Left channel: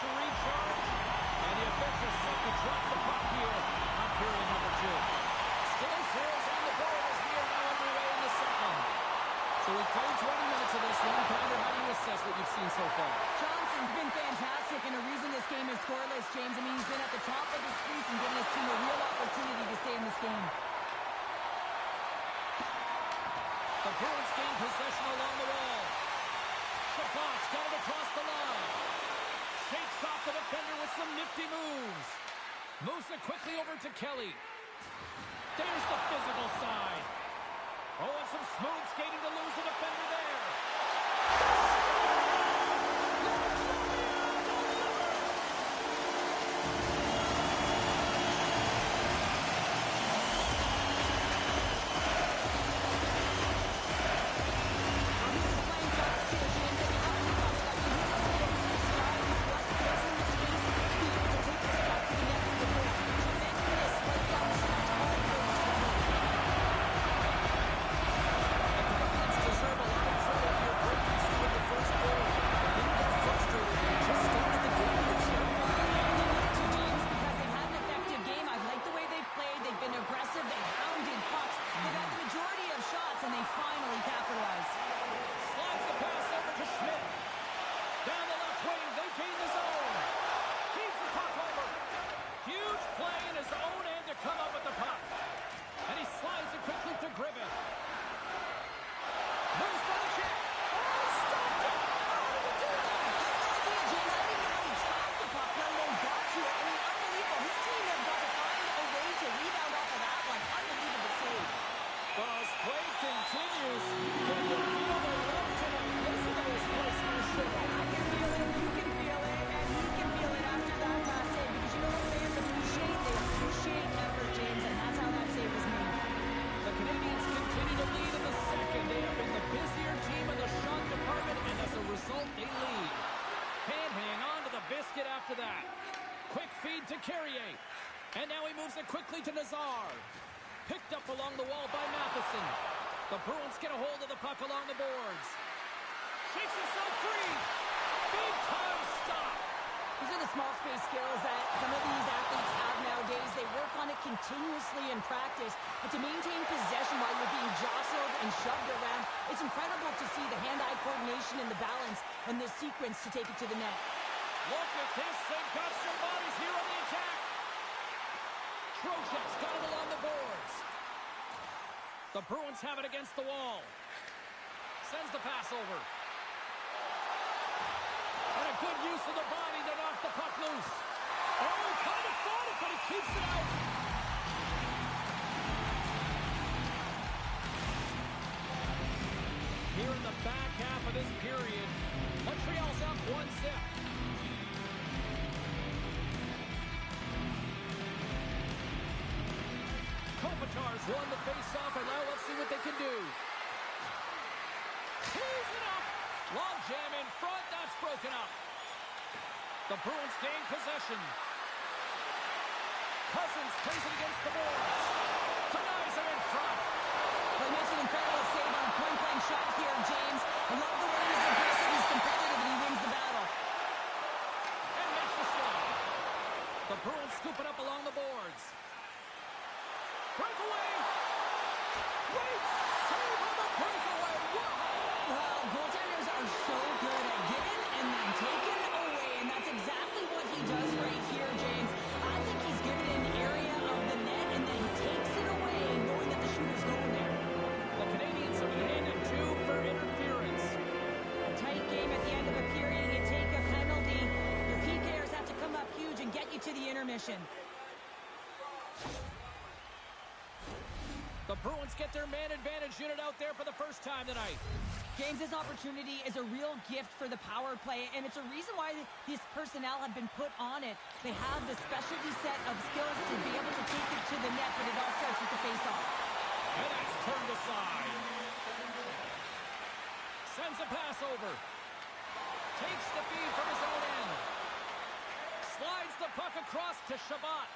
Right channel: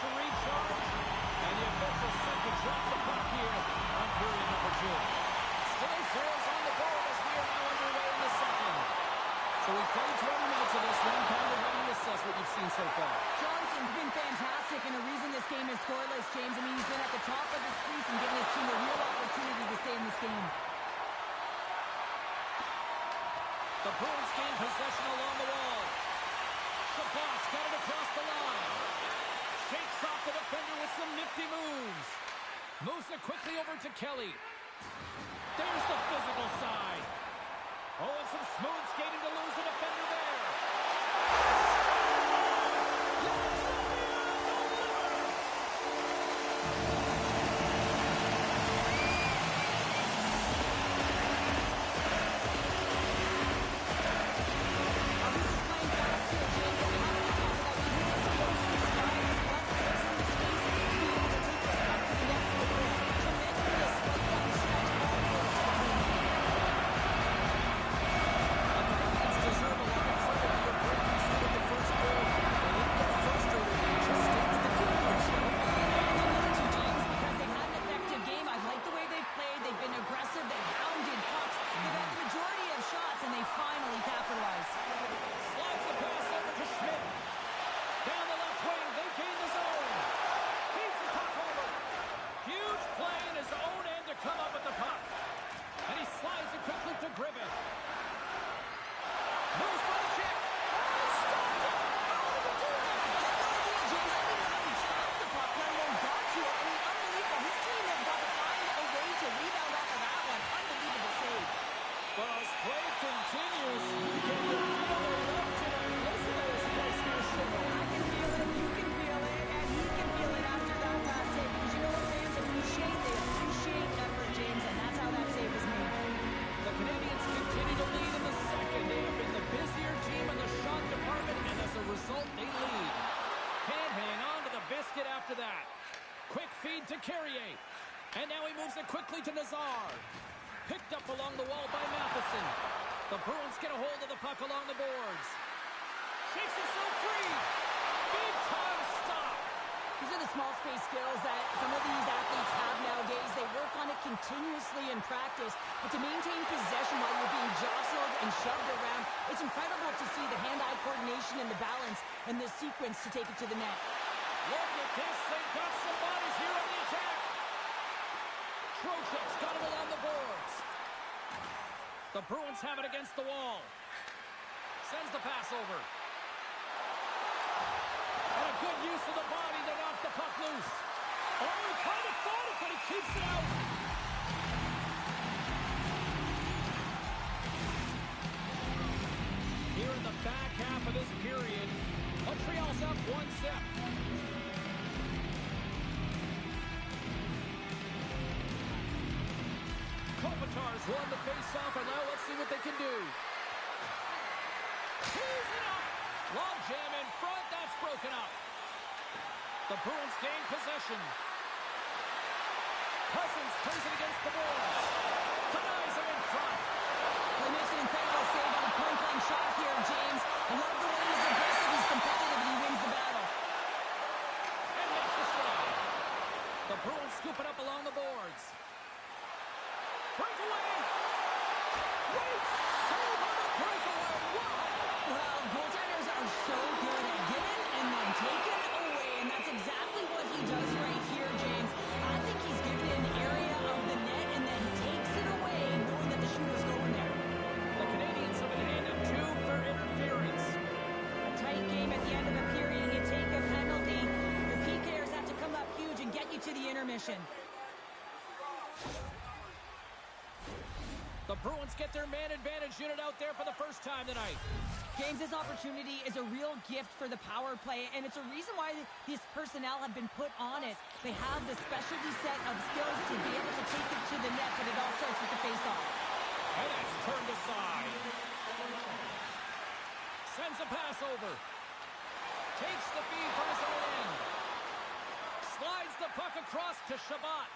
to recharge. And the official set to drop the puck here on period number 2. Still zeros on the board as we are now underway in the second. So we've played 20 minutes of this one. Pounder, how do you assess what you've seen so far? Johnson's been fantastic, and the reason this game is scoreless, James, I mean, he's been at the top of his crease and giving his team a real opportunity to stay in this game. The Bruins gain possession along the wall. Shabbat's got it across the line. Shakes off the defender with some nifty moves. Moves it quickly over to Kelly. There's the physical side. Oh, and some smooth skating to lose the defender there. And now he moves it quickly to Nazar. Picked up along the wall by Matheson. The Bruins get a hold of the puck along the boards. Shakes himself free. Big time stop. These are the small space skills that some of these athletes have nowadays. They work on it continuously in practice. But to maintain possession while you're being jostled and shoved around, it's incredible to see the hand-eye coordination and the balance and the sequence to take it to the net. Look at this. They've got some bodies here on the attack. Trocheck's got it along the boards. The Bruins have it against the wall. Sends the pass over. And a good use of the body to knock the puck loose. Oh, he kind of fought it, but he keeps it out. Here in the back half of this period, Montreal's up 1-0. Kopitar's won the face-off, and now let's see what they can do. Tees it up. Log jam in front. That's broken up. The Bruins gain possession. Cousins plays it against the boards. Denies it in front. Well, he makes an incredible save on a point-blank shot here, James. I love the way he's aggressive, he's competitive, and he wins the battle. And makes the slide. The Bruins scoop it up along the boards. Breakaway! Great save on the breakaway! Wow! Well, goaltenders are so good at giving and then taking away, and that's exactly what he does right here, James. I think he's given an area of the net and then takes it away, knowing that the shooter's going there. The Canadians have been handed 2 for interference. A tight game at the end of a period. You take a penalty. Your PKers have to come up huge and get you to the intermission. The Bruins get their man advantage unit out there for the first time tonight. James, this opportunity is a real gift for the power play, and it's a reason why these personnel have been put on it. They have the specialty set of skills to be able to take it to the net, but it all starts with the face-off. And that's turned aside. Sends a pass over. Takes the feed from his own end. Slides the puck across to Shabbat.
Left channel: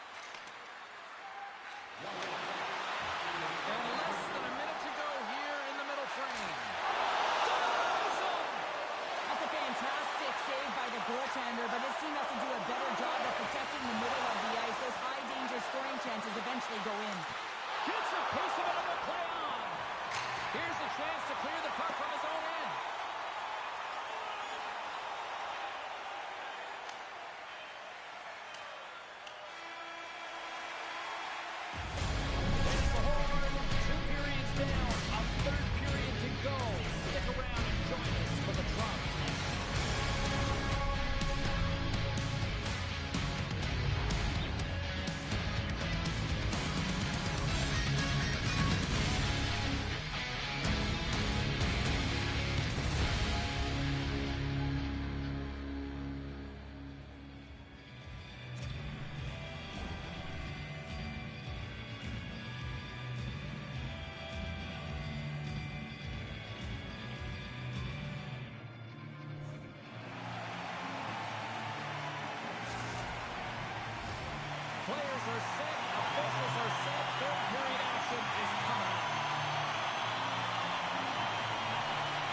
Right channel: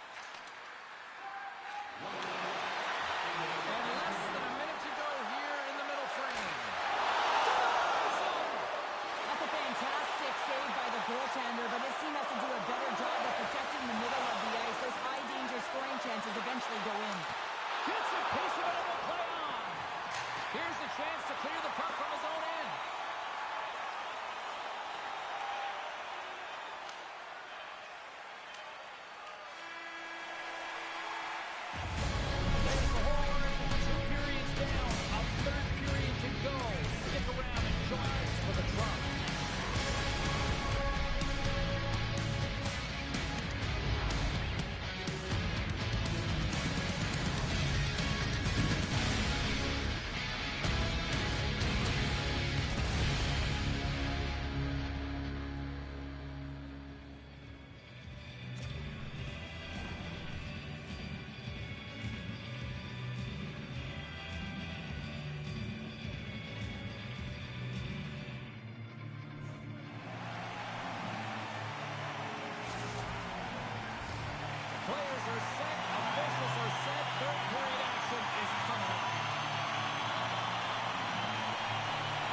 And less than a minute to go here in the middle frame. That's a fantastic save by the goaltender, but his team has to Gets a piece of it and will play on. Here's a chance to clear the puck from his own end. There's the horn. 2 periods down. A third period to go. Stick around and join us for the drama next. Players are set, officials are set, third period action is coming up.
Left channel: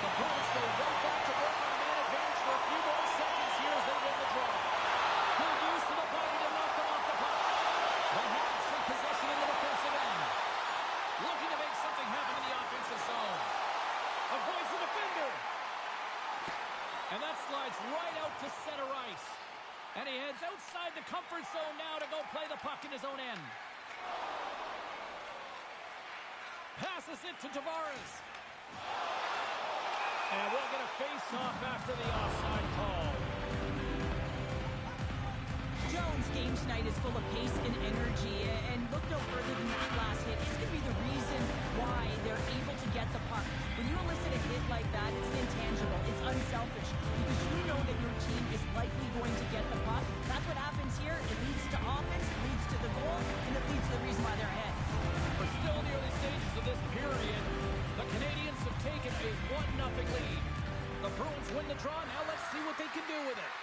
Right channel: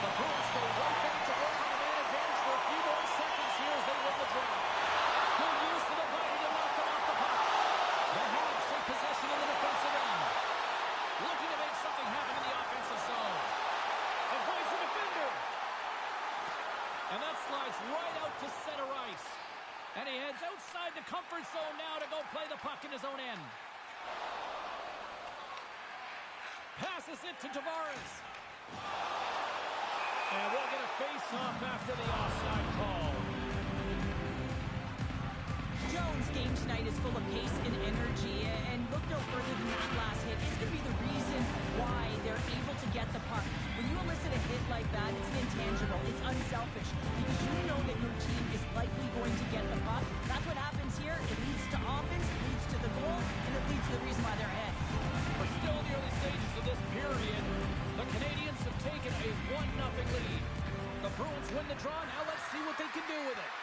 The Bruins go right back to work on a man advantage for a few more seconds here as they win the draw. Good use of the body to knock them off the puck. The Habs take possession in the defensive end. Looking to make something happen in the offensive zone. Avoids the defender. And that slides right out to center ice. And he heads outside the comfort zone now to go play the puck in his own end. Passes it to Tavares. And we'll get a face-off after the offside call. Jones' game tonight is full of pace and energy, and look no further than that last hit. It's going to be the reason why they're able to get the puck. When you elicit a hit like that, it's an intangible. It's unselfish because you know that your team is likely going to get the puck. That's what happens here. It leads to offense, it leads to the goal, and it leads to the reason why they're ahead. We're still in the early stages of this period. The Canadiens have taken a 1-0 lead. The Bruins win the draw. Now let's see what they can do with it.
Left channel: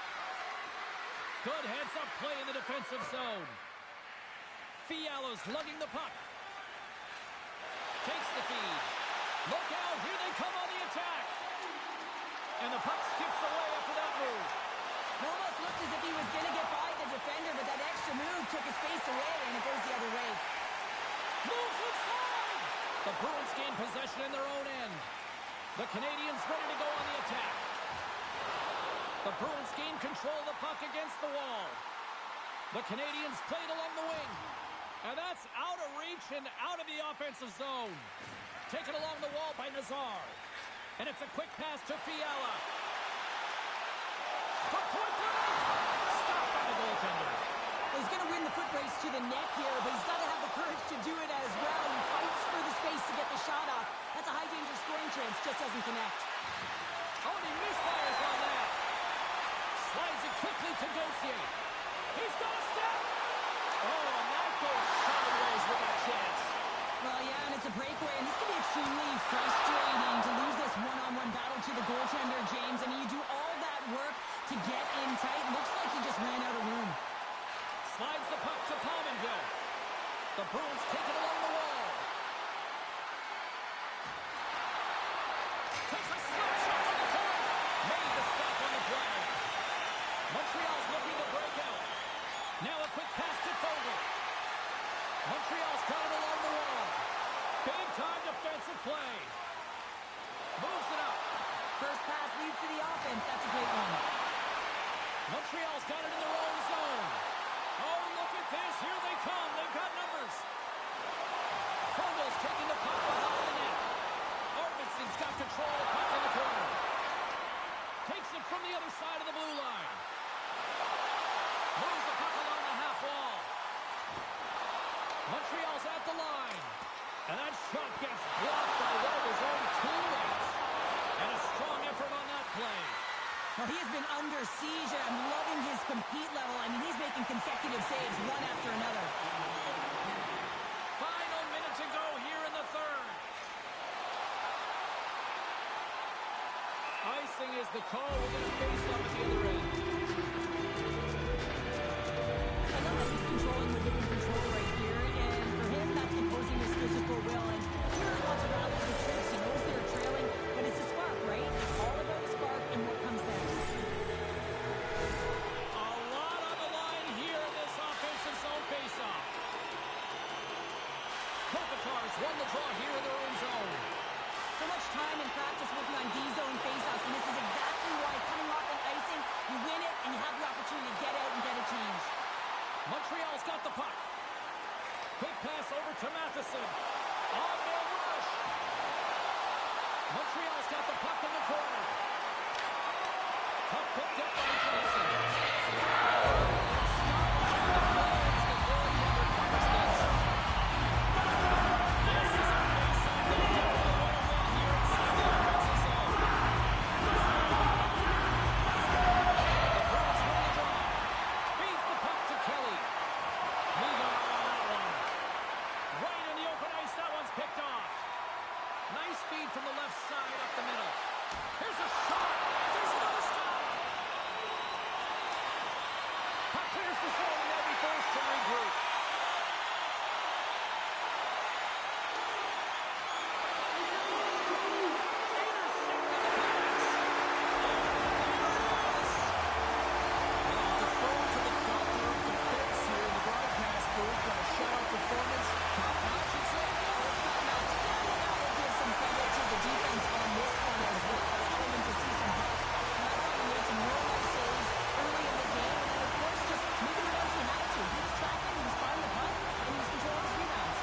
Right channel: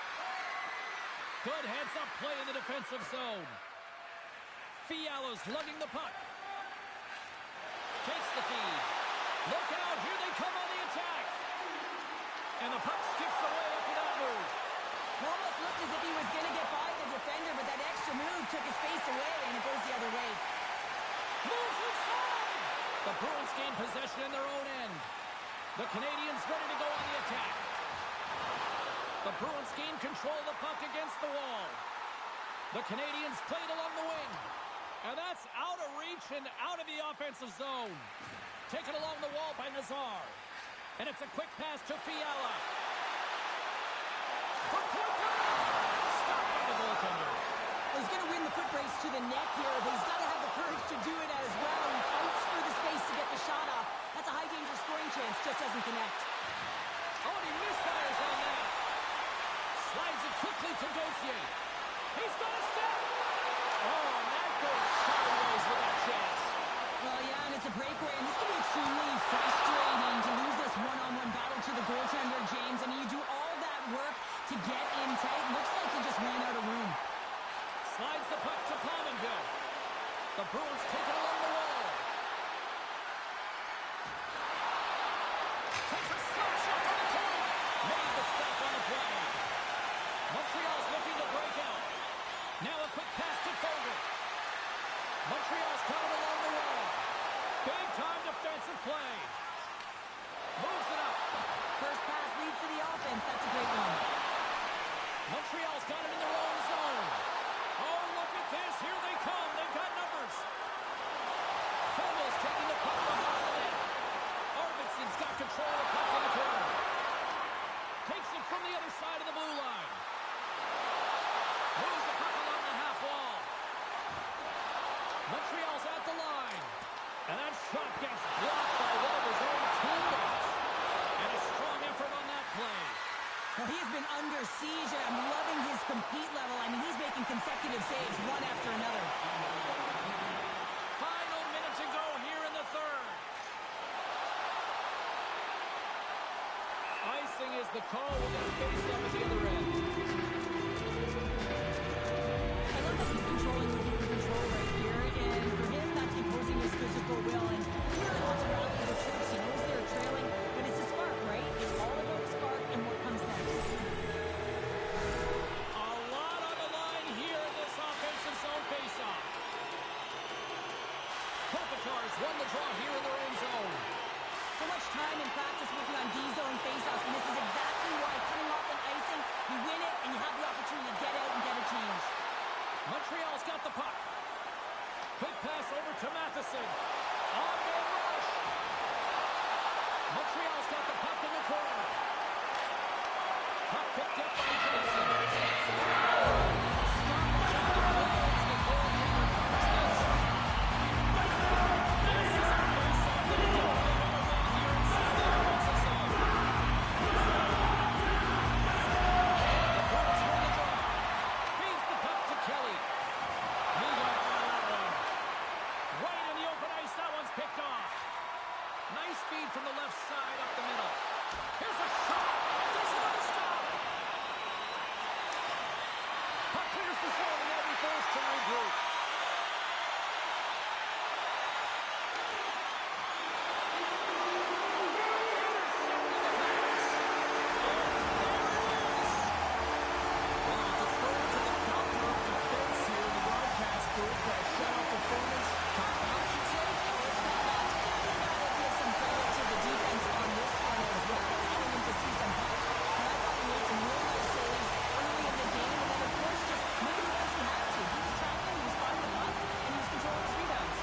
Good heads-up play in the defensive zone. Fiala's lugging the puck. Takes the feed. Look out, here they come on the attack. And the puck skips away after that move. It almost looked as if he was going to get by the defender, but that extra move took his face away, and it goes the other way. Moves inside! The Bruins gain possession in their own end. The Canadiens ready to go on the attack. The Bruins gain control of the puck against the wall. The Canadiens played along the wing. And that's out of reach and out of the offensive zone. Taken along the wall by Nazar. And it's a quick pass to Fiala. For point break! Stopped by the goaltender. Well, he's going to win the foot race to the net here, but he's got to have the courage to do it as well. He fights for the space to get the shot off. That's a high-danger scoring chance, just doesn't connect. Oh, and he misfires on that. Slides it quickly to Gauthier. He's got a step. Oh, and that goes sideways with that chance. Well, yeah, and it's a breakaway, and this can be extremely frustrating to lose this one-on-one battle to the goaltender, James. I mean, you do all that work to get in tight. Looks like he just ran out of room. Slides the puck to Pominville. The Bruins take it along the wall. Takes a slap shot from the point. Made the stop on the play. Montreal's looking to break out. Now a quick pass to Fogle. Montreal's got it along the wall. Big-time defensive play. Moves it up. First pass leads to the offense. That's a great one. Montreal's got it in their own zone. Oh, look at this. Here they come. They've got numbers. Fogle's taking the puck behind the net. Arvidsson's got control of the puck in the corner. Takes it from the other side of the blue line. Moves the puck along the half wall. Montreal's at the line. And that shot gets blocked by one of his own teammates. And a strong effort on that play. Well, he has been under siege, and I'm loving his compete level. I mean, he's making consecutive saves one after another. Final minute to go here in the third. Icing is the call. We're going to face up at the other end. I love that he's controlling what he can control right here, and for him, that's imposing his physical will. And he really wants to rally the troops. He knows they're trailing, but it's a spark, right? It's all about the spark and what comes next. A lot on the line here in this offensive zone faceoff. Kopitar Stars won the draw here in their own zone. So much time in practice working on D-zone faceoffs, and this is exactly why coming off an icing, you win it, and you have the opportunity to get out and get a change. Montreal's got the puck. Quick pass over to Matheson. On-man rush. Montreal's got the puck in the corner. Puck picked up by Johnson. Nice feed from the left side up the middle. Here's a shot. There's another stop. Puck clears the zone, and they'll be forced to regroup. Intercepted the pass. And there it is. Well, I'll defer to the doctor of defense here in the broadcast booth. Got a shutout performance. Top notch, you'd say? Oh, it's top notch. Yeah, you gotta give some credit to the defense on this one as well, allowing him to see some pucks. And I thought he made some real nice saves early in the game, and then, of course, just making the ones he had to. He was tracking, he was finding the puck, and he was controlling his rebounds.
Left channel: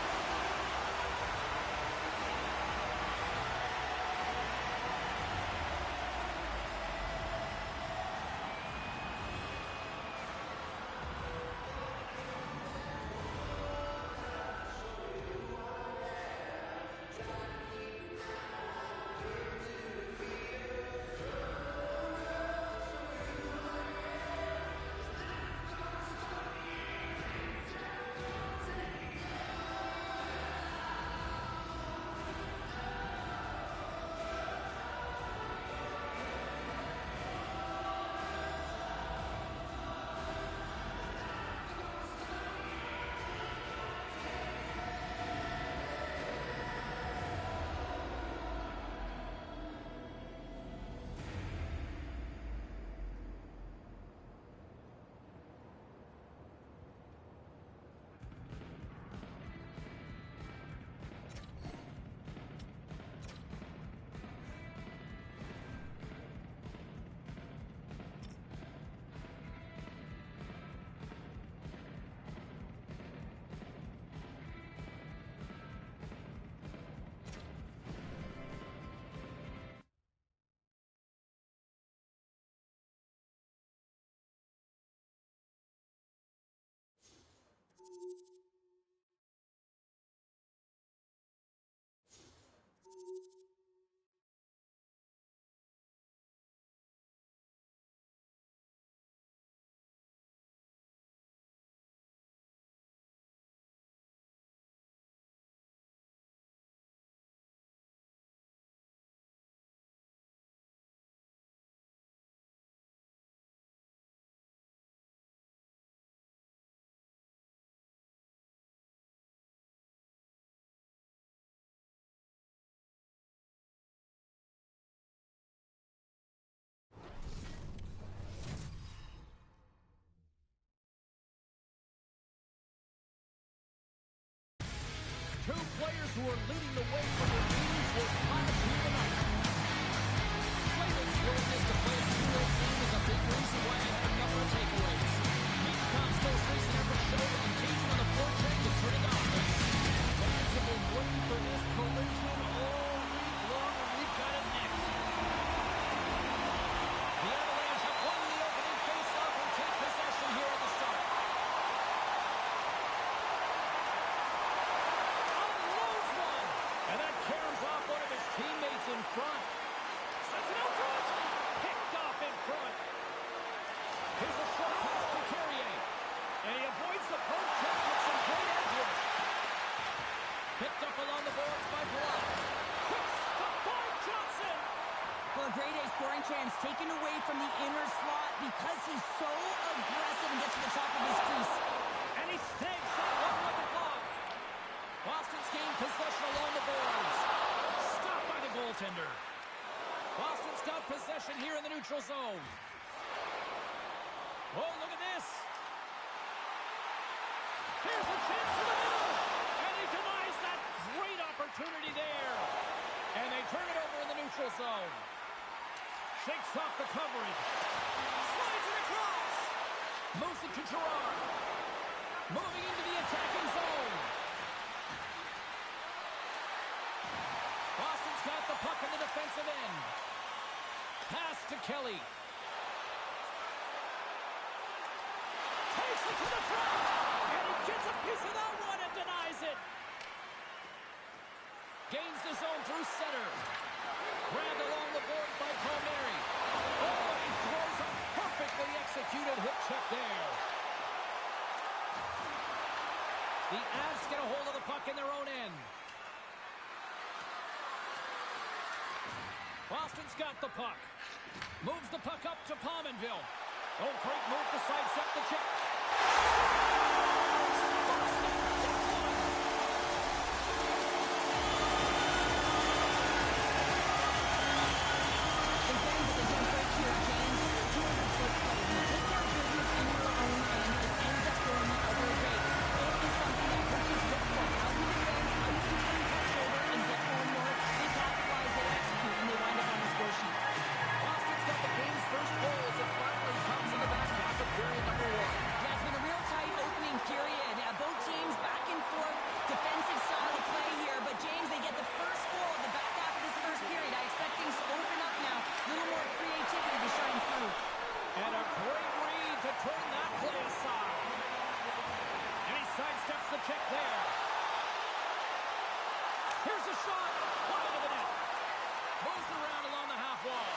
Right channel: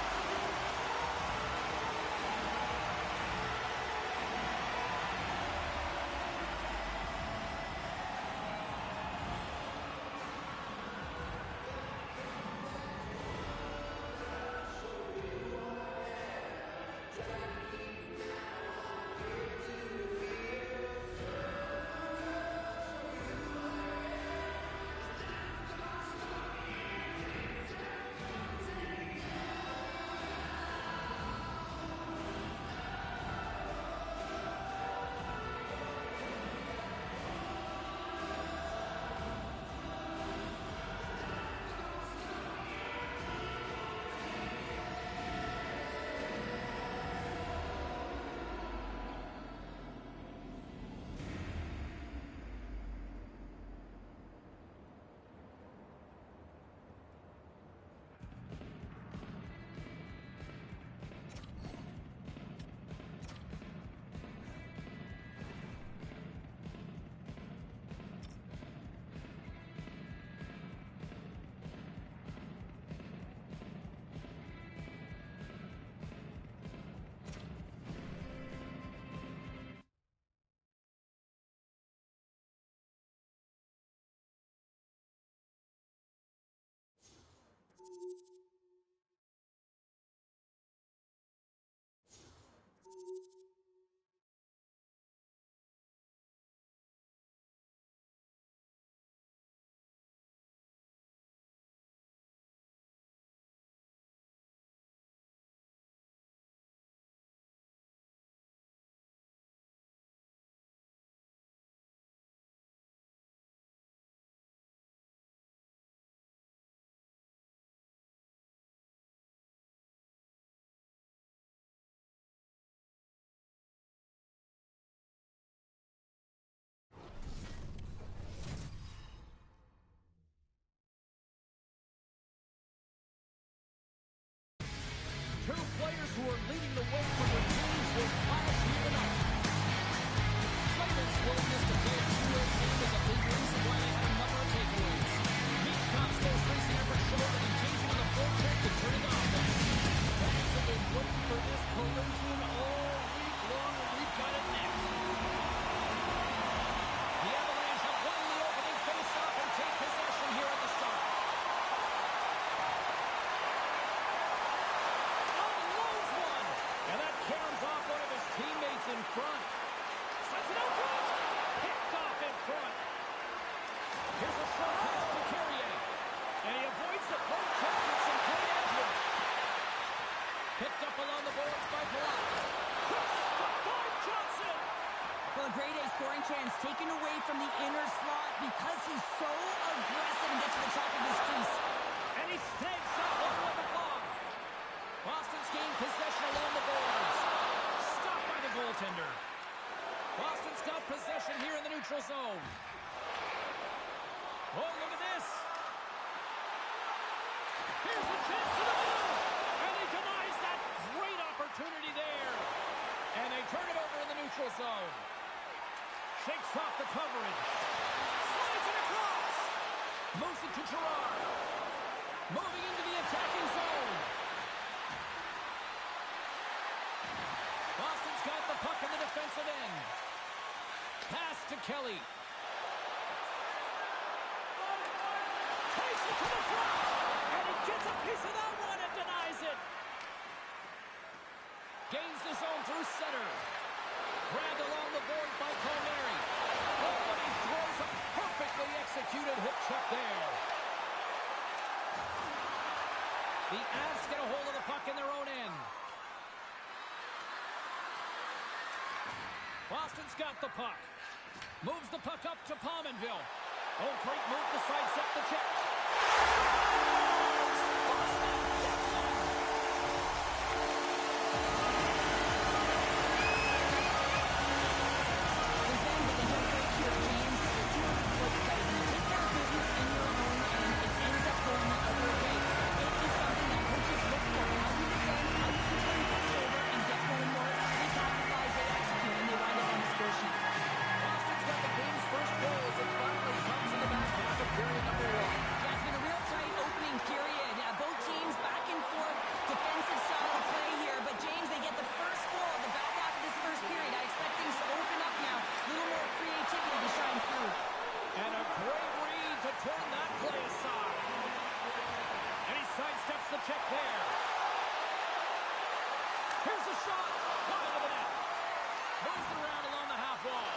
Two players who are leading the way for their teams will clash here tonight. Slavin's willingness to play a two-way game is a big reason why they had a number of takeaways. Michkov's most recent effort showed that engaging on the forecheck could turn into offense. Fans have been waiting for this collision all week long, and we've got it next. The Avalanche have won the opening face-off and take possession here at the start. And that caroms off one of his teammates in front. Sends it out front. Picked off in front. Here's a short pass to Carrier. And he avoids the poke check with some great edge work. Picked up along the boards by Palat. Quick stop by Johnson. Well, a grade A scoring chance taken away from the inner slot because he's so aggressive and gets to the top of his crease. And he snags that one with a glove. Boston's gained possession along the boards. Stopped by the goaltender. Boston's got possession here in the neutral zone. Oh, look at this. Here's a chance to the middle. And he denies that great neutral zone. Shakes off the coverage. Slides it across. Moves it to Gerard. Moving into the attacking zone. Boston's got the puck in the defensive end. Pass to Kelly. Takes it to the front. And he gets a piece of that one and denies it. Gains the zone through center. Grabbed along the boards by Palmieri. Oh, and he throws a perfectly executed hip check there. The Avs get a hold of the puck in their own end. Boston's got the puck. Moves the puck up to Pominville. Oh, great move to sidestep the check. Boston gets one. They don't break here, James. This is 200-foot play. When you take care of business in your own end, it ends up going the other way. It is something that coaches look for. How you defend, how you can turn pucks over and get one more. They capitalize, they execute, and they wind up on the score sheet. Boston's got the game's first goal as it finally comes in the back half of period number 1. Yeah, it's been a real tight opening period. Both teams back and forth, defensive style of play here. But, James, they get the first goal in the back half of this first period. I expect things to open up now. A little more creativity to shine through. And a great read to turn that play aside. And he sidesteps the check there. Here's a shot. Wide of the net. Moves it around along the half wall.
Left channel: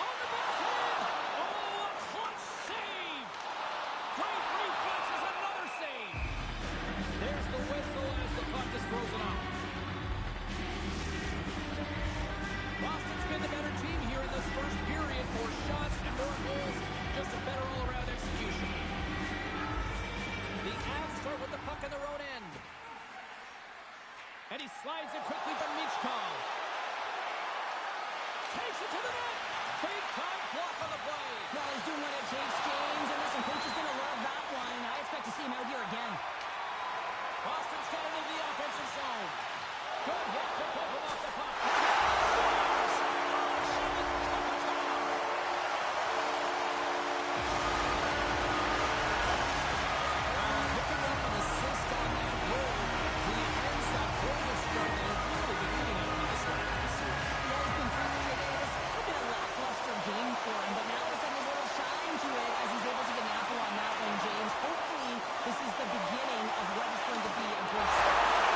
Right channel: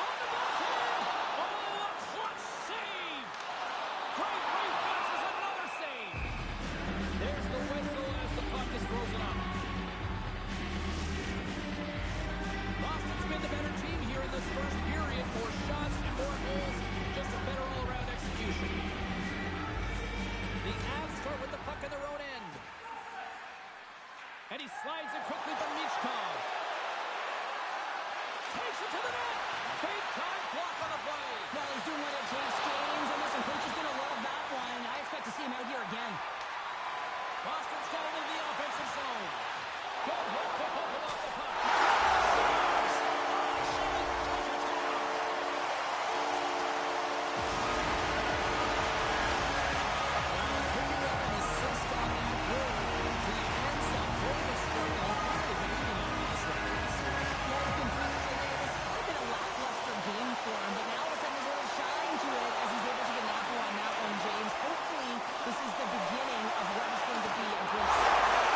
On the backhand. Oh, a clutch save. Great reflexes, another save. There's the whistle as the puck is frozen up. Boston's been the better team here in this first period. More shots and more goals. Just a better all-around execution. The Avs start with the puck in their own end. And he slides it quickly from Michkov. Takes it to the net. Big-time block on the play. Well, he's doing what it takes, James. And listen, coach is going to love that one. I expect to see him out here again. Boston's got it into the offensive zone. Good hit to bump him off the puck. Scores! Oh, Shane Kopitar! Well, picking up an assist on that goal, the ends that goal was struggle have really been eating at him this round of the series. Yeah, he's been frustrated. It's a little bit of lackluster game for him, but now all of a sudden there's a little shine to it as he's able to get an apple on that one, James. Hopefully, this is the beginning of what is going to be a good start.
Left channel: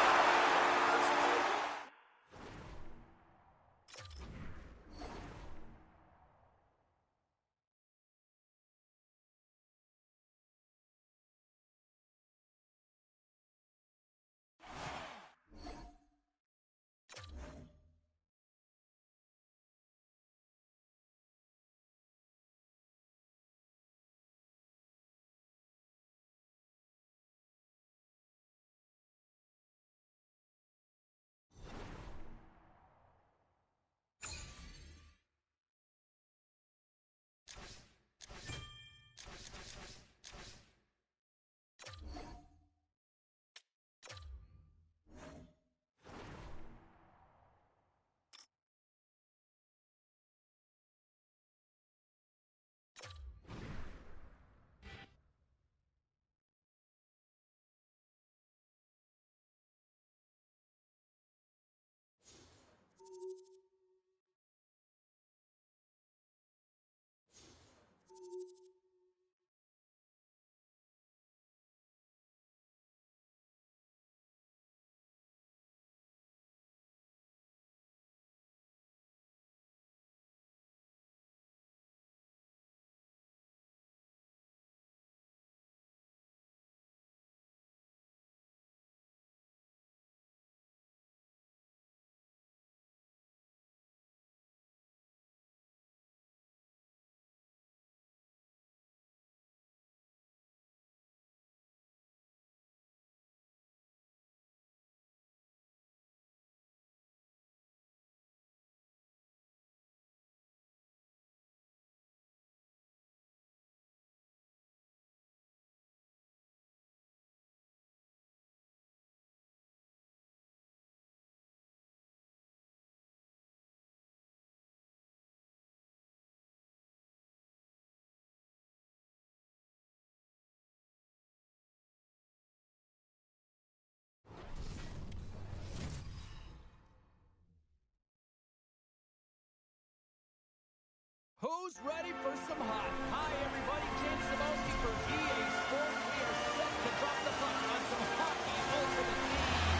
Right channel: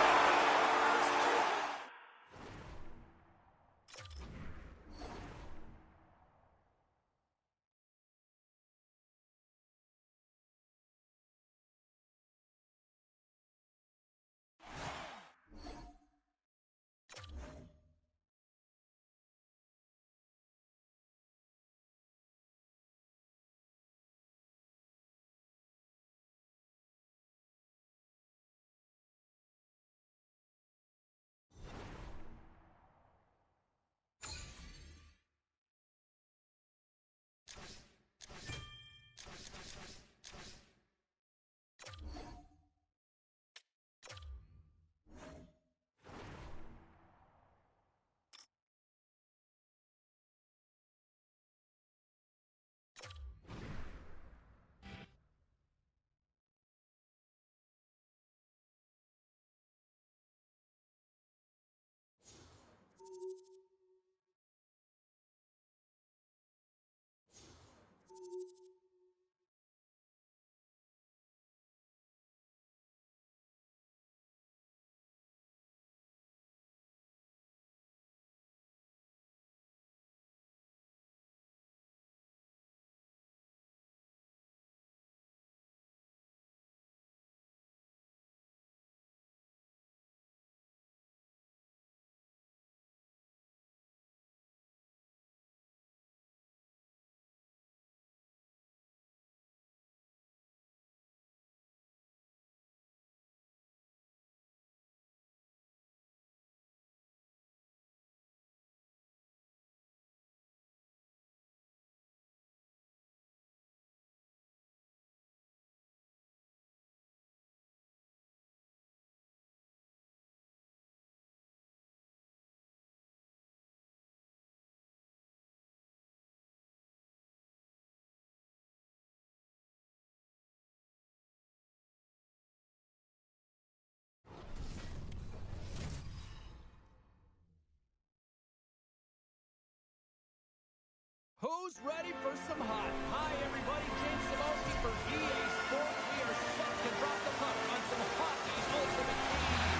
Who's ready for some hot? Hi, everybody. James Cebulski for EA Sports. We are set to drop the puck on some hockey ultimate team.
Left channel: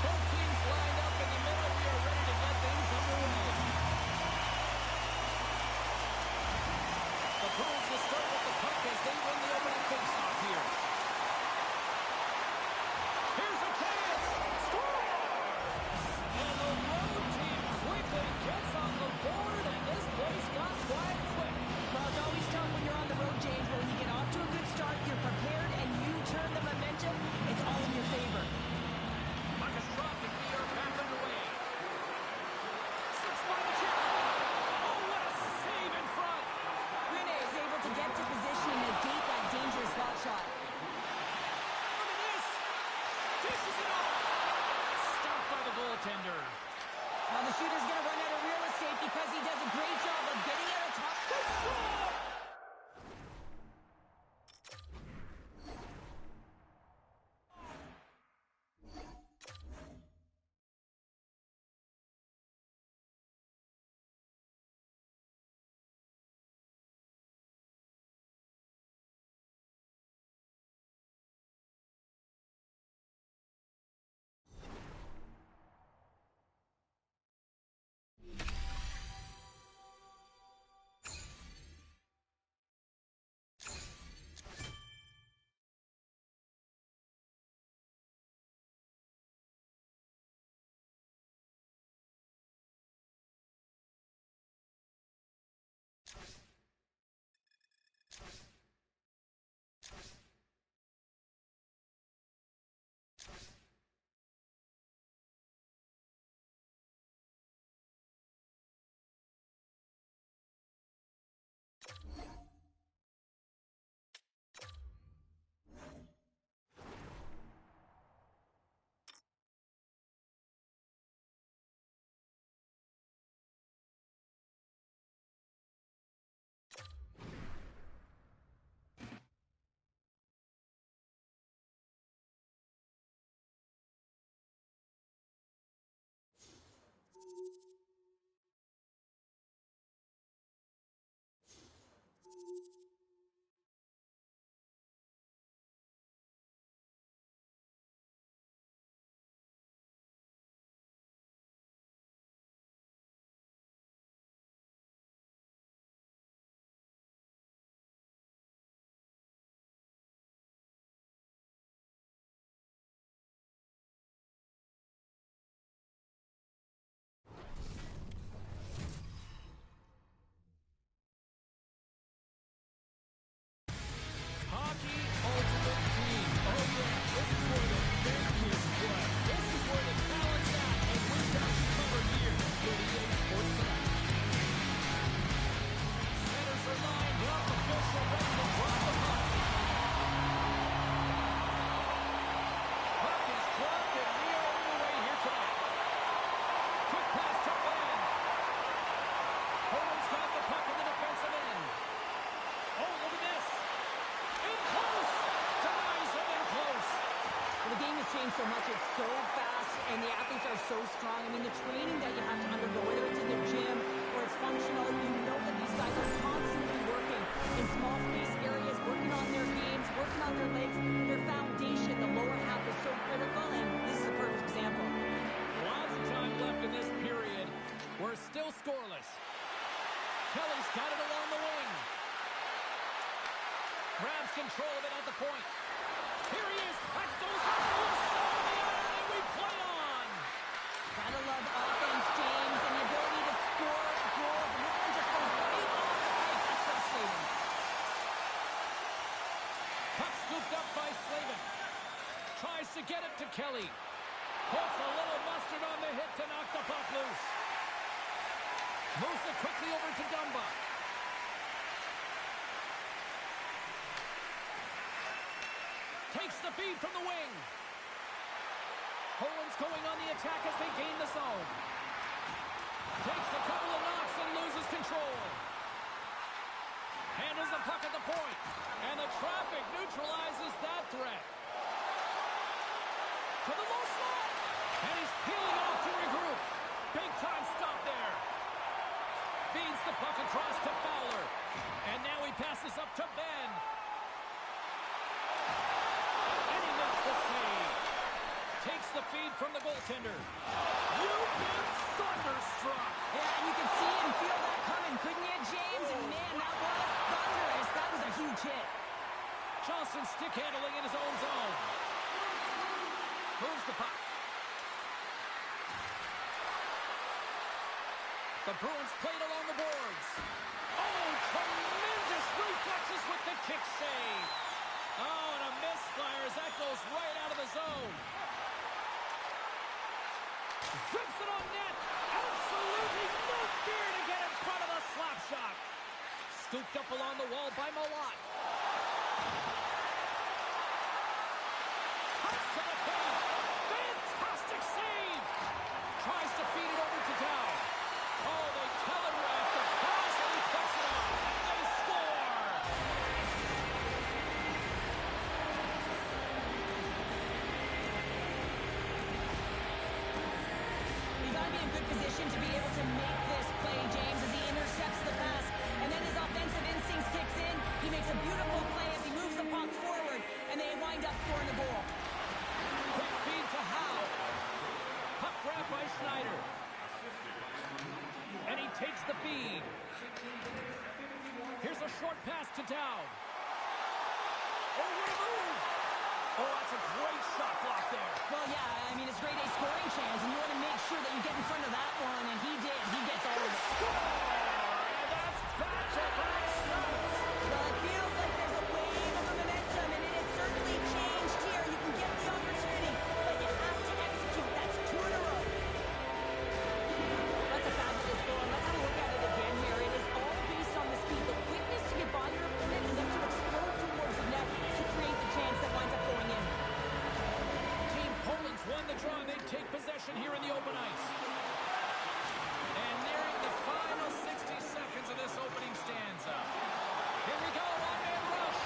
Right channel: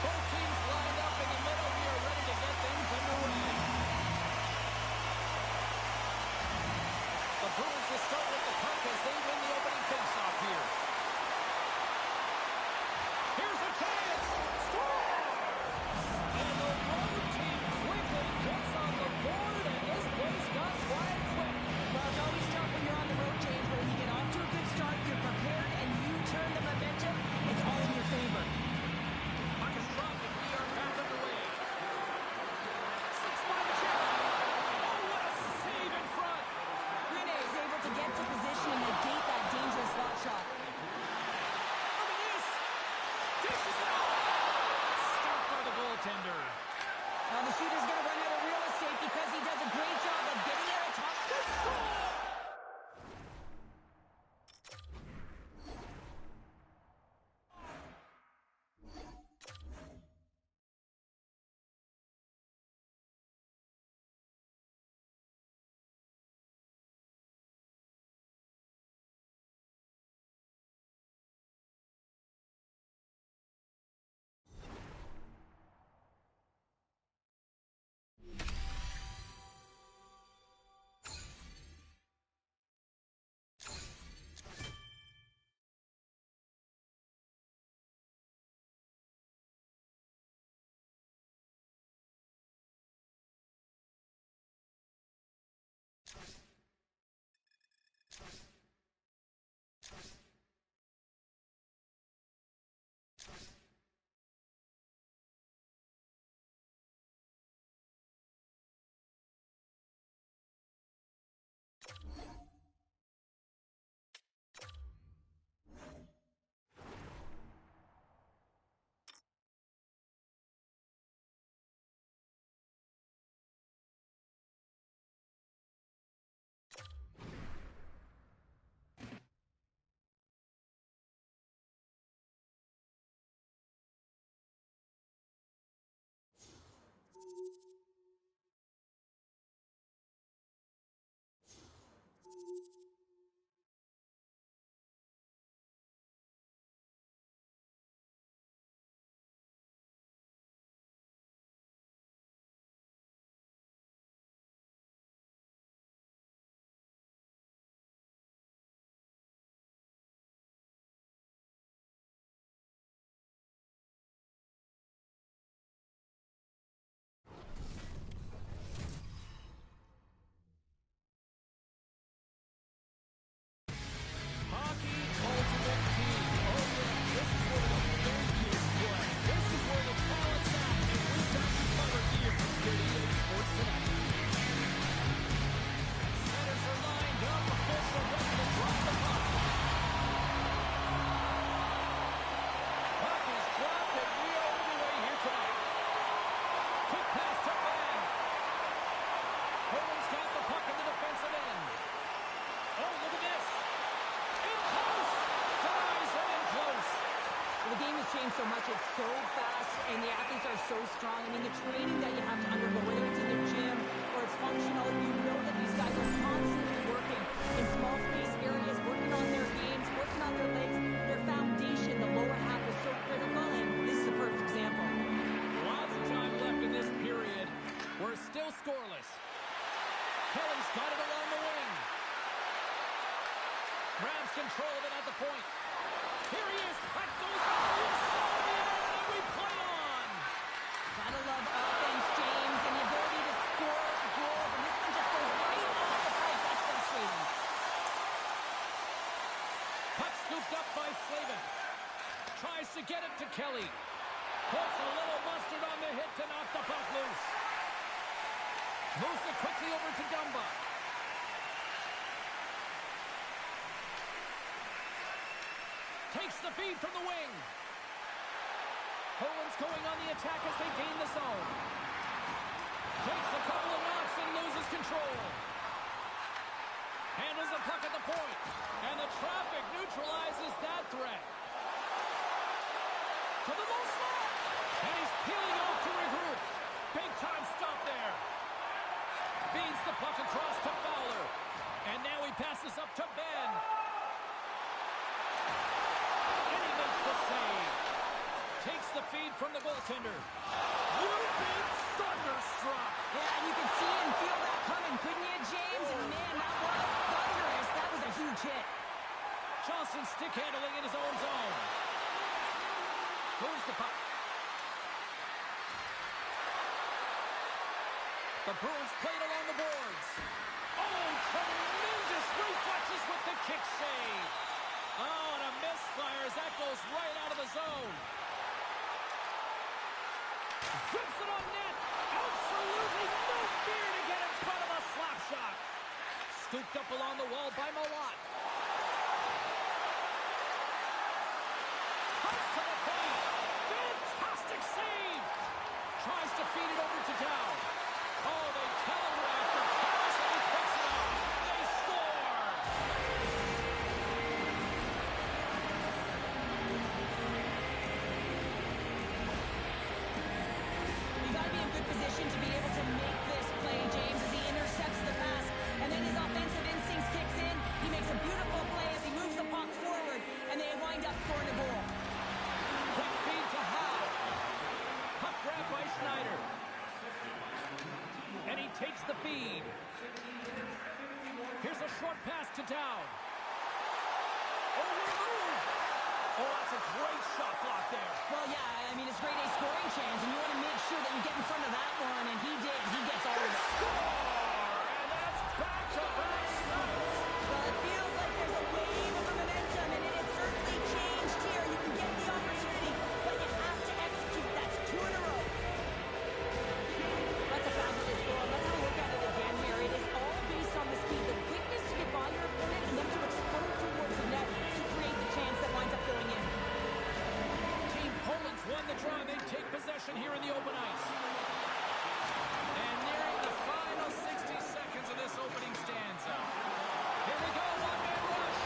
Both teams lined up in the middle. We are ready to get things underway. The Bruins will start with the puck as they win the opening faceoff here. Here's a chance. Scores! And the road team quickly gets on the board, and this place got quiet quick. Well, it's always tough when you're on the road, James, but when you get off to a good start, you're prepared, and you turn the momentum, it's all in your favor. Puck is dropped, and we are back underway. Slips by the check. Oh, what a save in front. Rene is able to get to position and negate that dangerous slot shot. Dishes it off. Stopped by the goaltender. Now the shooter's going to run out of real estate because he does a great job of getting out of top. Good score! Hockey Ultimate Team. Oh, yeah, this is where the big kids play. This is where the talent's at, and we've got you covered here with EA Sports tonight. Centers are lined up, official ready to drop the puck. Puck is dropped, and we are underway here tonight. Quick pass to Ben. Owen's got the puck in the defensive end. Oh, look at this. In close! Denies him in close. Well, the game has changed so much. It's so fast, and the athletes are so strong. I mean, the training that you have to undergo, whether it's in the gym or it's functional, you know that these guys are constantly working in small space areas, working on their games, working on their legs. Their foundation, the lower half, is so critical, and this is a perfect example. Lots of time left in this period. We're still scoreless. Kelly's got it along the wing. Grabs control of it at the point. Here he is. That goes up the inside of the iron, and we play on. Gotta love offense, James, and the ability to score goals. And this one just goes right off the pipe. That's frustrating. Puck scooped up by Slavin. Tries to get it to Kelly. Puts a little mustard on the hit to knock the puck loose. Moves it quickly over to Dumba. Takes the feed from the wing. Owens going on the attack as they gain the zone. Takes a couple of knocks and loses control. Handles the puck at the point. And the traffic neutralizes that threat. To the low slot. And he's peeling off to regroup. Big time stop there. Feeds the puck across to foul. And now he passes up to Ben. And he makes the save. Takes the feed from the goaltender. You've been thunderstruck. Yeah, and you can see and feel that coming, couldn't you, James? And man, that was thunderous. That was a huge hit. Johnson stick handling in his own zone. Moves the puck. The Bruins played along the boards. Oh, tremendous reflexes with the kick save. Oh, and a misfire as that goes right out of the zone. Zips it on net. Absolutely no fear to get in front of a slap shot. Scooped up along the wall by Malott. Cuts to the paint. Fantastic save. Tries to feed it over to Dow. Oh, they telegraphed the pass and he picks it up. They score. You got to be in good position to be able to make this play, James, as he intercepts the pass. And then his offensive instincts kicks in. He makes a beautiful play as he moves the puck forward, and they wind up scoring a goal. Quick feed to Howe. Puck grab by Schneider. And he takes the feed. Here's a short pass to Dowd. Oh, what a move! Oh, that's a great shot block there. Well, yeah, I mean, it's grade A scoring chance, and you want to make sure that you get in front of that one, and he did. He gets all of it. Score! And that's back-to-back stops. Well, it feels like there's a wave of momentum, and it has certainly changed here. You can get the opportunity, but you have to execute. That's 2 in a row. That's a fabulous goal. Let's have a look at it again here. It is all based on the speed, the quickness to get by your opponent, and then to explode towards the net to create the chance that winds up going in. Team Poland's won the draw, and they take possession here in the open ice. And nearing the final 60 seconds of this opening stanza. Here we go, one-man rush.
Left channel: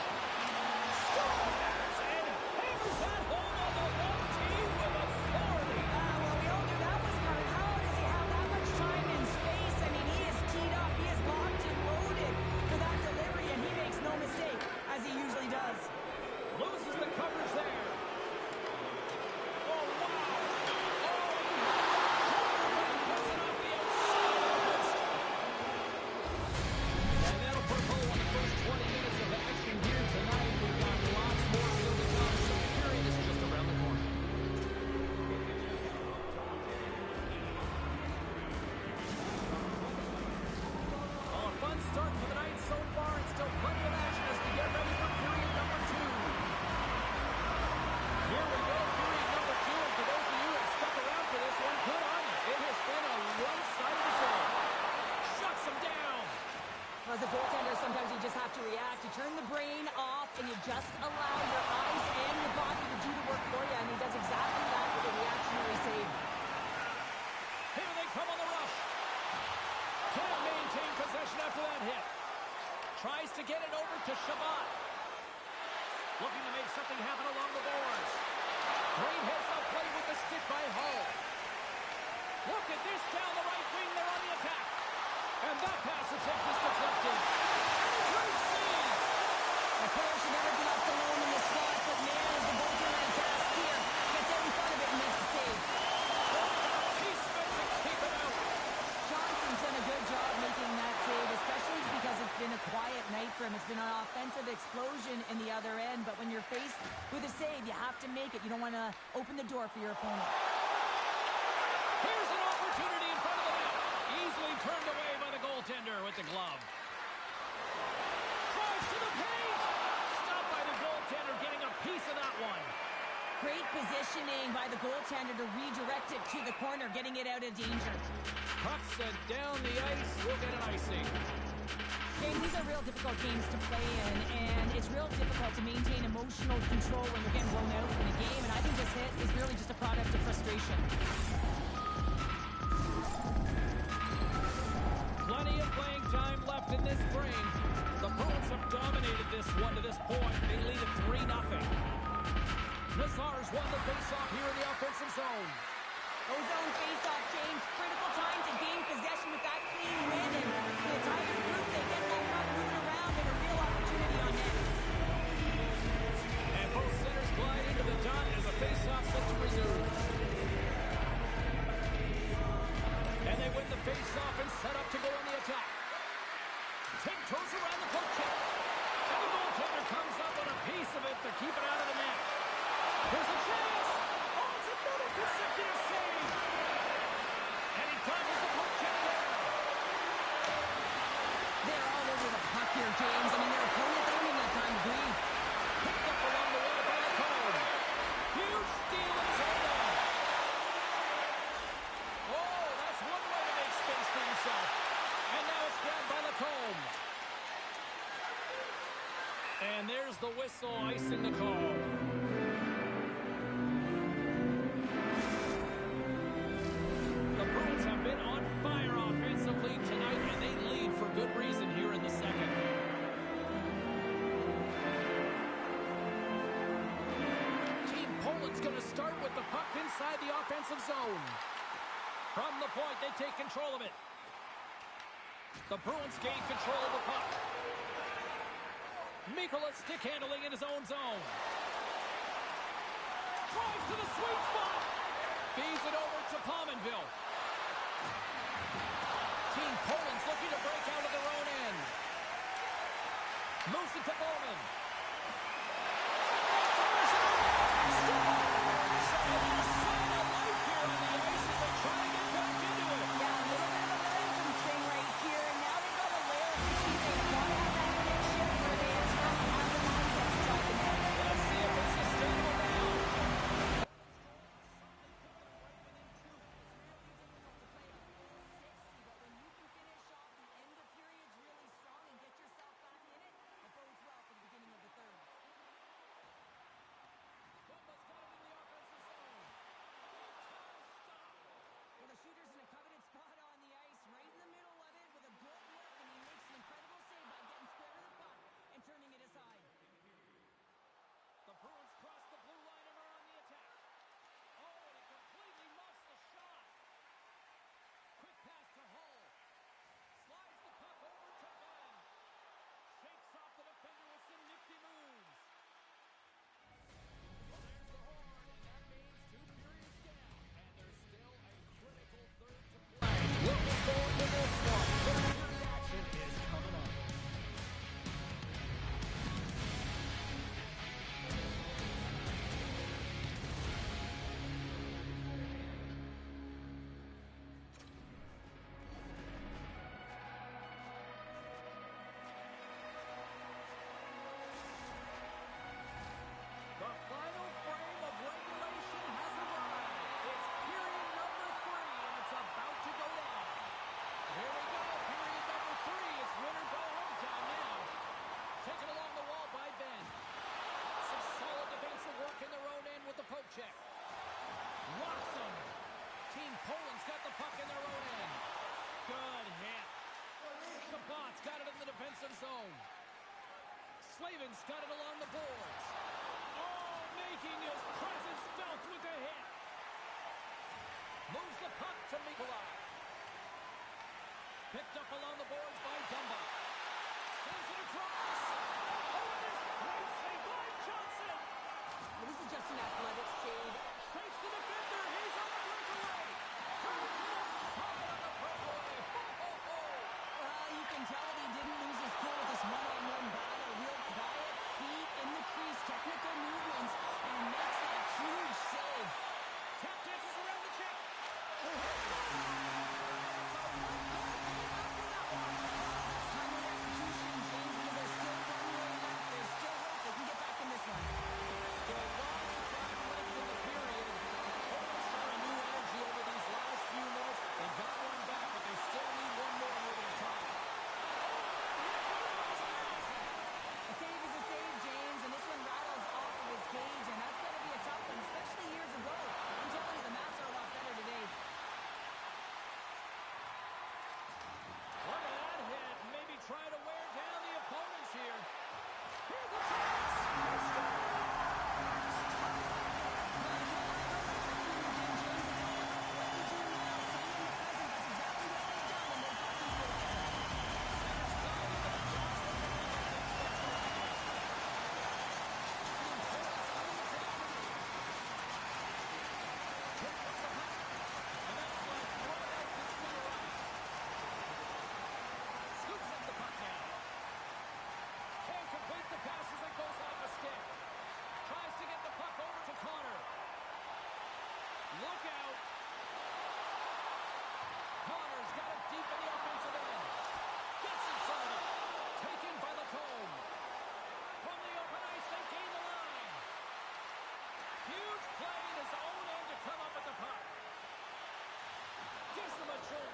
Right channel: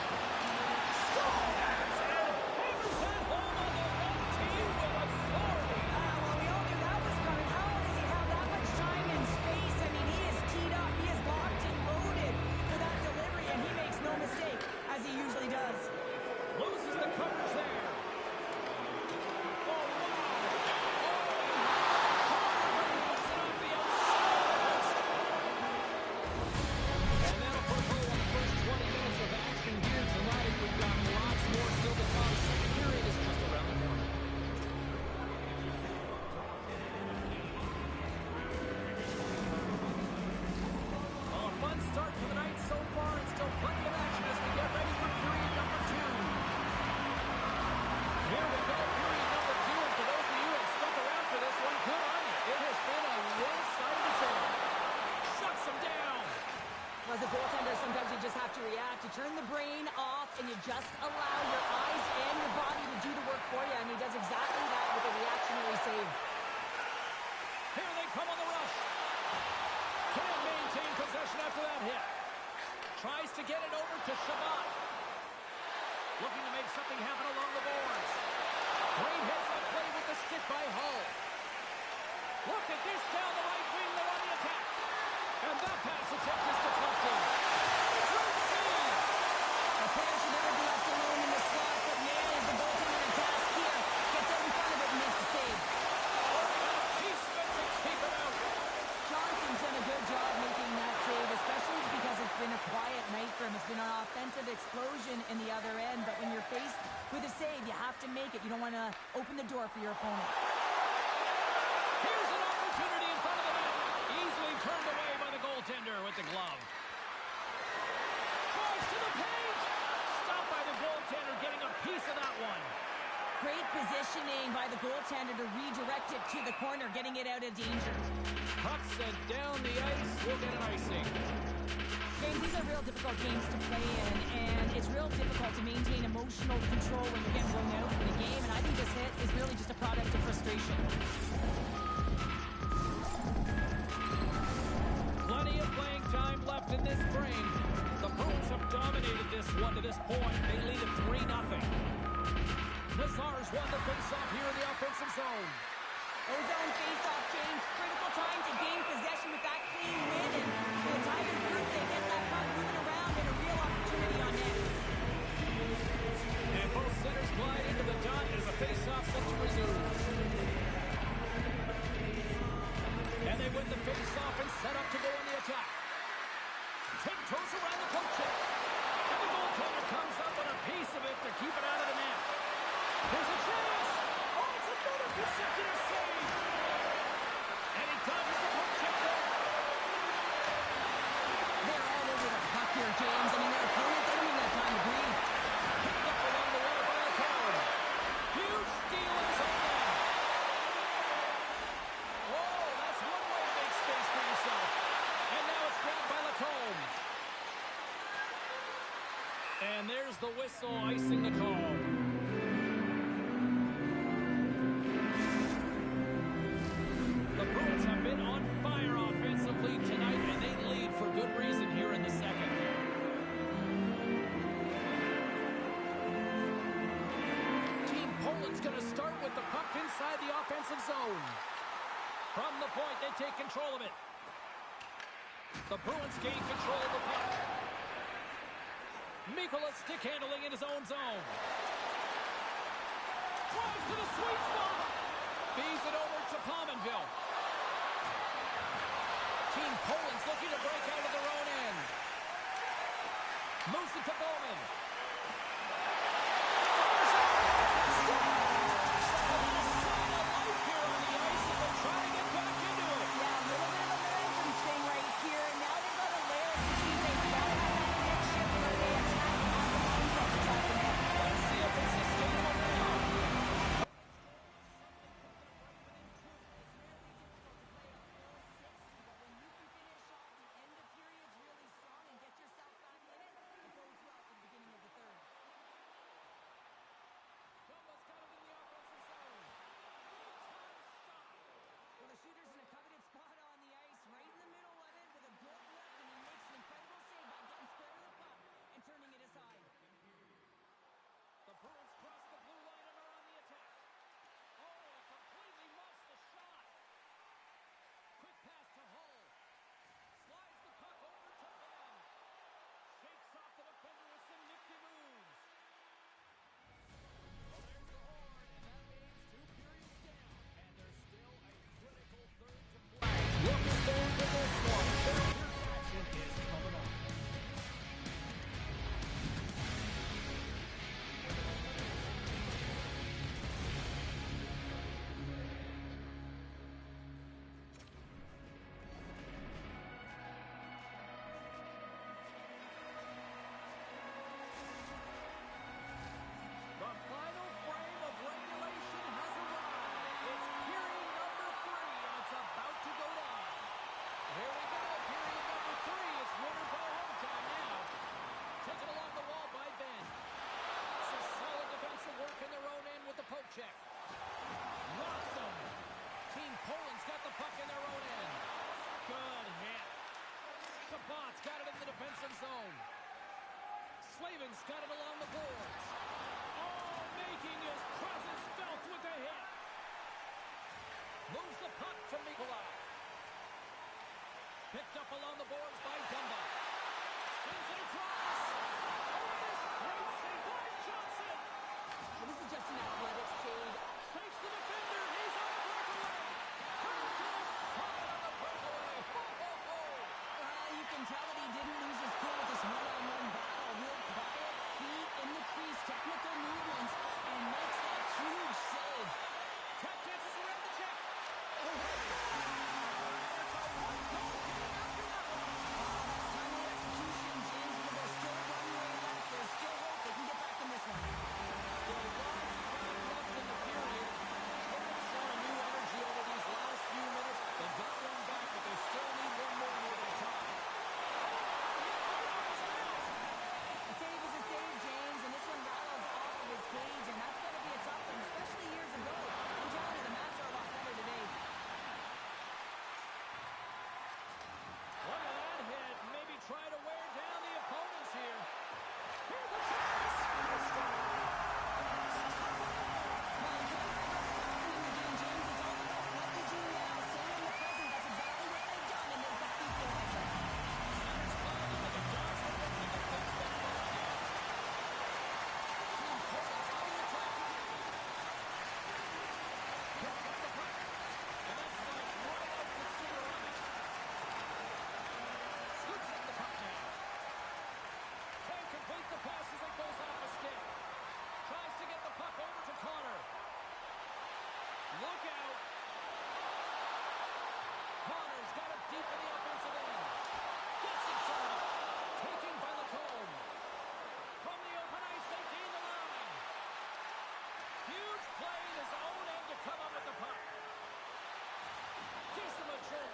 Scores! And hammers that home on the home team with authority. Well, we all knew that was coming. How does he have that much time and space? I mean, he is teed up. He is locked and loaded for that delivery, and he makes no mistake, as he usually does. Loses the coverage there. Oh, wow. Oh, he had the corner, but he puts it off the outside of the post. And that'll put a bow on the first 20 minutes of action here tonight. We've got lots more still to come. Second period is just around the corner. Well, a fun start for the night so far, and still plenty of action as we get ready for period number 2. Here we go, period number 2, and for those of you who have stuck around for this one, good on you. It has been a one-sided affair. Shuts them down. As a goaltender, sometimes you just have to react. You turn the brain off, and you just allow your eyes and your body to do the work for you, and he does exactly that with a reactionary save. Here they come on the rush. Can't maintain possession after that hit. Tries to get it over to Shabbat. Looking to make something happen along the boards. Great heads-up play with the stick by Hull. Look at this down the right wing. They're on the attack. And that pass attempt is deflected. And a great save. A player should never be left alone in the slot, but man, is the goaltender in task here. Gets out in front of it and makes the save. Oh, and a piece of it to keep it out. Johnson's done a good job making that save, especially because it's been a quiet night for him. It's been an offensive explosion in the other end, but when you're faced with a save, you have to make it. You don't want to open the door for your opponent. Here's an opportunity in front of the net. Easily turned away by the goaltender with the glove. Tries to the paint. Stopped by the goaltender, getting a piece of that one. Great positioning by the goaltender to redirect it to the corner, getting it out of danger. Puck sent down the ice. We'll get an icing. James, these are real difficult games to play in, and it's real difficult to maintain emotional control when you're getting blown out in a game, and I think this hit is really just a product of frustration. Plenty of playing time left in this frame. The Bruins have dominated this one to this point. They lead at 3-0. Nazar's won the faceoff here in the offensive zone. Ozone face-off, James. Critical time to gain possession with that clean win, and the entire group, they get that puck moving around, Both centers glide into the dot as the face-off set to resume. And they win the face-off and set up to go on the attack. Tiptoes around the poke check. And the goaltender comes up with a piece of it to keep it out of the net. Here's a chance. Oh, it's another consecutive save. And he dodges the poke check there. They're all over the puck here, James. I mean, their opponent, they don't even have time to breathe. Picked up along the wall by Lacombe. Huge steal in his own end. Oh, that's one way to make space for yourself. And now it's grabbed by Lacombe. And there's the whistle icing the call. The Bruins have been on fire offensively tonight, and they lead for good reason here in the second. Team Poland's going to start with the puck inside the offensive zone. From the point, they take control of it. The Bruins gain control of the puck. Mikkola stick handling in his own zone. Drives to the sweet spot. Feeds it over to Pominville. Team Poland's looking to break out of their own end. Moves it to Bowman. Fires it. Scores! A little sign of life here on the ice as they try to get back into it. Yeah, a little bit of a momentum thing right here. And now they've got a layer, which means they've got to have that net shift where they attack and have the mindset to drive the net. Let's see if it's sustainable now. Shooter's in a coveted spot on the ice, right in the middle of it with a good look, and he makes an incredible save by getting square to the puck and turning it aside. The Bruins cross the blue line and are on the attack. Oh, he completely muffs the shot. Quick pass to Hull. Slides the puck over to Ben. Shakes off the defender with some nifty moves. Well, there's the horn, and that means 2 periods down. And there's still a critical third to play. Looking forward to this one. Third period action is coming up. The final frame of regulation has arrived. It's period number 3, and it's about to go down. Here we go, period number 3. It's win or go home time now. Taken along the wall by Ben. Some solid defensive work in their own end with the poke check. Rocks them. Team Poland's got the puck in their own end. Good hit. Shabbat's got it in the defensive zone. Slavin's got it along the boards. Oh, making his presence felt with a hit. Moves the puck to Mikkola. Picked up along the boards by Dumba. Sends it across. Oh, and there's a great save by Johnson. Well, this is just an athletic save. Shakes the defender. He's on the breakaway. Turns to the side on the breakaway. Ho, ho, ho. Well, you can tell that he didn't lose his cool with this one-on-one battle. Real quiet, feet in the crease, technical movements, and makes that huge save. Tap dances around the check. Oh, it's a one-goal game after that one. That's timely execution, James, because there's still runway left. There's still hope they can get back in this one. Still lots of time left in the period. Opens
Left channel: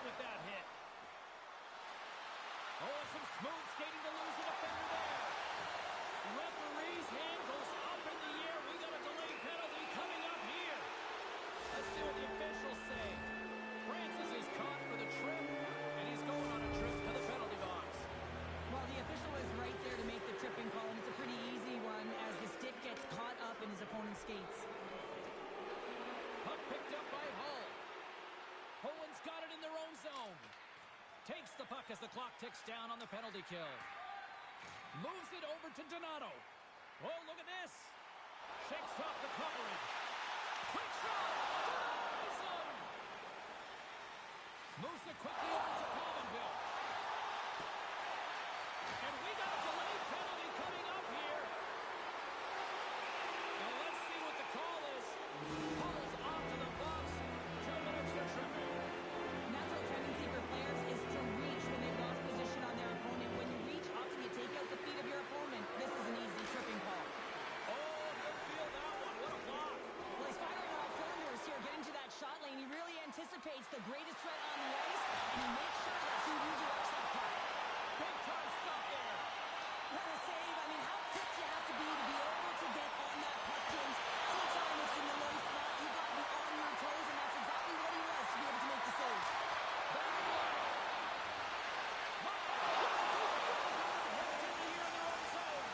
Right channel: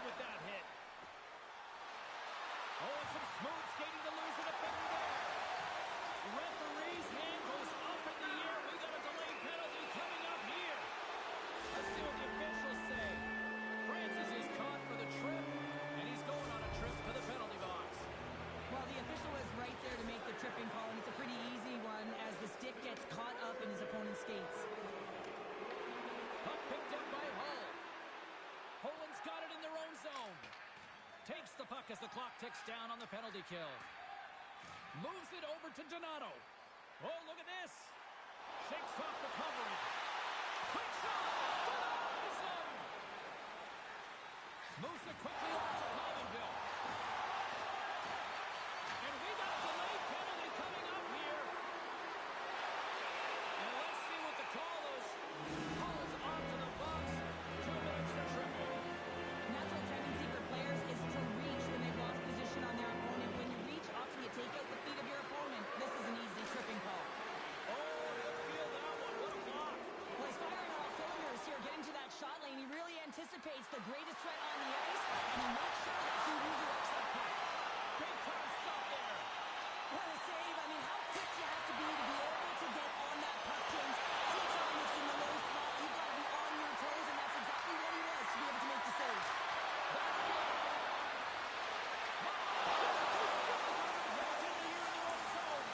with that hit. Oh, and some smooth skating to lose a defender there. Referee's hand goes up in the air. We got a delayed penalty coming up here. Let's see what the officials say. Francis is caught for the trip, and he's going on a trip to the penalty box. Well, the official was right there to make the tripping call, and it's a pretty easy one as the stick gets caught up in his opponent's skates. Puck picked up by Hull. Poland's got it in their own zone. Takes the puck as the clock ticks down on the penalty kill. Moves it over to Donato. Oh, look at this. Shakes off the coverage. Quick shot. Denies him. Moves it quickly over to Pominville. And we got a delayed penalty coming up here. And let's see what the call is. Hull's onto the box. 2 minutes for tripping. Natural tendency for players is to reach when they've lost position on their opponent. When you reach, often you take out the feet of your opponent. This is an easy tripping call. Oh, he'll feel that one. What a block. Well, he's firing on all cylinders here, getting to that shot lane. He really anticipates the greatest threat on the ice, and he makes sure that he redirects that puck. Big time stop there. What a save. I mean, how quick you have to be able to get on that puck, James. Anytime it's in the low slot, you've got to be on your toes, and that's exactly what he was to be able to make the save. That's blocked. Wow. What a good goal in the year in their own zone.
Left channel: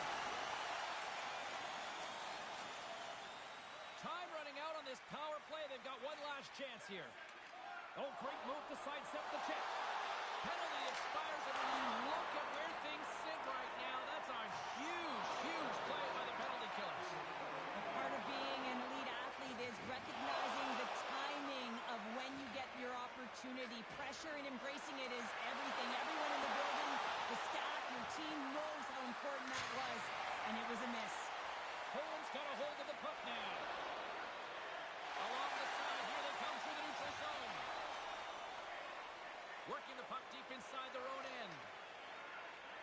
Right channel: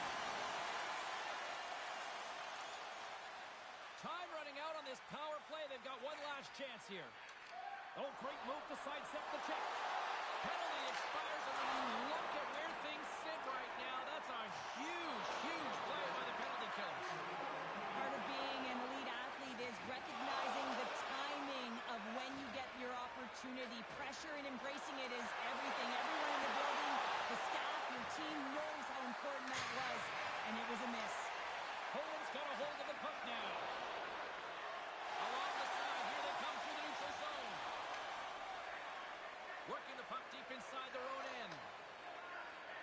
Time running out on this power play. They've got one last chance here. Oh, great move to sidestep the check. Penalty expires, and when you look at where things sit right now, that's a huge, huge play by the penalty killers. Part of being an elite athlete is recognizing the timing of when you get your opportunity. Pressure and embracing it is everything. Everyone in the building, the staff, your team knows how important that was, and it was a miss. Poland's got a hold of the puck now. Along the side, here they come through the neutral zone. Working the puck deep inside their own end.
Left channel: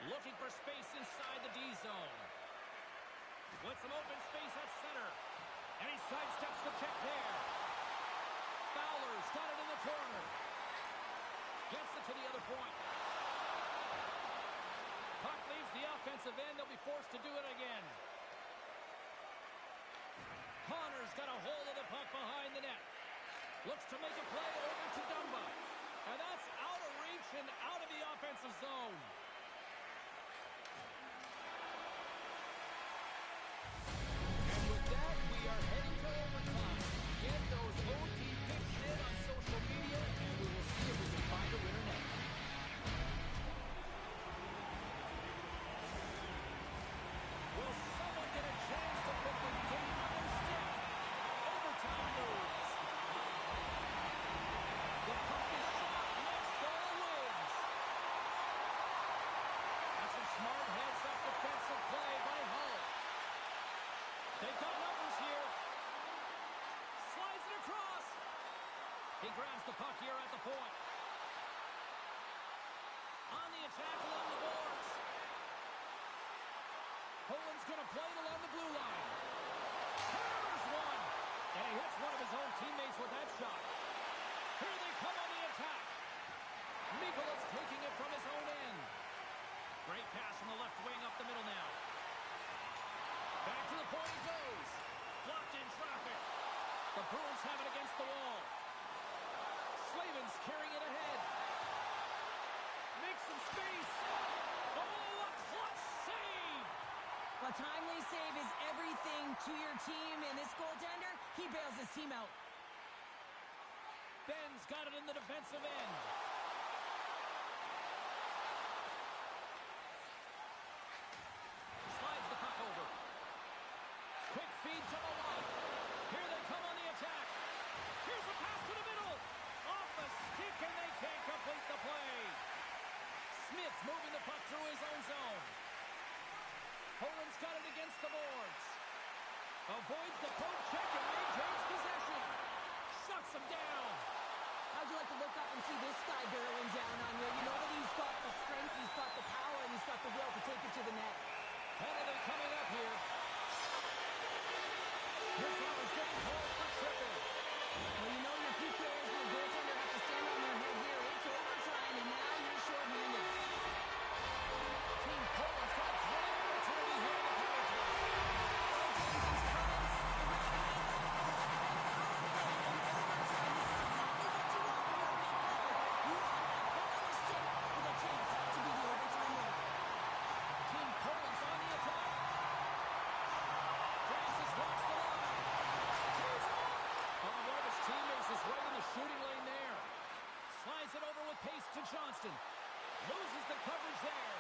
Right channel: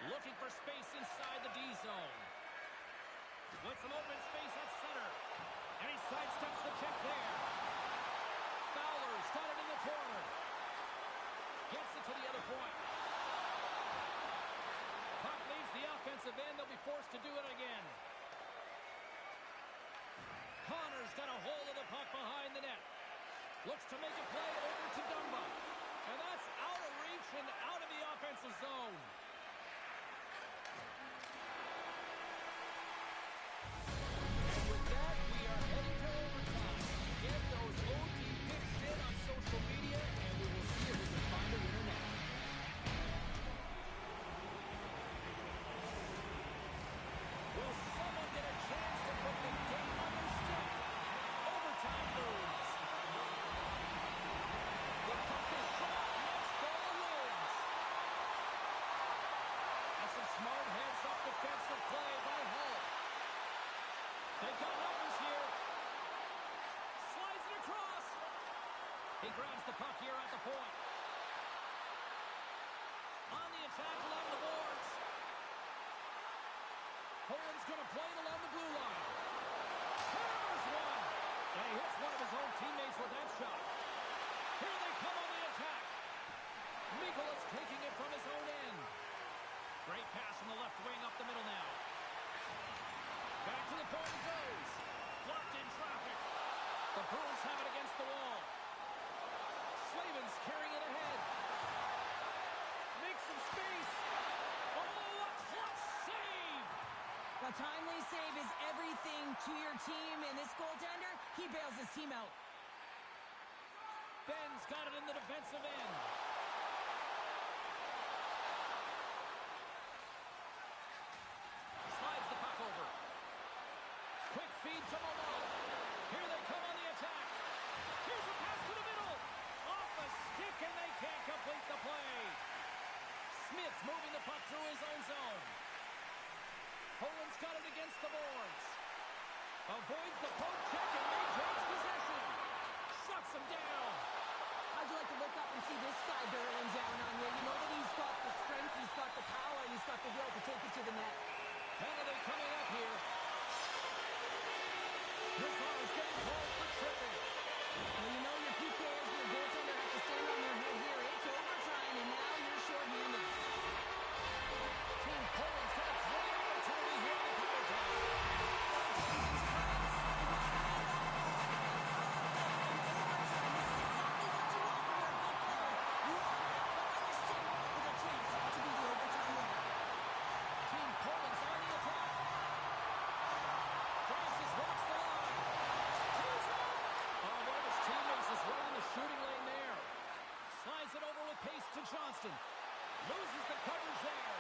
Looking for space inside the D zone. With some open space at center. And he sidesteps the check there. Fowler's got it in the corner. Gets it to the other point. Puck leaves the offensive end. They'll be forced to do it again. Connor's got a hold of the puck behind the net. Looks to make a play over to Dumba. And that's out of reach and out of the offensive zone. And with that, we are heading to overtime. Get those OT picks in on social media, and we will see if we can find a winner next. Will someone get a chance to put the game on their stick? Overtime moves. The puck is shot. Next goal wins. That's some smart heads-up defensive play by Hull. They've got numbers here. Slides it across. He grabs the puck here at the point. On the attack along the boards. Poland's going to play it along the blue line. Hammers one. And he hits one of his own teammates with that shot. Here they come on the attack. Mikola's taking it from his own end. Great pass from the left wing up the middle now. Back to the point he goes. Blocked in traffic. The Bruins have it against the wall. Slavin's carrying it ahead. Makes some space. Oh, a clutch save. A timely save is everything to your team, and this goaltender, he bails his team out. Ben's got it in the defensive end. Slides the puck over. Quick feed to Malott. Here they come on the attack. Here's a pass to the middle. Off a stick, and they can't complete the play. Smith's moving the puck through his own zone. Poland's got it against the boards. Avoids the poke check and maintains possession. Shuts him down. How'd you like to look up and see this guy barreling down on you? You know that he's got the strength, he's got the power, and he's got the will to take it to the net. Penalty coming up here. This one is getting called for tripping. Well, you know your PKs and your goaltender have to stand on their head here. It's over. pace to Johnston. Loses the coverage there.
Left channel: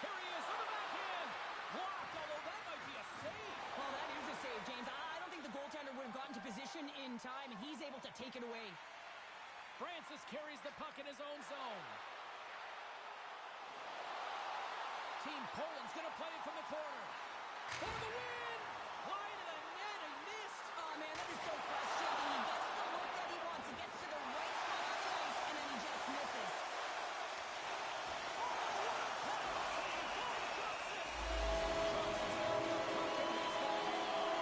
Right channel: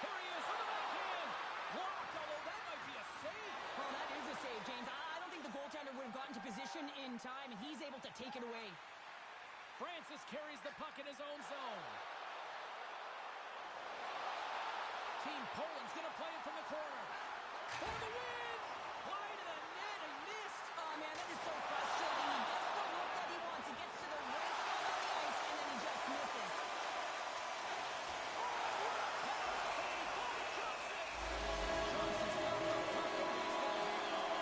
Here he is on the backhand. Blocked, although that might be a save. Well, that is a save, James. I don't think the goaltender would have gotten to position in time, and he's able to take it away. Francis carries the puck in his own zone. Team Poland's going to play it from the corner. For the win! Wide of the net, he missed. Oh, man, that is so frustrating. He gets the look that he wants. He gets to the right spot on the ice, and then he just misses. Oh, what a pass save by Johnson! Johnson's got the puck, and he's going to hang on.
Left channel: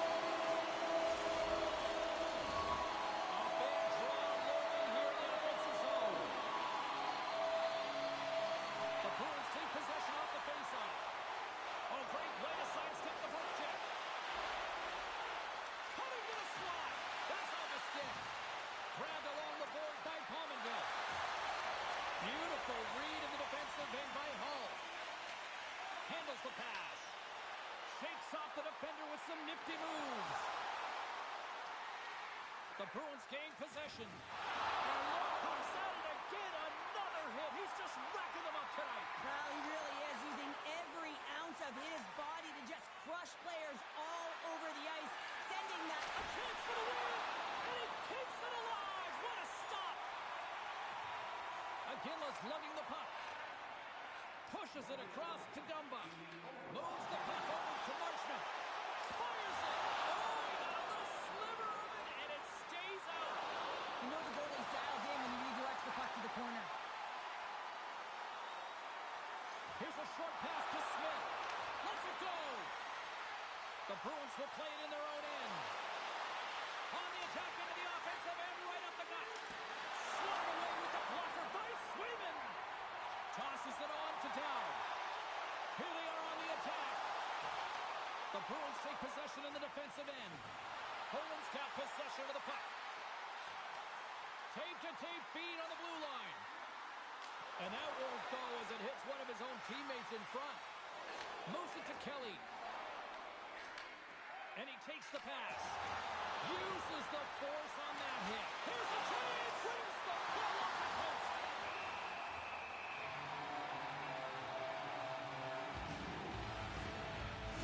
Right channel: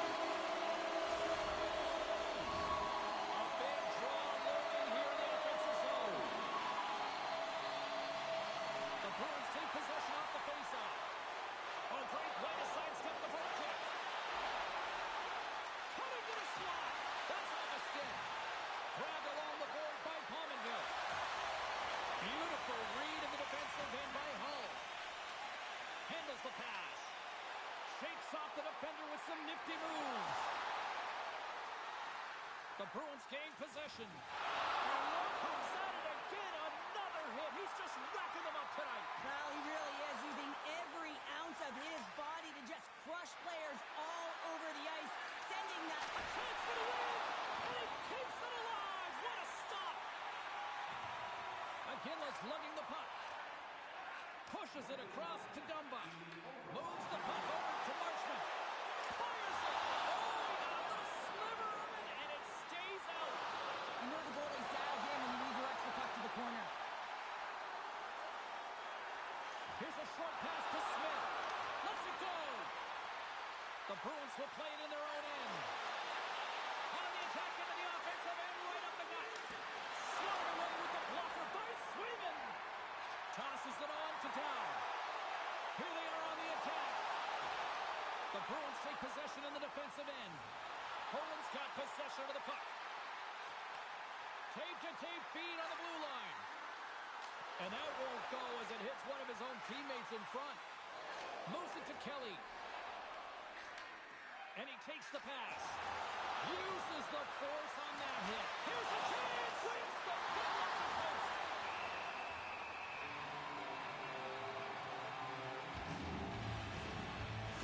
A big draw looming here in the offensive zone. The Bruins take possession off the faceoff. Oh, great play to sidestep the forecheck. Cutting to the slot. That's off a stick. Grabbed along the board by Pominville. Beautiful read in the defensive end by Hull. Handles the pass. Shakes off the defender with some nifty moves. The Bruins gain possession. And look who's at it again. Another hit. He's just racking them up tonight. Well, he really is using every ounce of his body to just crush players all over the ice, sending that A chance for the win. And he keeps it alive. What a stop. Aguilar's lugging the puck. Pushes it across to Dumba. Moves the puck over to Marchment. Fires it. Oh, he got a little sliver of it, and it stays out. You know the goalie's dialed in when he redirects the puck to the corner. Here's a short pass to Smith. Lets it go. The Bruins will play it in their own end. On the attack into the offensive end, right up the gut. Swung away with the blocker by Swayman. Tosses it on to Down. Here they are on the attack. The Bruins take possession in the defensive end. Poland's got possession of the puck. Tape-to-tape feed on the blue line. And that won't go as it hits one of his own teammates in front. Moves it to Kelly. And he takes the pass. Uses the force on that hit. Here's a chance. Wins the ball off the post.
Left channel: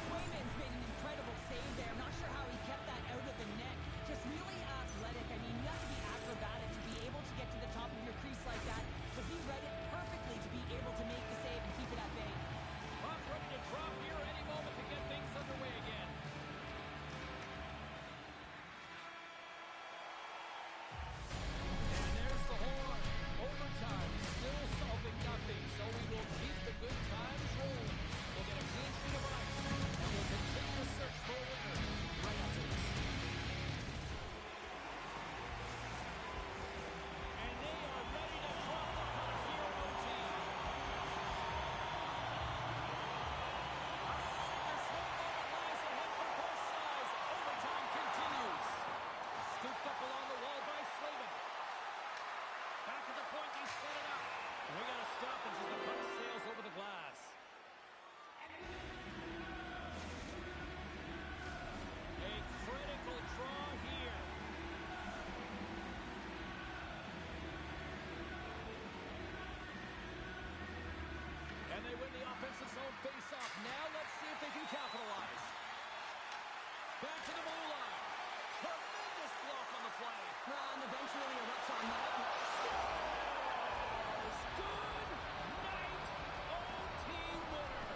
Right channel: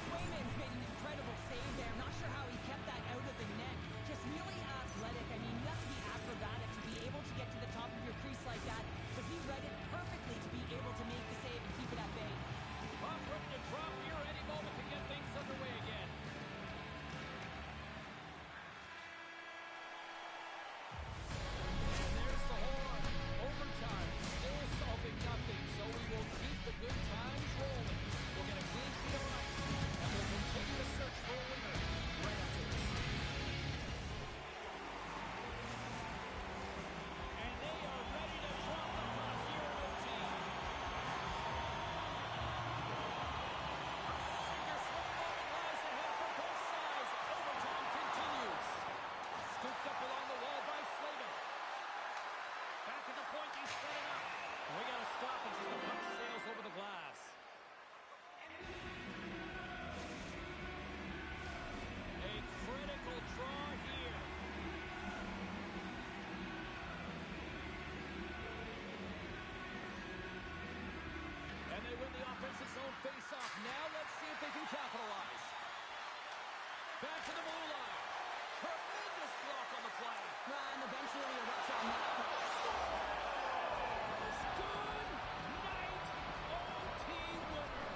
Swayman's made an incredible save there. I'm not sure how he kept that out of the net. Just really athletic. I mean, you have to be acrobatic to be able to get to the top of your crease like that. But he read it perfectly to be able to make the save and keep it at bay. Puck ready to drop here any moment to get things underway again. And there's the horn. Overtime, still solving nothing, so we will keep the good times rolling. We'll get a clean sheet of ice, and we'll continue to search for a winner right after this. And they are ready to drop the puck here in OT. A sink-or-swim moment lies ahead for both sides. Overtime continues. Scooped up along the wall by Slavin. Back at the point, they set it up. We got to stop it as the puck sails over the glass. A critical draw here. And they win the offensive zone face-off. Now let's see if they can capitalize. Back to the blue line. Tremendous block on the play. And the bench really erupts on that. Scores! Good night, OT winner.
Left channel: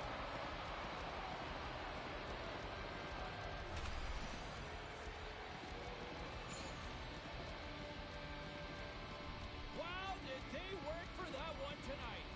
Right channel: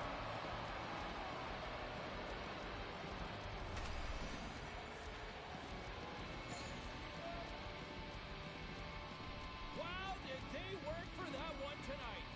Wow, did they work for that one tonight.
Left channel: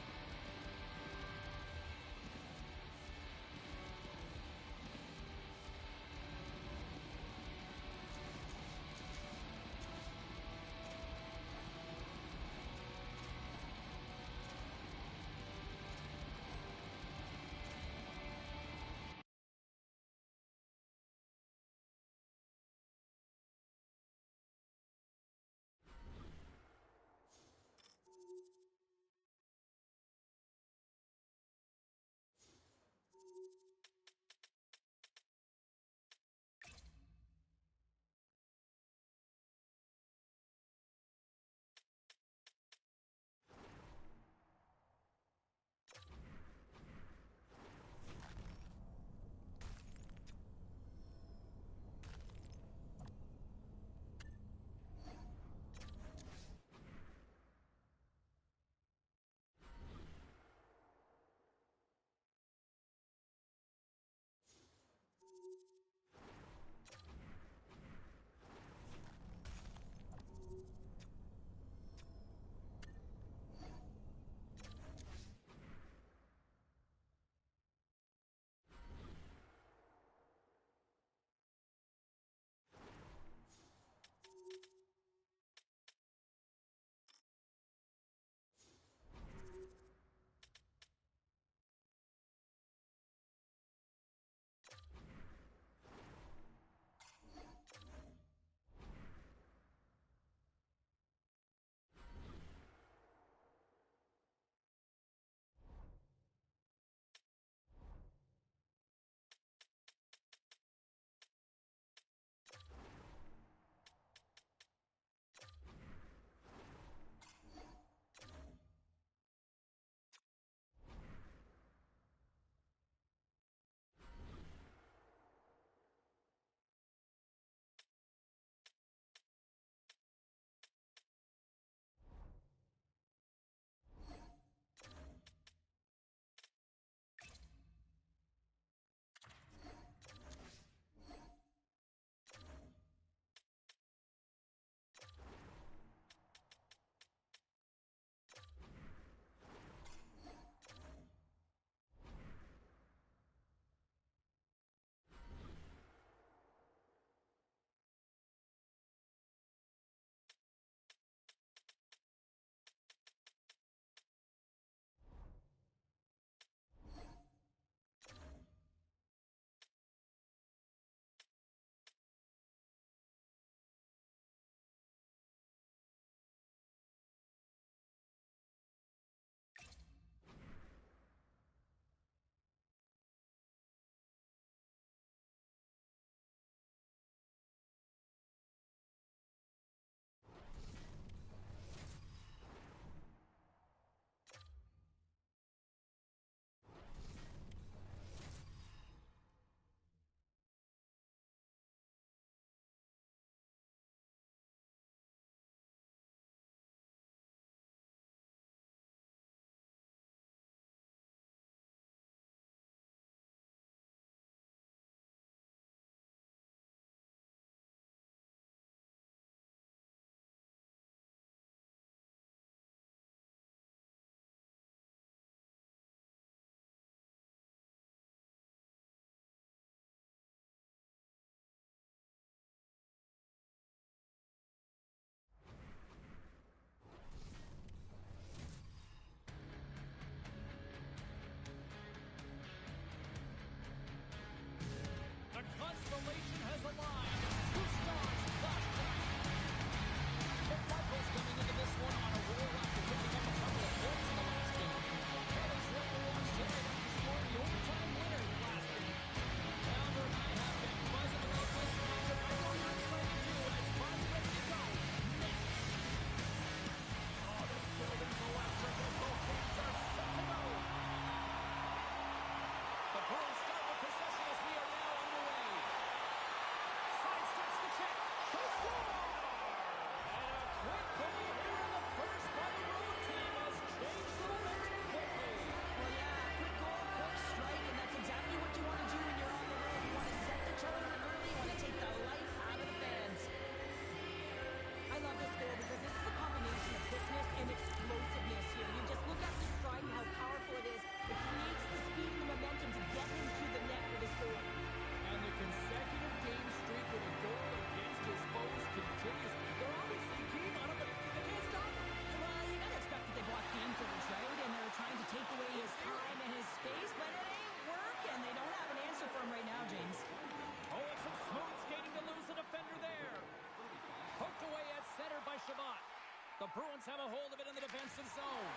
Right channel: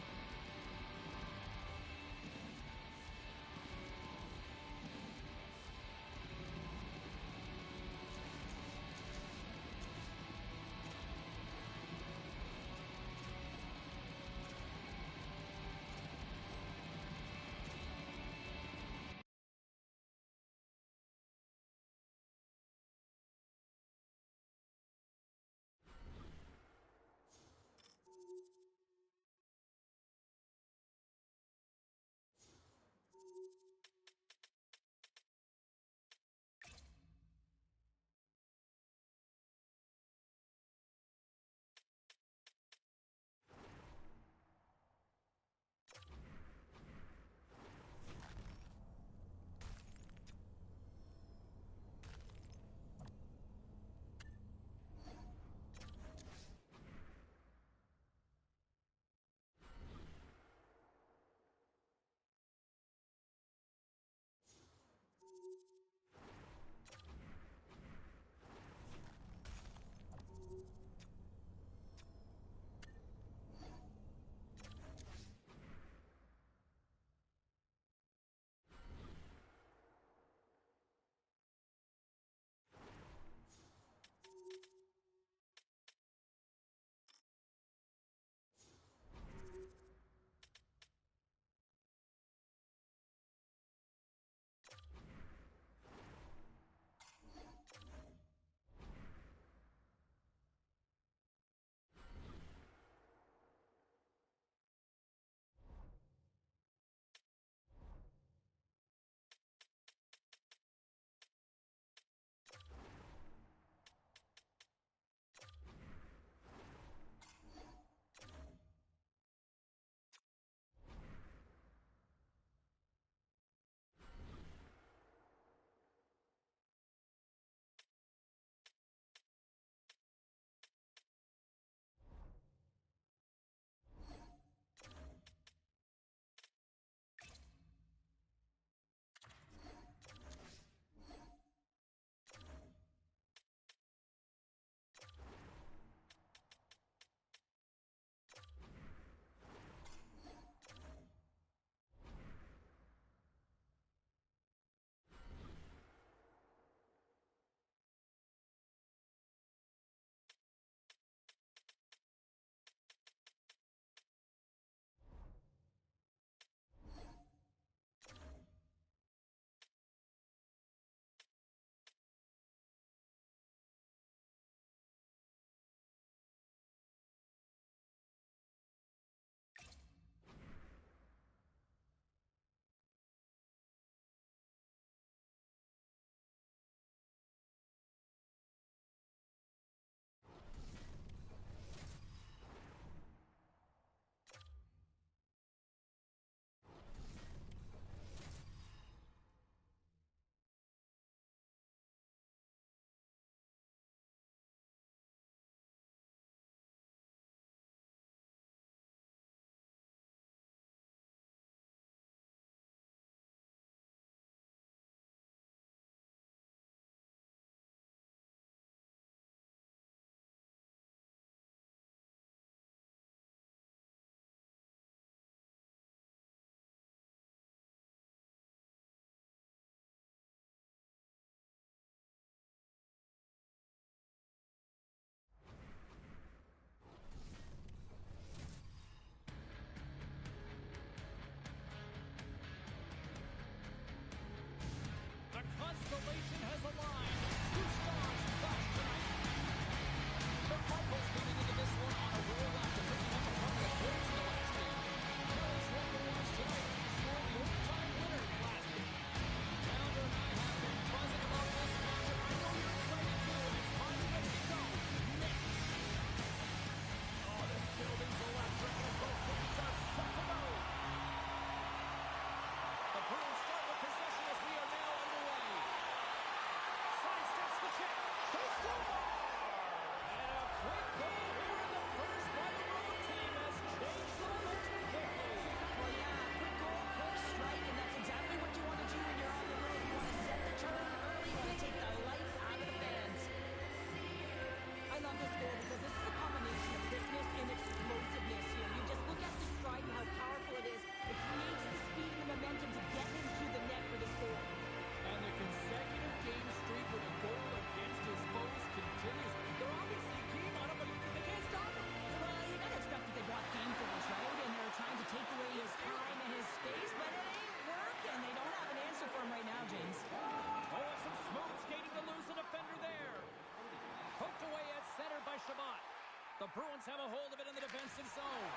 Bruins have a hold of it in the defensive zone.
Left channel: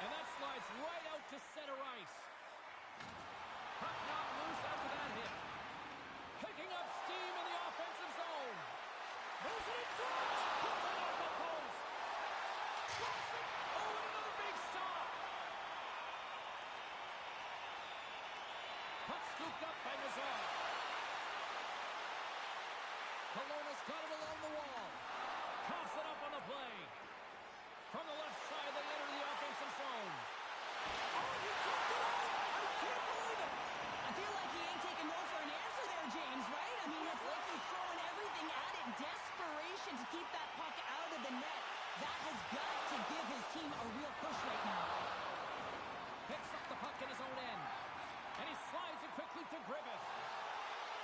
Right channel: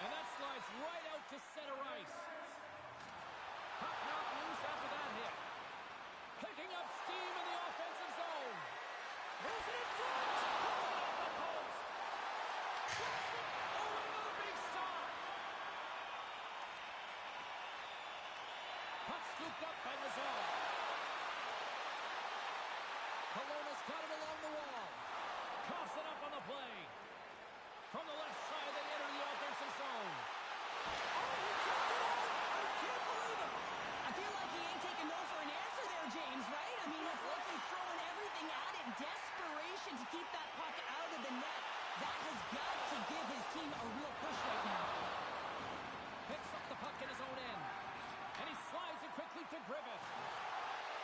And that slides right out to center ice. Puck knocked loose after that hit. Picking up steam in the offensive zone. Moves it in front. Puts it off the post. Cross it. Oh, and another big stop. Puck scooped up by Nazar. Kelowna's got it along the wall. Coughs it up on the play. From the left side, they enter the offensive zone. Oh, he kicked it out! I can't believe it! I feel like he ain't taking no for an answer there, James, right? I mean, it's like he's throwing everything at it. Desperation to keep that puck out of the net. That has got to give his team a real push right now. Picks up the puck in his own end. And he slides it quickly to Griffith.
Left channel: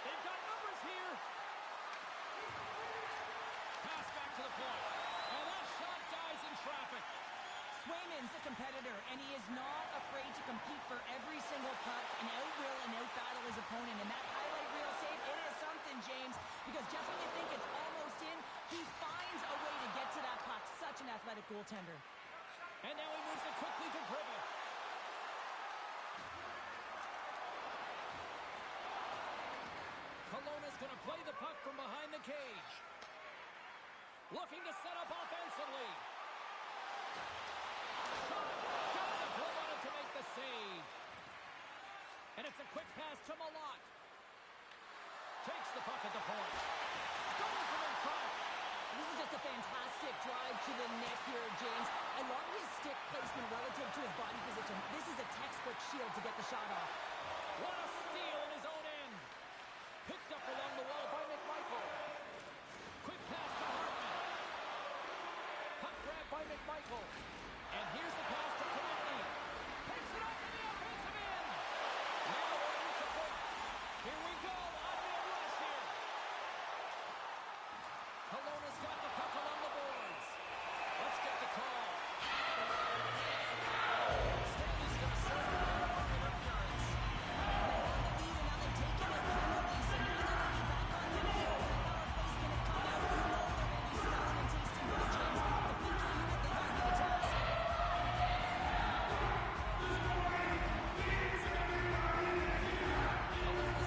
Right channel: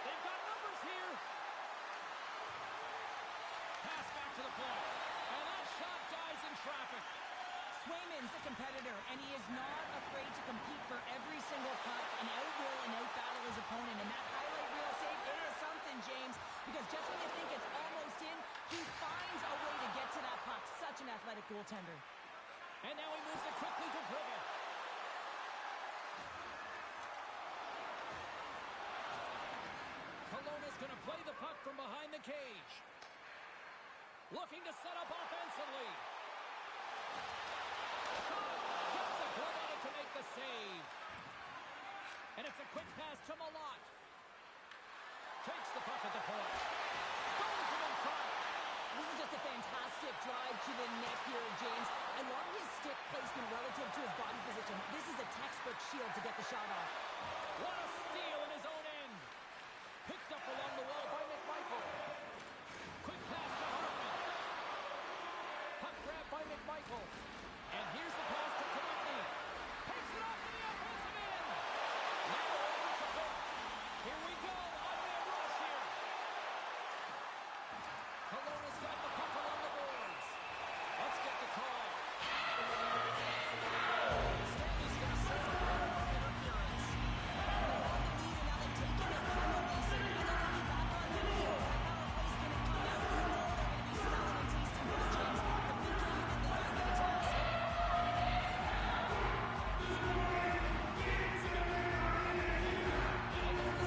They've got numbers here. Pass back to the point. And that shot dies in traffic. Swayman's a competitor, and he is not afraid to compete for every single puck and out-will and out-battle his opponent. And that highlight reel save, it is something, James, because just when you think it's almost in, he finds a way to get to that puck. Such an athletic goaltender. And now he moves it quickly to Griffith. Kelowna's going to play the puck from behind the cage. Looking to set up offensively. Shot. Gets a glove on it to make the save. And it's a quick pass to Malott. Takes the puck at the point. Goes him in front. This is just a fantastic drive to the net here, James. I love his stick placement relative to his body position. This is a textbook shield to get the shot off. What a steal in his own end. Picked up along the wall by McMichael. Quick pass to Hartman. Puck grab by McMichael. And here's the pass to Konechny. Takes it off in the offensive end. Now over to Book. Here we go. On-man rush here. Kelowna's got the puck along the boards. Let's get the call. Stanley's going to serve a player for interference. They have the lead, and now they've taken their penalties, so now they're going to be back on their heels. That power play's going to come out. You know they're going to be smelling and tasting blood, James. The PK unit, they got to get a task. Kelowna's side of the power play has been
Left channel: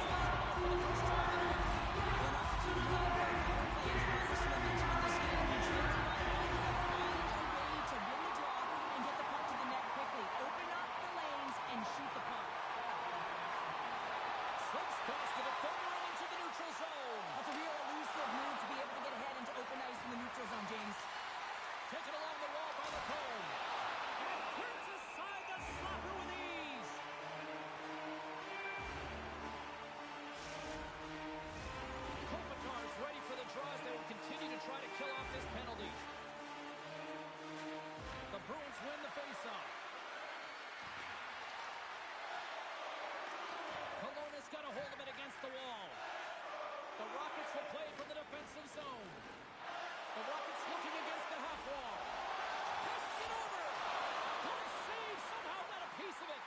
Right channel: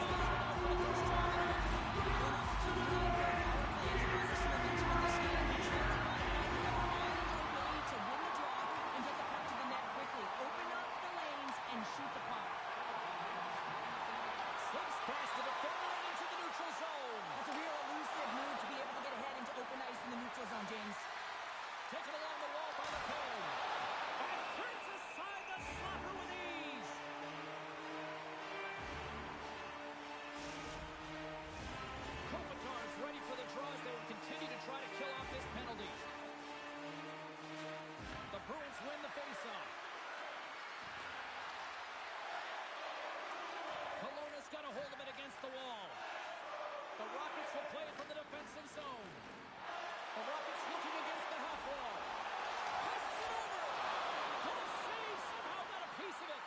out for the first time tonight. Well, an opportunity for a power play to garner some momentum in this game. You're trailing by one. You got to find a way to win the draw and get the puck to the net quickly. Open up the lanes and shoot the puck. Slips past the defender and into the neutral zone. That's a real elusive move to be able to get ahead into open ice in the neutral zone, James. Taken along the wall by Lacombe. And turns aside the slapper with ease. Kopitar's ready for the draws. They will continue to try to kill off this penalty. The Bruins win the faceoff. Kelowna's got a hold of it against the wall. The Rockets will play it from the defensive zone. The Rockets looking against the half wall. Passes it over. Good save. Somehow got a piece of it.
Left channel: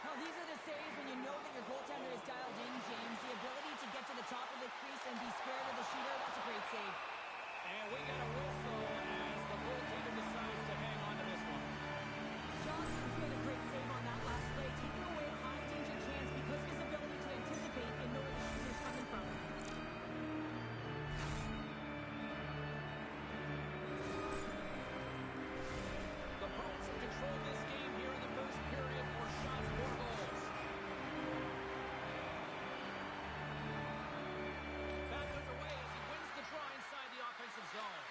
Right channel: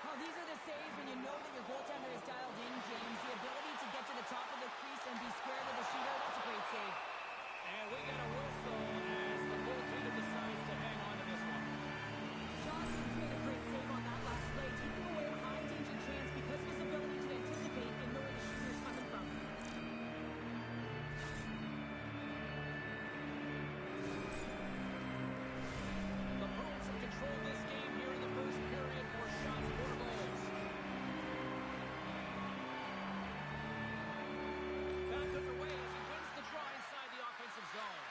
Well, these are the saves when you know that your goaltender is dialed in, James. The ability to get to the top of the crease and be square to the shooter, that's a great save. And we got a whistle as the goaltender decides to hang on to this one. Johnson's made a great save on that last play, taking away a high-danger chance because of his ability to anticipate and know where the shooter's coming from. The Bruins have controlled this game here in the first period. More shots, more goals. Back underway as he wins the draw inside the offensive zone.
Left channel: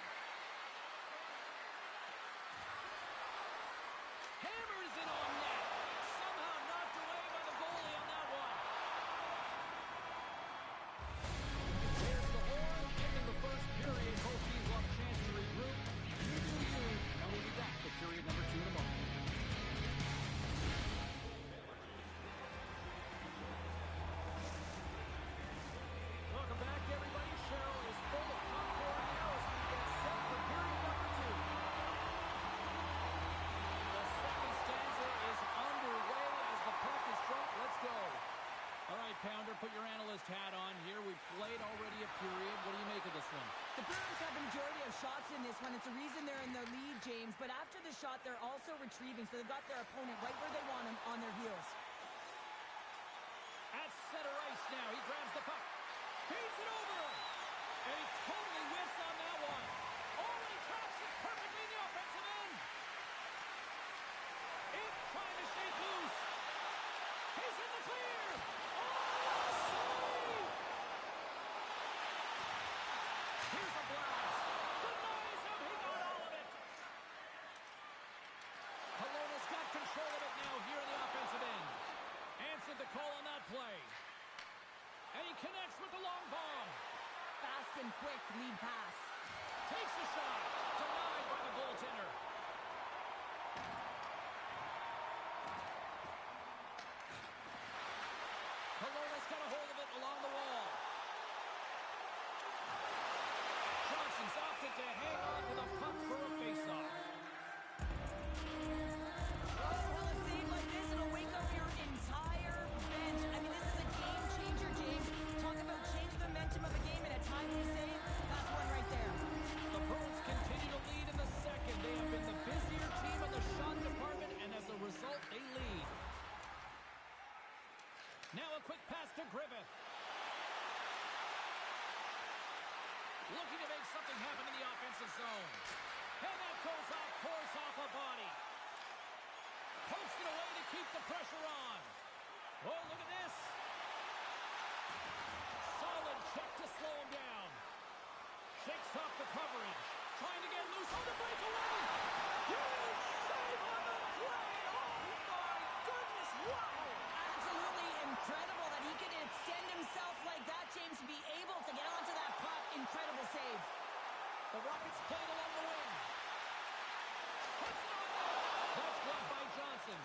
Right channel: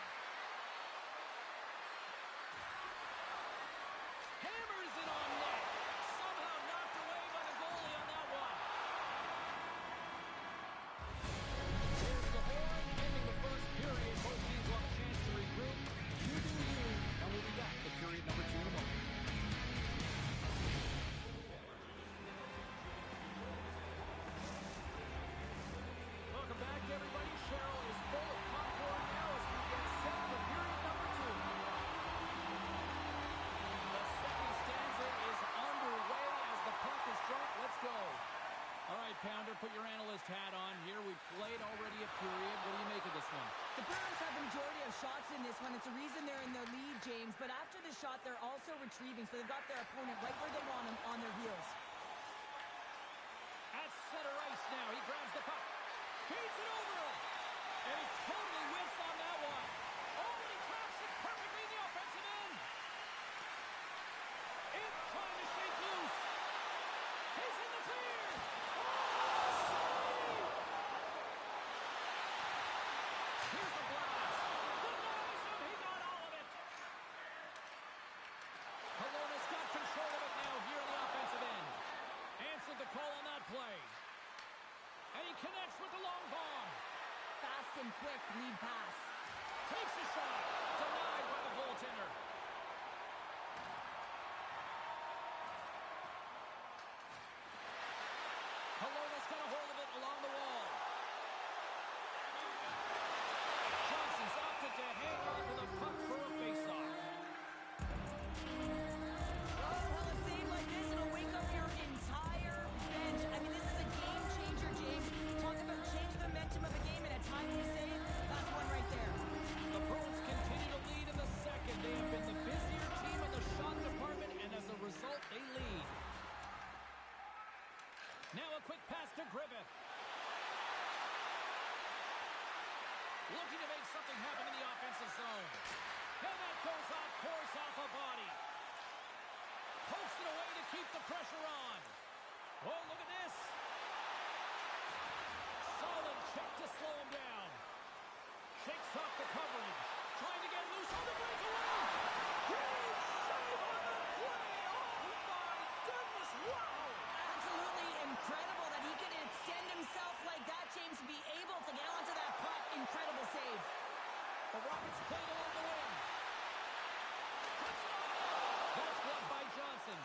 Hammers it on net. Somehow knocked away by the goalie on that one. There's the horn, ending the first period. Both teams will have a chance to regroup. You do you, and we'll be back with period number 2 in a moment. Welcome back, everybody. Cheryl is full of popcorn now as we get set for period number 2. The second stanza is underway as the puck is dropped. Let's go. All right, pounder. Put your analyst hat on here. We played already a period. What do you make of this one? The Bruins have the majority of shots in this one. It's a reason they're in the lead, James. But after the shot, they're also retrieving, so they've got their opponent right where they want him, on their heels. At center ice now. He grabs the puck. Feeds it over. And he totally whiffs on that one. Oh, and he tracks it perfectly in the offensive end. It's trying to shake loose. He's in the clear. Oh, save! Here's a blast. Denies him. He got all of it. Kelowna's got control of it now here in the offensive end. Answered the call on that play. And he connects with the long bomb. Fast and quick lead pass. Takes a shot. Denied by the goaltender. Kelowna's got a hold of it along the wall. Johnson's opted to hang on to the puck for a faceoff. Oh, well, a save like this, it'll wake up your entire bench. I mean, this is a game changer, James. Talk about change the momentum of a game in a timely save. That's one right there. The Bruins continue to lead in the second. They have been the busier team in the shot department, and as a result, they lead. Now a quick pass to Griffith. Looking to make something happen in the offensive zone. And that goes off, pours off a body. Pokes it away to keep the pressure on. Oh, look at this. Solid check to slow him down. Shakes off the coverage. Trying to get loose on the breakaway. Huge save on the play. Oh, my goodness. Wow. Absolutely incredible that he could extend himself like that, James, to be able to get onto that puck. Incredible save. The Rockets played along the wing. Puts it on net. That's blocked by Johnson.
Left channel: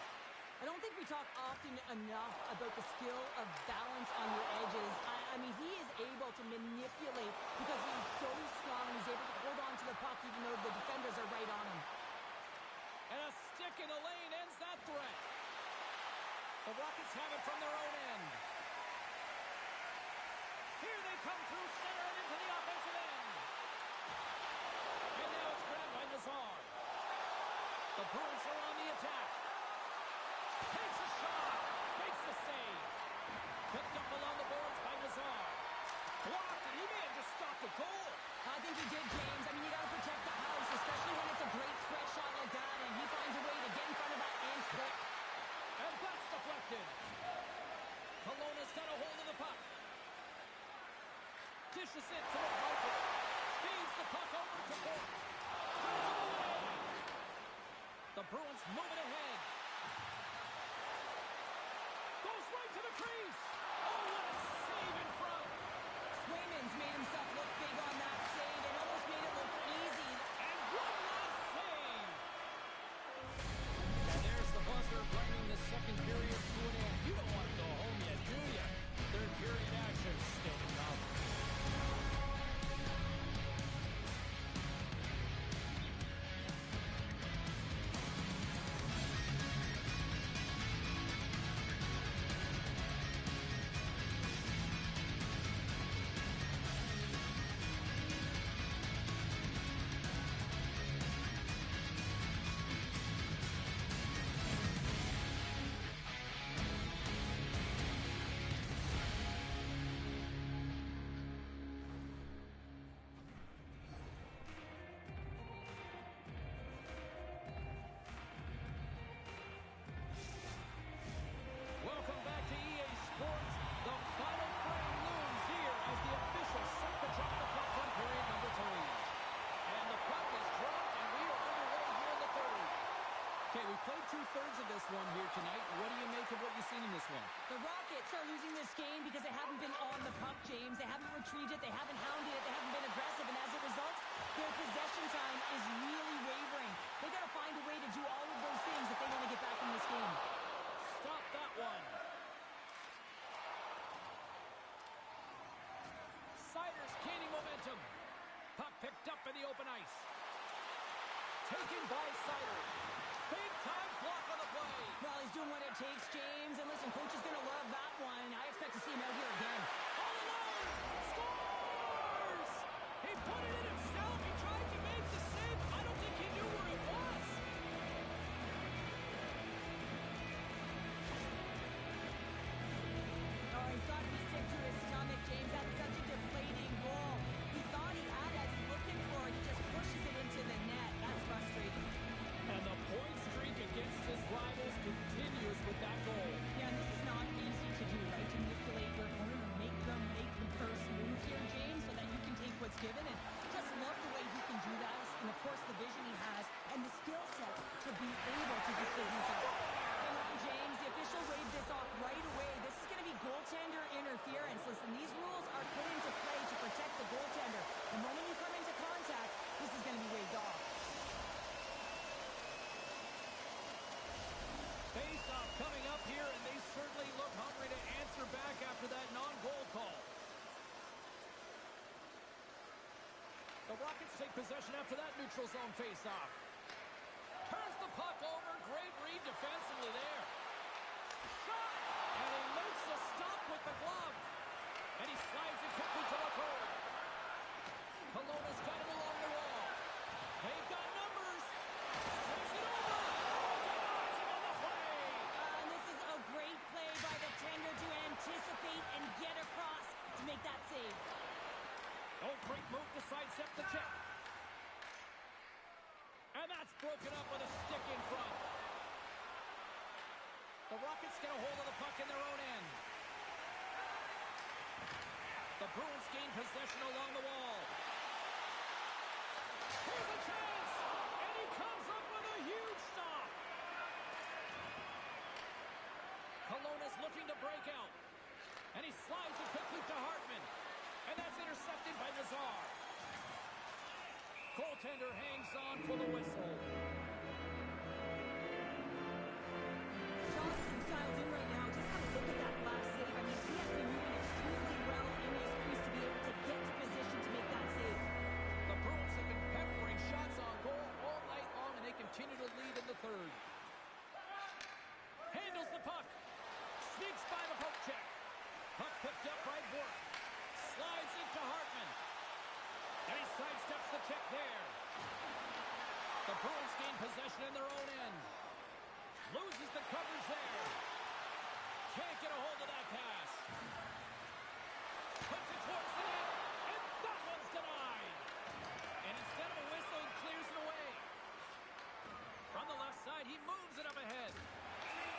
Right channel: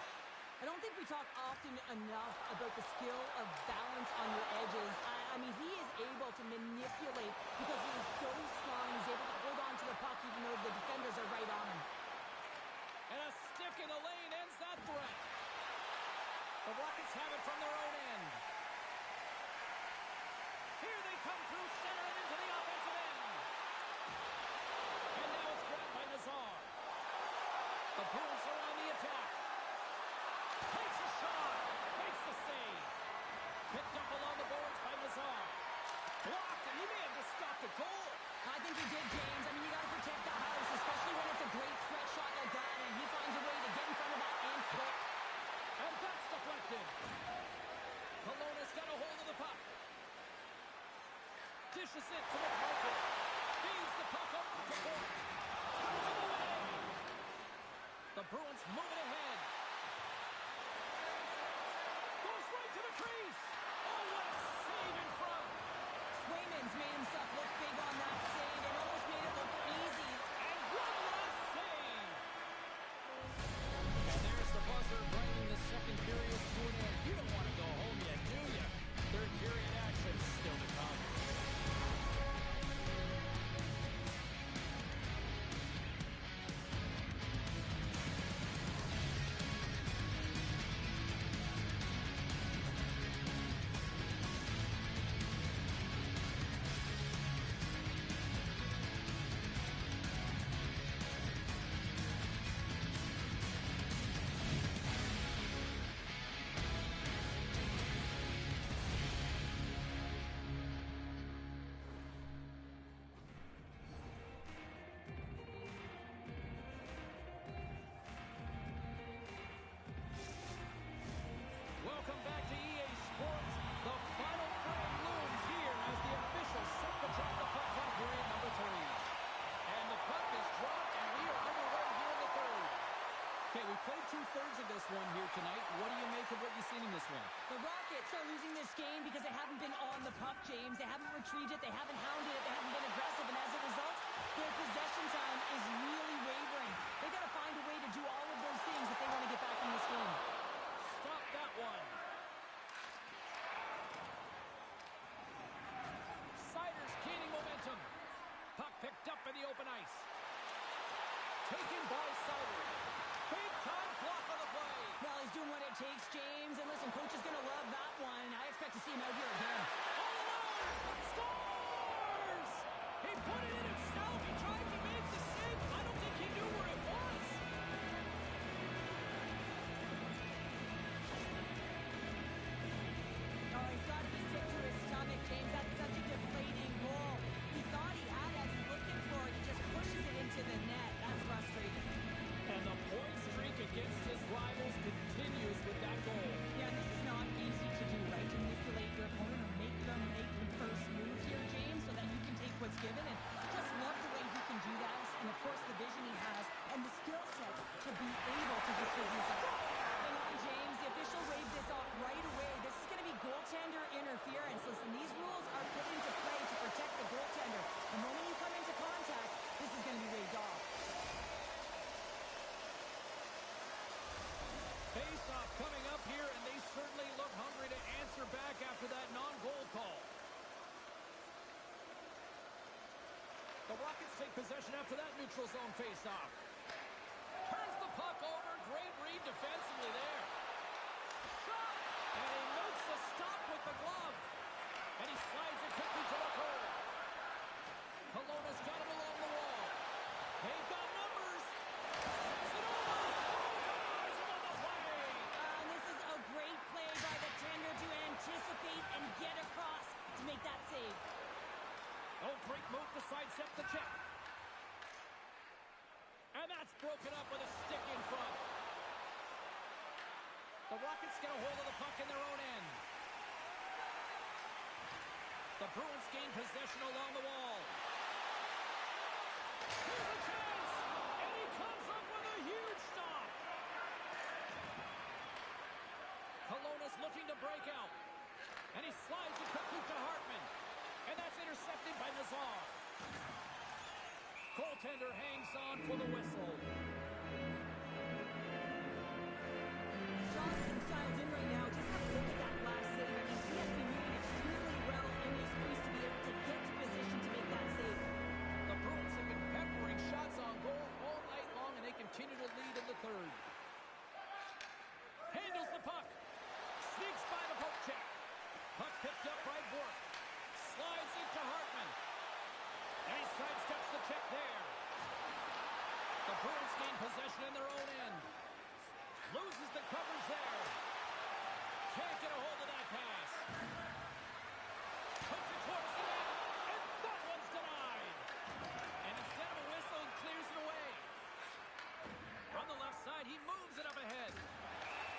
I don't think we talk often enough about the skill of balance on your edges. I mean, he is able to manipulate because he is so strong. He's able to hold on to the puck even though the defenders are right on him. And a stick in the lane ends that threat. The Rockets have it from their own end. Here they come through center and into the offensive end. And now it's grabbed by Nazar. The Bruins are on the attack. Takes a shot. Makes the save. Picked up along the boards by Nazar. Blocked, and he may have just stopped a goal. I think he did, James. I mean, you got to protect the house, especially when it's a great threat shot like that, and he finds a way to get in front of that and quick. And that's deflected. Kelowna's got a hold of the puck. Dishes it to McMichael. Feeds the puck over to Bourque. Turns him away. The Bruins move it ahead. Goes right to the crease. Oh, what a save in front. Swayman's made himself look big on that save and almost made it look easy. And one last save. And there's the buzzer bringing the second period to an end. You don't want to go home yet, do you? Third period action still to come. Welcome back to EA Sports. The final frame looms here as the officials set to drop the puck on period number 3. And the puck is dropped, and we are underway here in the third. Okay, we played 2/3 of this one here tonight. What do you make of what you've seen in this one? The Rockets are losing this game because they haven't been on the puck, James. They haven't retrieved it. They haven't hounded it. They haven't been aggressive. And as a result, their possession time is really wavering. They got to find a way to do all of those things if they want to get back in this game. Stop that one. Siders gaining momentum. Puck picked up in the open ice. Taken by Sider. Big time block on the play. Well, he's doing doing what it takes, James. And listen, coach is going to love that one. I expect to see him out here again. All alone! Scores! He put it in himself. He tried to make the save. I don't think he knew where it was. Oh, he's got to be sick to his stomach, James. That's such a deflating goal. He thought he had it as he's looking for it. He just pushes it into the net. That's frustrating. And the point streak against his rivals continues with that goal. Yeah, and this is not easy to do, right? To manipulate your opponent or make them make the first move here, James, so that you can take what's given. And just love the way he can do that. And, of course, the vision he has and the skill set to be able to distribute that. Hang on, James. The official waved this off right away. This is going to be goaltender interference. Listen, these rules are put into play to protect the goaltender. The moment you come into contact, this is going to be waved off. Face-off coming up here, and they certainly look hungry to answer back after that non-goal call. The Rockets take possession after that neutral zone face-off. Turns the puck over. Great read defensively there. Shot! And he makes a stop with the glove. And he slides it quickly to the goal. Kelowna's got it along the wall. They've got numbers. Says it over. Oh, denies him on the play. And this is a great play by the tender to anticipate and get across to make that save. Oh, great move to sidestep the check. And that's broken up with a stick in front. The Rockets get a hold of the puck in their own end. The Bruins gain possession along the wall. Here's a chance! And he comes up with a huge stop. Kelowna's looking to break out. And he slides it quickly to Hartman. And that's intercepted by Nazar. Goaltender hangs on for the whistle. Johnson's dialed in right now. Just have a look at that last save. I mean, he has been moving extremely well in his crease to be able to get to position to make that save. The Bruins have been peppering shots on goal all night long, and they continue to lead in the third. Handles the puck. Sneaks by the poke check. Puck picked up by Bork. Slides into Hartman. And he sidesteps the check there. The Bruins gain possession in their own end. Loses the coverage there. Can't get a hold of that pass. Puts it towards the net. And that one's denied. And instead of a whistle, he clears it away. From the left side, he moves it up ahead.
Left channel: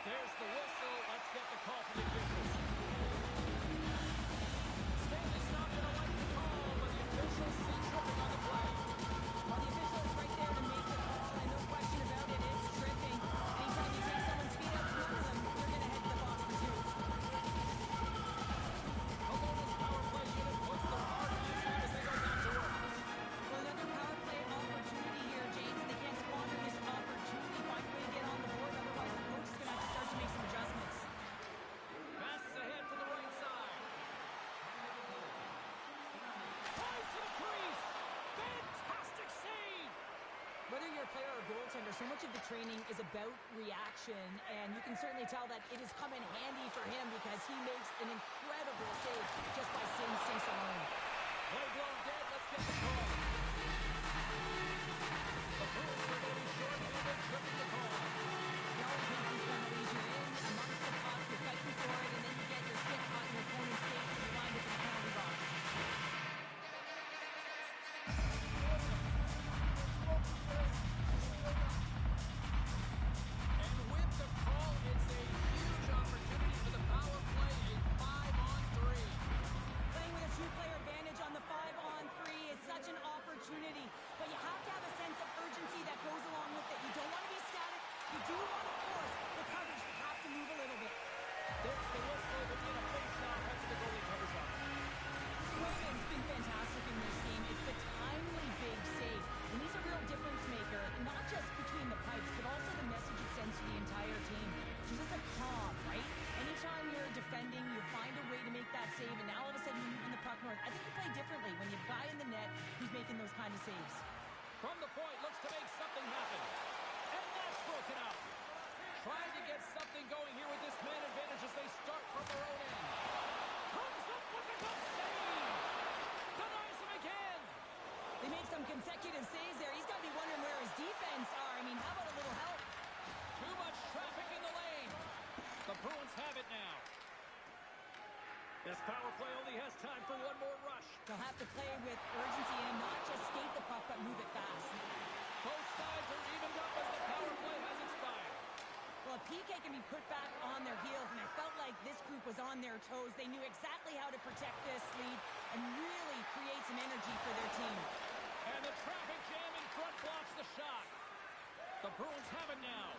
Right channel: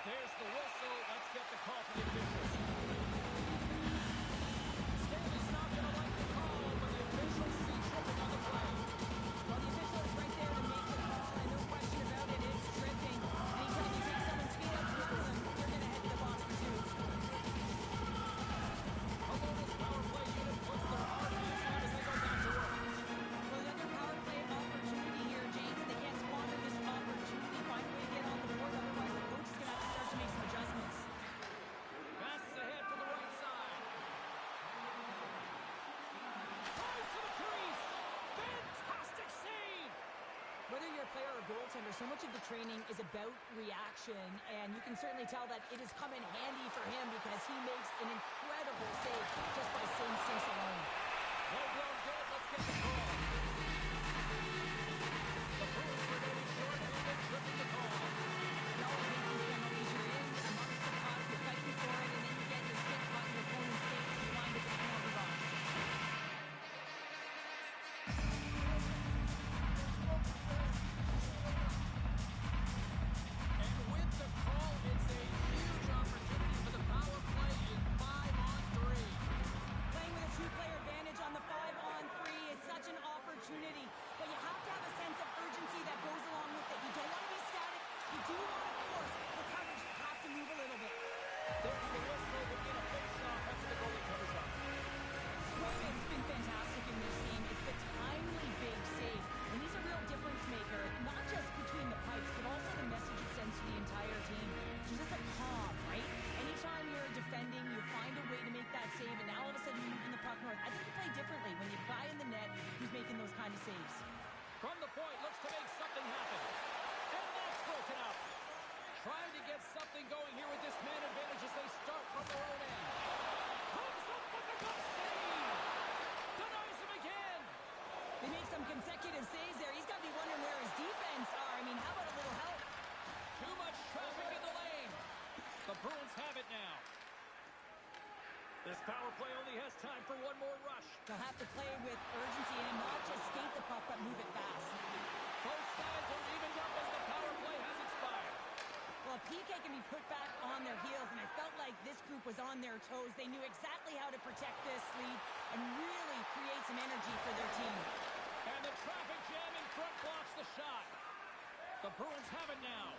There's the whistle. Let's get the call from the officials. Stanley's not going to like the call, but the officials see tripping on the play. Well, the official is right there to make the call, and no question about it, it's tripping. Anytime you take someone's feet out from under them, you're going to head to the box for two. Kelowna's power play unit puts their hard hands on as they go back to work. Well, another power play opportunity here, James, and they can't squander this opportunity. Find a way to get on the board, otherwise the coach is going to have to start to make some adjustments. Passes ahead from the right side. Tries to the crease. Fantastic save. Whether you're a player or a goaltender, so much of the training is about reaction, and you can certainly tell that it has come in handy for him because he makes an incredible save just by instincts alone. Play blown dead. Let's get the call. The Bruins are going to be short-handed, tripping the call. You always make these penalties. You're in amongst the puck, you're fighting for it, and then you get your stick caught in your opponent's face, and you wind up in the penalty box. And with the call, it's a huge opportunity for the power play, a 5-on-3. Playing with a two-player advantage on the 5-on-3 is such an opportunity, but you have to have a sense of urgency that goes along with it. You don't want to be static. You do want to force the coverage to have to move a little bit. There's the whistle. We'll get a face-off after the goalie covers up. Swayman's been fantastic in this game. It's the timely big save, and he's a real difference maker, not just between the pipes, but also the message it sends to the entire team. Just a calm, right? Anytime you're defending, you find a way to make that save, and now all of a sudden you're moving the puck north. I think you play differently when you have a guy in the net who's making those kind of saves. From the point, looks to make something happen. And that's broken up. Trying to get something getting going here with this man advantage as they start from their own end. Comes up with a good save. Denies him again. They made some consecutive saves there. He's got to be wondering where his defense are. I mean, how about a little help? Too much traffic in the lane. The Bruins have it now. This power play only has time for one more rush. They'll have to play with urgency and not just skate the puck, but move it fast. Both sides are evened up as the power play has expired. Well, PK can be put back on their heels, and I felt like this group was on their toes. They knew exactly how to protect this lead and really create some energy for their team. And the traffic jam in front blocks the shot. The Bruins have it now.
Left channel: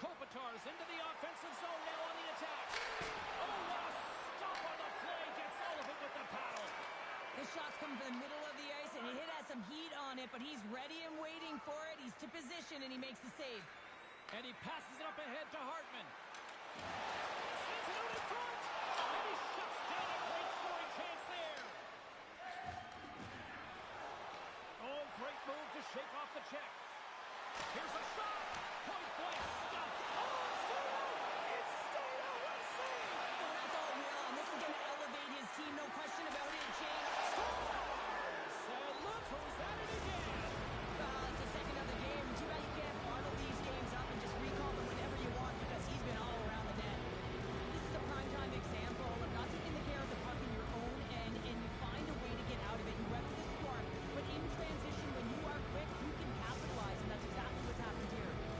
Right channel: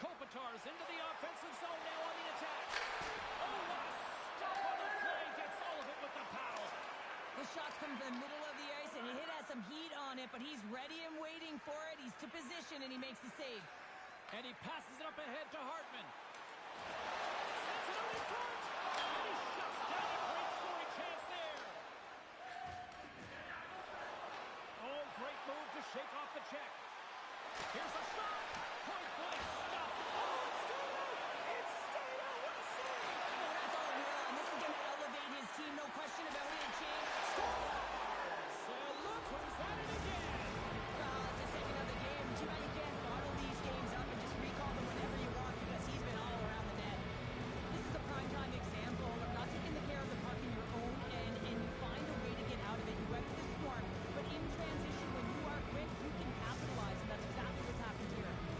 Kopitar's into the offensive zone now on the attack. Oh, what a stop on the play. Gets all of it with the paddle. This shot's coming from the middle of the ice, and it has some heat on it, but he's ready and waiting for it. He's to position, and he makes the save. And he passes it up ahead to Hartman. Sends it out in front. And he shuts down a great scoring chance there. Oh, great move to shake off the check. Here's a shot. Point blank stop. Oh, it's stayed out. It's stayed out. What a save. Oh, that's all real, and this is going to elevate his team. No question about it. Shane Scores. And look who's at it again. Well, it's the second of the game. Too bad you can't bottle these games up and just recall them whenever you want because he's been all around the net. This is a primetime example of not taking the care of the puck in your own end, and you find a way to get out of it. You weather the storm, but in transition, when you are quick, you can capitalize, and that's exactly what's happened here.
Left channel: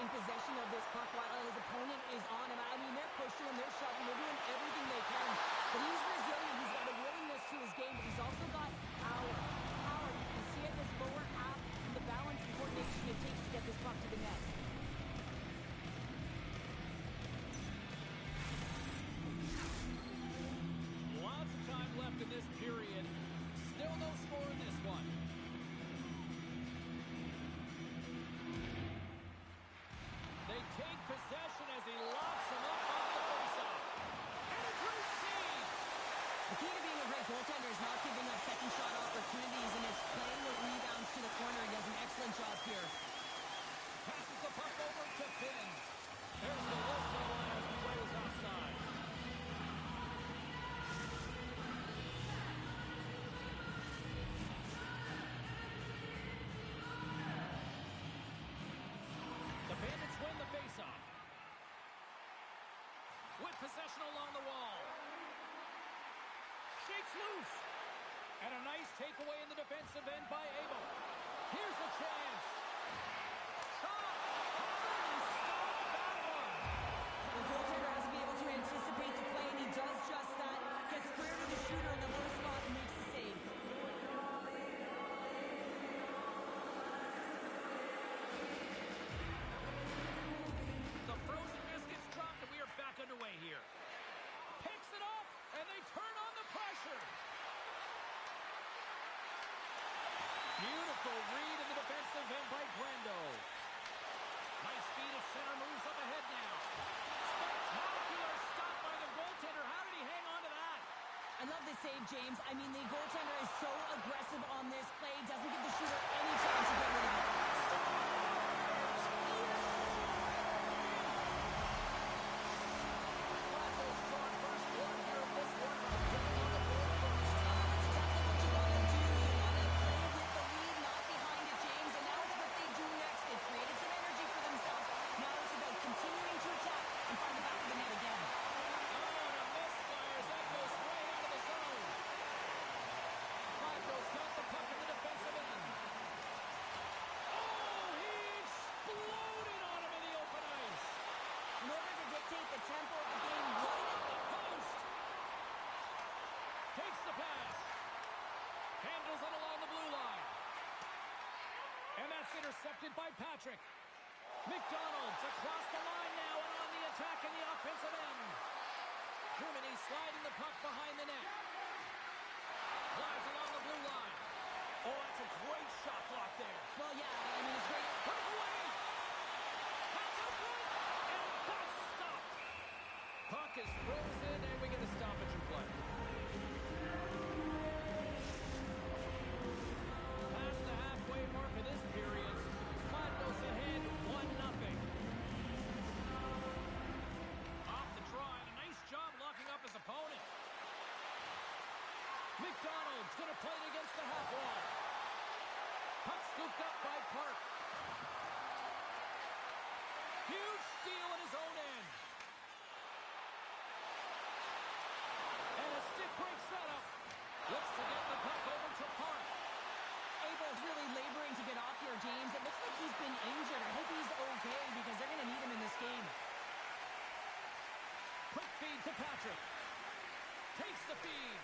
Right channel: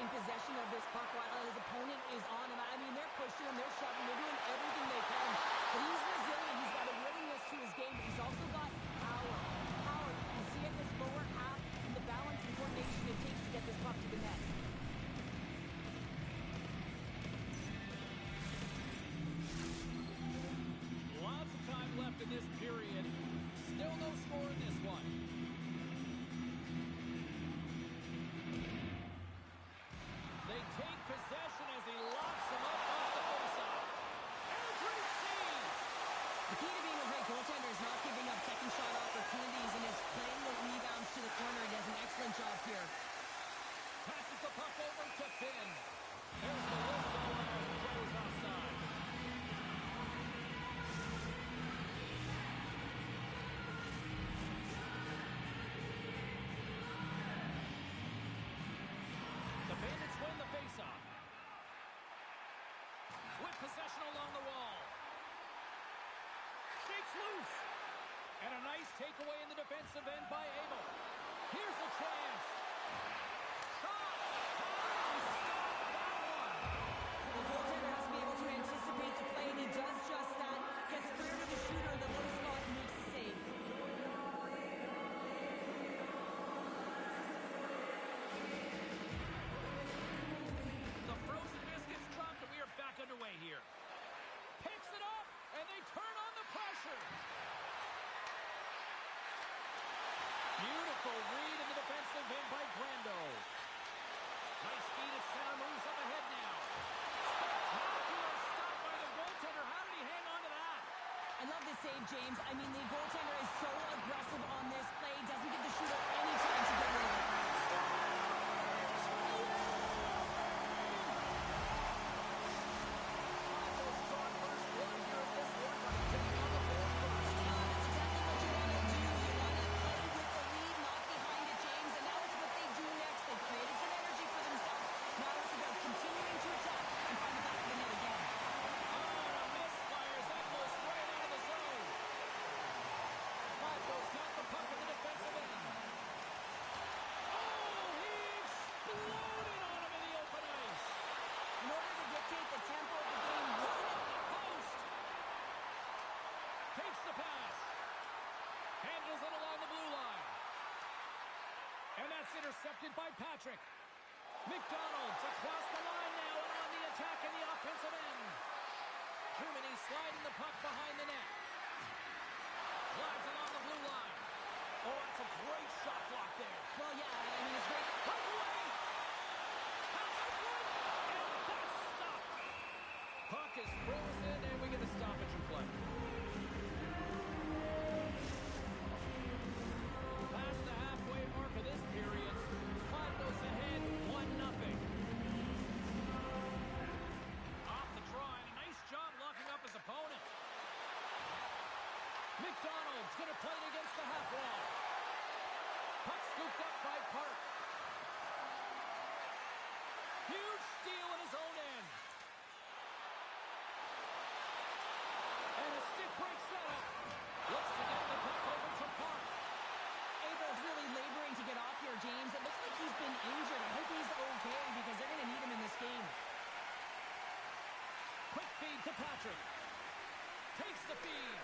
maintain possession of this puck while his opponent is on him. I mean, they're pushing him, they're shoving, they're doing everything they can. But he's resilient, he's got a willingness to his game, but he's also got power. Power, you can see it in his lower half and the balance and coordination it takes to get this puck to the net. Lots of time left in this period. Still no score in this one. They take possession as he locks him up off the faceoff. And a great save! The key to being a great goaltender is not giving up second shot opportunities, and it's playing the rebounds to the corner. He does an excellent job here. Passes the puck over to Finn. There's the whistle as play was offside. The Bandits win the faceoff. With possession along the wall. Shakes loose. And a nice takeaway in the defensive end by Abel. Here's a chance. Shot. How did he stop that one? The goaltender has to be able to anticipate the play, and he does just that. Gets clear to the shooter in the low spot and makes the save. The frozen biscuits dropped, and we are back underway here. Picks it off, and they turn on the pressure. Beautiful read in the defensive end by Brando. Nice feed at center, moves up ahead now. Spectacular stop by the goaltender. How did he hang on to that? I love this save, James. I mean, the goaltender is so aggressive on this play. Doesn't give the shooter any time to get rid of it. Flacco's drawn first blood here in this one by getting on the board first. That's exactly what you want to do. You want to play with the lead, not behind it, James. And now it's what they do next. They've created some energy for themselves. Now it's about continuing to attack and find the back of the net again. On a misfires, that goes right out of the zone. Flacco's got the puck in the defensive end. Oh, he exploded on him in the open ice. In order to dictate the tempo of the game, Right on the post. Takes the pass. Handles it along the blue line. And that's intercepted by Patrick. McDonald's across the line now and on the attack in the offensive end. Germany sliding the puck behind the net. Glides along the blue line. Oh, that's a great shot block there. well, yeah, I mean, it's great. Breakaway! Pass out front! And that's stopped! Puck is frozen, and we get a stoppage in play. Past the halfway mark of this period, Flacco's ahead 1-0. Off the draw, and a nice job locking up his opponent. McDonald's going to play it against the half wall. Puck scooped up by Park. Huge steal in his own end. And a stick break setup. Looks to get the puck over to Park. Abel's really laboring to get off here, James. It looks like he's been injured. I hope he's okay because they're going to need him in this game. Quick feed to Patrick. Takes the feed.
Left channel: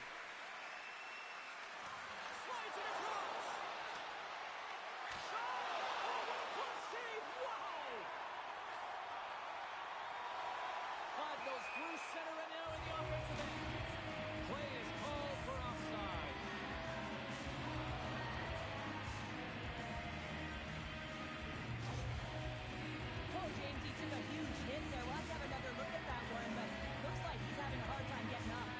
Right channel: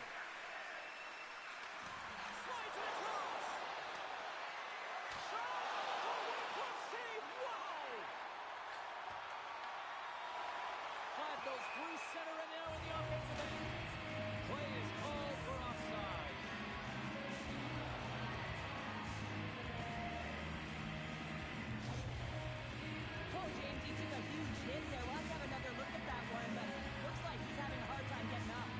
Slides it across. Shot! Oh, what a close save! Wow! Clyde goes through center and now in the offensive end. Play is called for offside. Oh, James, he took a huge hit there. We'll have to have another look at that one, but looks like he's having a hard time getting up.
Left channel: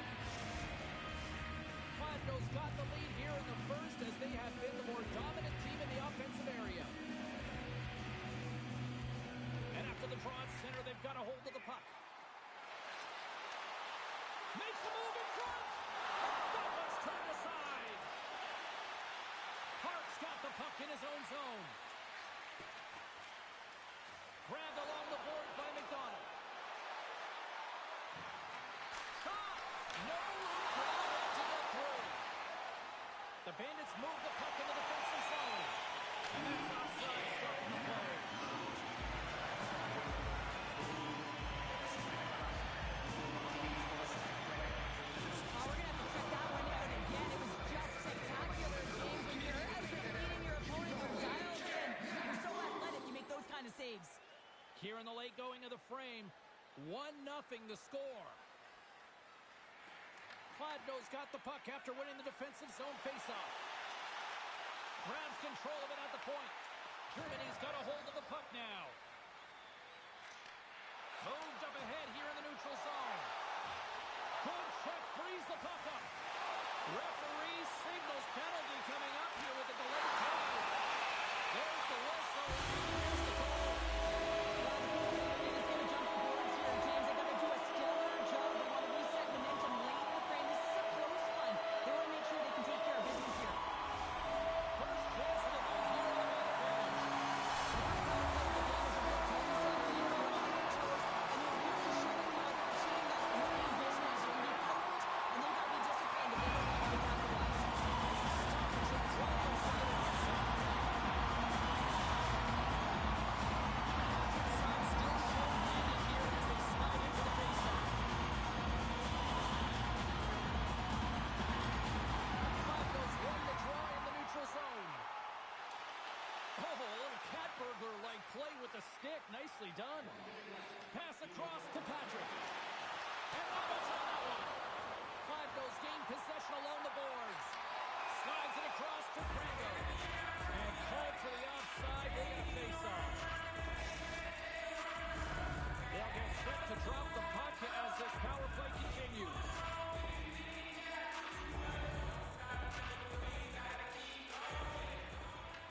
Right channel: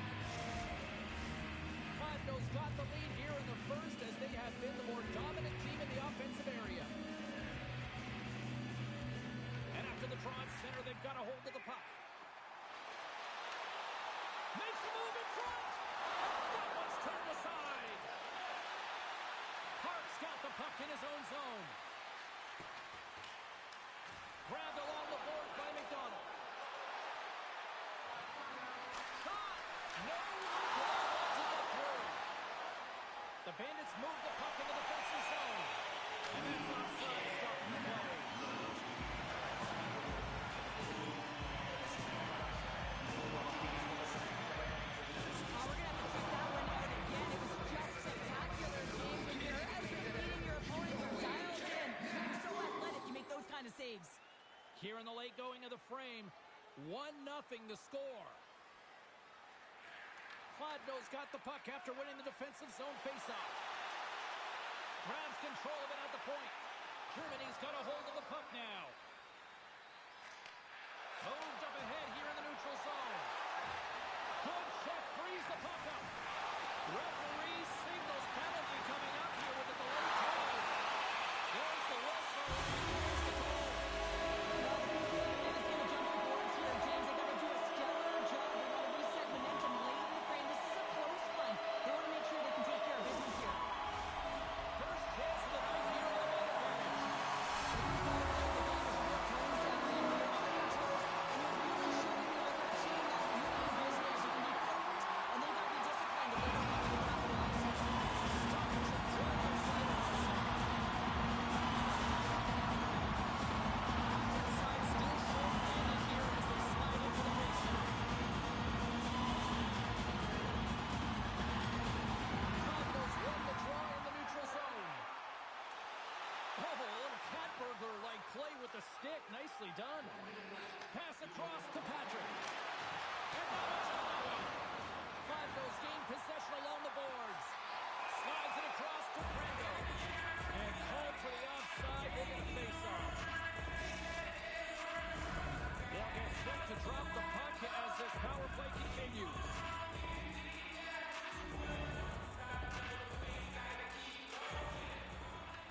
Cardinals got the lead here in the first as they have been the more dominant team in the offensive area. And after the draw at center, they've got a hold of the puck. Makes a move in front. And that one's turned aside. Park's got the puck in his own zone. Grabbed along the boards by McDonald. Shot! No room for that one to get through. The Bandits move the puck in the defensive zone. And that's offside, stopping the play. We're going to have to check that one out again. It was just spectacular, James. When you're out there beating your opponent, you're dialed in. You're so athletic, you make those kind of saves. Here in the late going of the frame, 1-0 the score. Kladno's got the puck after winning the defensive zone faceoff. Grabs control of it at the point. Germany's got a hold of the puck now. Moved up ahead here in the neutral zone. Good check, frees the puck up. Referee signals penalty coming up here with a delayed call. There's the whistle. Here's the call. Well, the PK is going to jump the boards here, James. They got to do a stellar job. They want to reset momentum late in the frame. This is a close one. They want to make sure they can take care of business here. First chance of the night here on the man advantage. The first part of play, the game is a real tone setter. You know, you're on your toes, and you're really showing the other team that you mean business. You can be potent, and they got to be disciplined if they don't want you to capitalize. Stoppage of play gets later offside. Inside still short-handed here as they slide into the faceoff. Kladno's won the draw in the neutral zone. Oh, a little cat burglar-like play with the stick. Nicely done. Pass across to Patrick. And not much on that one. Kladno's gained possession along the boards. Slides it across to Brando. And called for the offside. They get a face-off. They'll get set to drop the puck as this power play continues.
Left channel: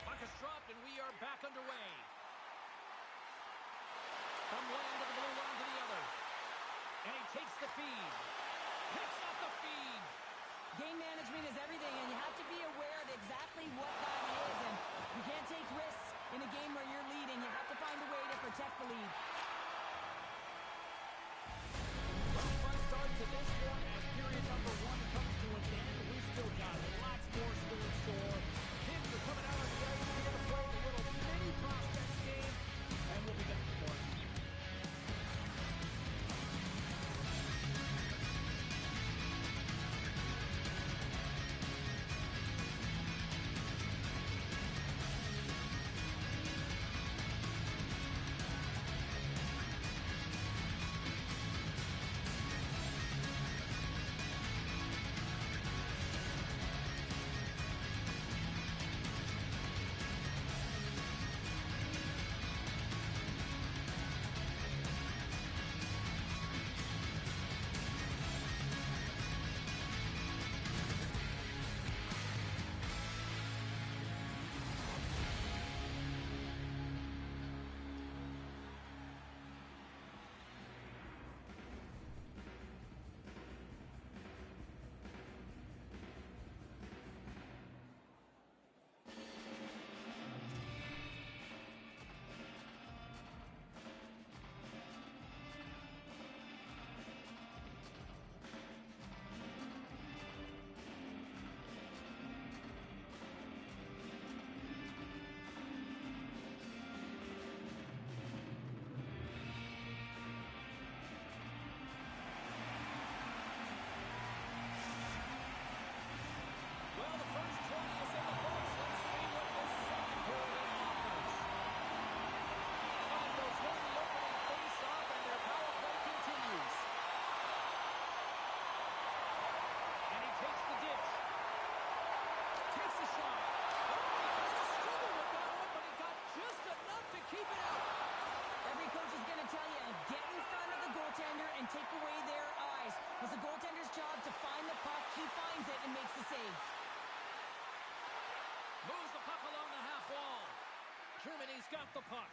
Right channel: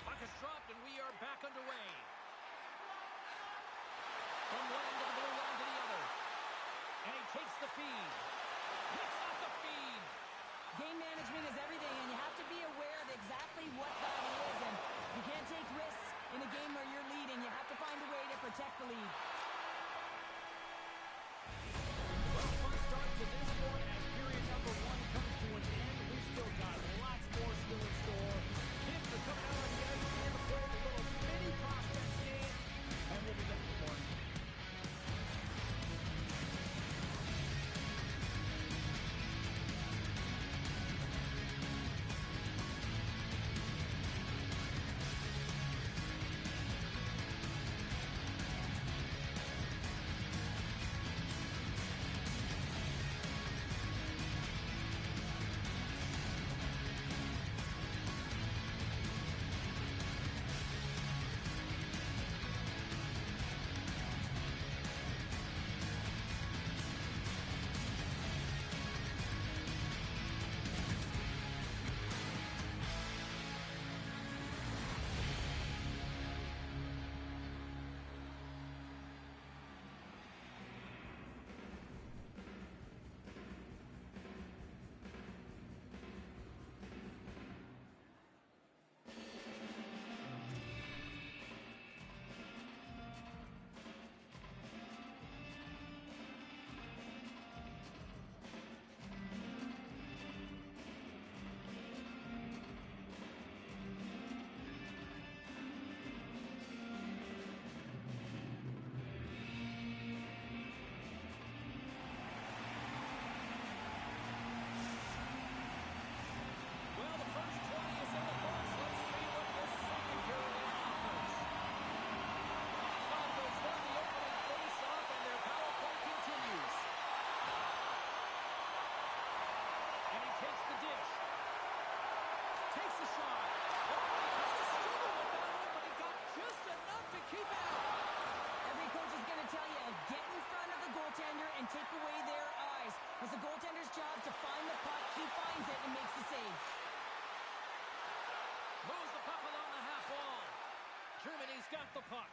Puck is dropped and we are back underway. From one end of the blue line to the other. And he takes the feed. Picks up the feed. Game management is everything, and you have to be aware of exactly what that is. And you can't take risks in a game where you're leading. You have to find a way to protect the lead. Well, fun start to this one as period number 1 comes to an end. We've still got lots more still in store. Kids are coming out on the ice here to play the little mini prospects game, and we'll be back with more. and take away their eyes. It's the goaltender's job to find the puck. He finds it and makes the save. Moves the puck along the half wall. Germany's got the puck.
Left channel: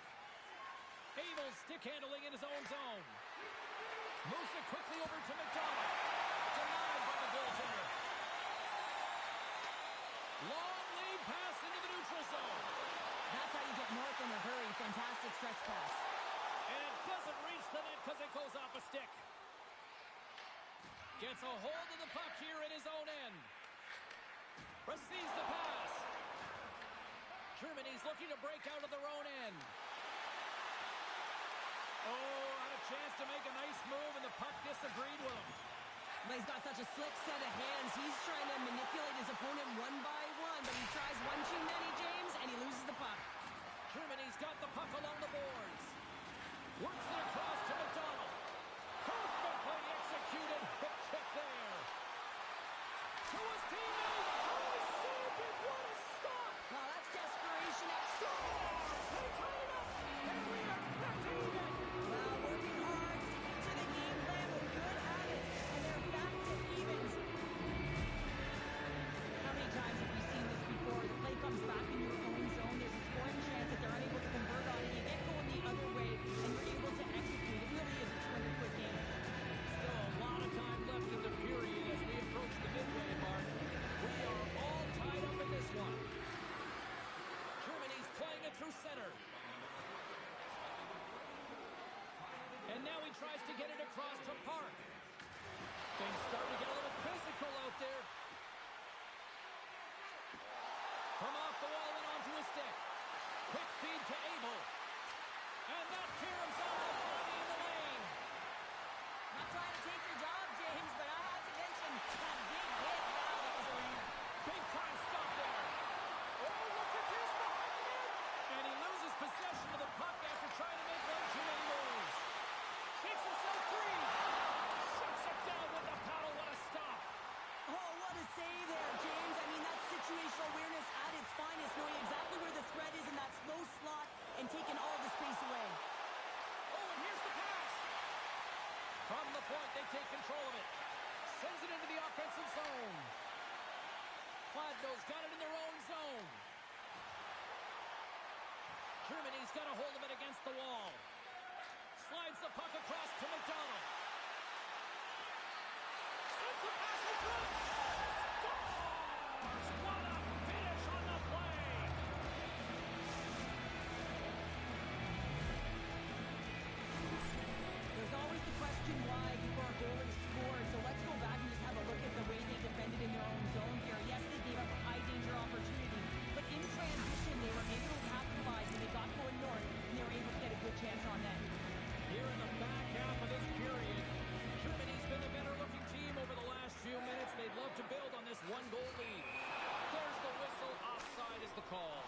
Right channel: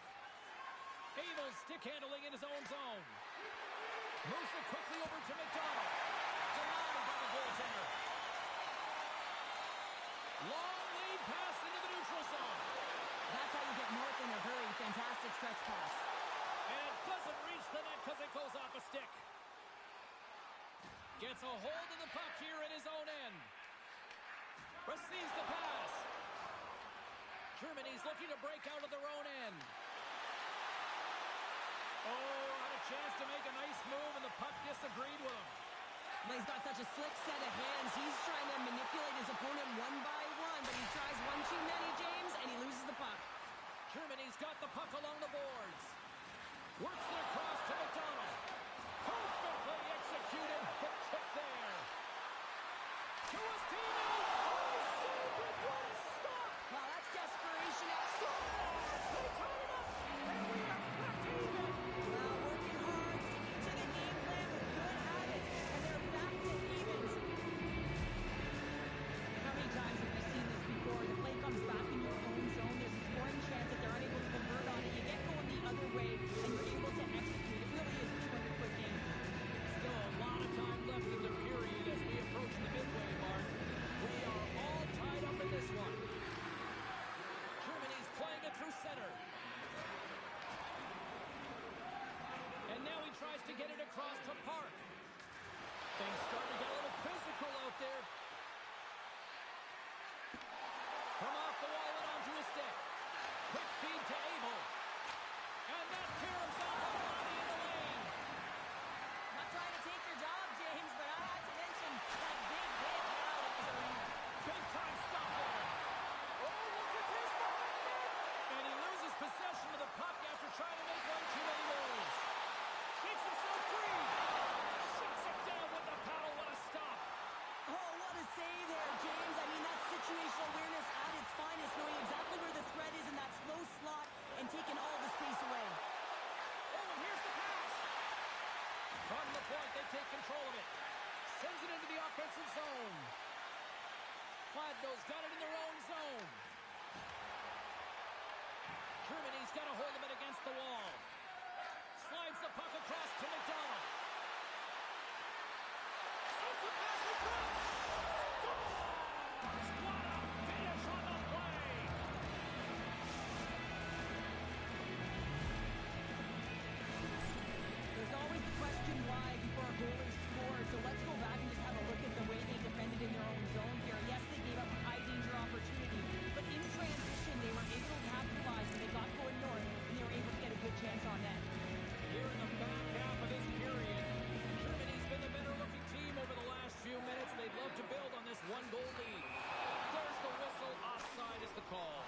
Abel's stick handling in his own zone. Moves it quickly over to McDonald. Denied by the goaltender. Long lead pass into the neutral zone. That's how you get north in a hurry. Fantastic stretch pass. And it doesn't reach the net because it goes off a stick. Gets a hold of the puck here in his own end. Receives the pass. Germany's looking to break out of their own end. Oh, had a chance to make a nice move, and the puck disagreed with him. Well, he's got such a slick set of hands. He's trying to manipulate his opponent one by one, but he tries one too many, James, and he loses the puck. Germany's got the puck along the boards. Works it across to McDonald. Perfectly executed hip kick there. To his teammate. Oh, he saved it. What a stop. Wow, that's desperation at Scores. They tied it up. And we are back to even. Well, working hard, sticking to the game plan with good habits, and they're back to evens. How many times have we seen this before? The play comes back in your own zone. There's a scoring chance that they're unable to convert on it. You get going the other way, and you're able to execute. It really is a 200-foot game. Still a lot of time left in the period as we approach the midway mark. We are all tied up in this one. Germany's playing it through center. And now he tries to get it across to Park. Things starting to get a little physical out there. From off the wall and onto his stick. Quick feed to Abel. And that caroms off the body in the lane. Not trying to take your job, James, but I have to mention that big hit. Wow, that was a ringer. Big time stop there. Oh, look at this behind the net. And he loses possession of the puck after trying to make one too many moves. Shakes himself free. Shuts it down with the paddle. What a stop. Oh, what a save there, James. I mean, that's situational awareness at its finest, knowing exactly where the threat is in that slow slot and taking all the space away. Oh, and here's the pass. From the point, they take control of it. Sends it into the offensive zone. Fladno's got it in their own zone. Germany's got a hold of it against the wall. Slides the puck across to McDonald. Sends the pass in front. Scores! What a finish on the play! There's always the question why before a goal is scored, so let's go back and just have a look at the way they defended in their own zone here. Yes, they gave up a high-danger opportunity, but in transition, they were able to capitalize when they got going north, and they were able to get a good chance on net. Here in the back half of this period, Germany's been the better-looking team over the last few minutes. They'd love to build on this one-goal lead. There's the whistle. Offside is the call.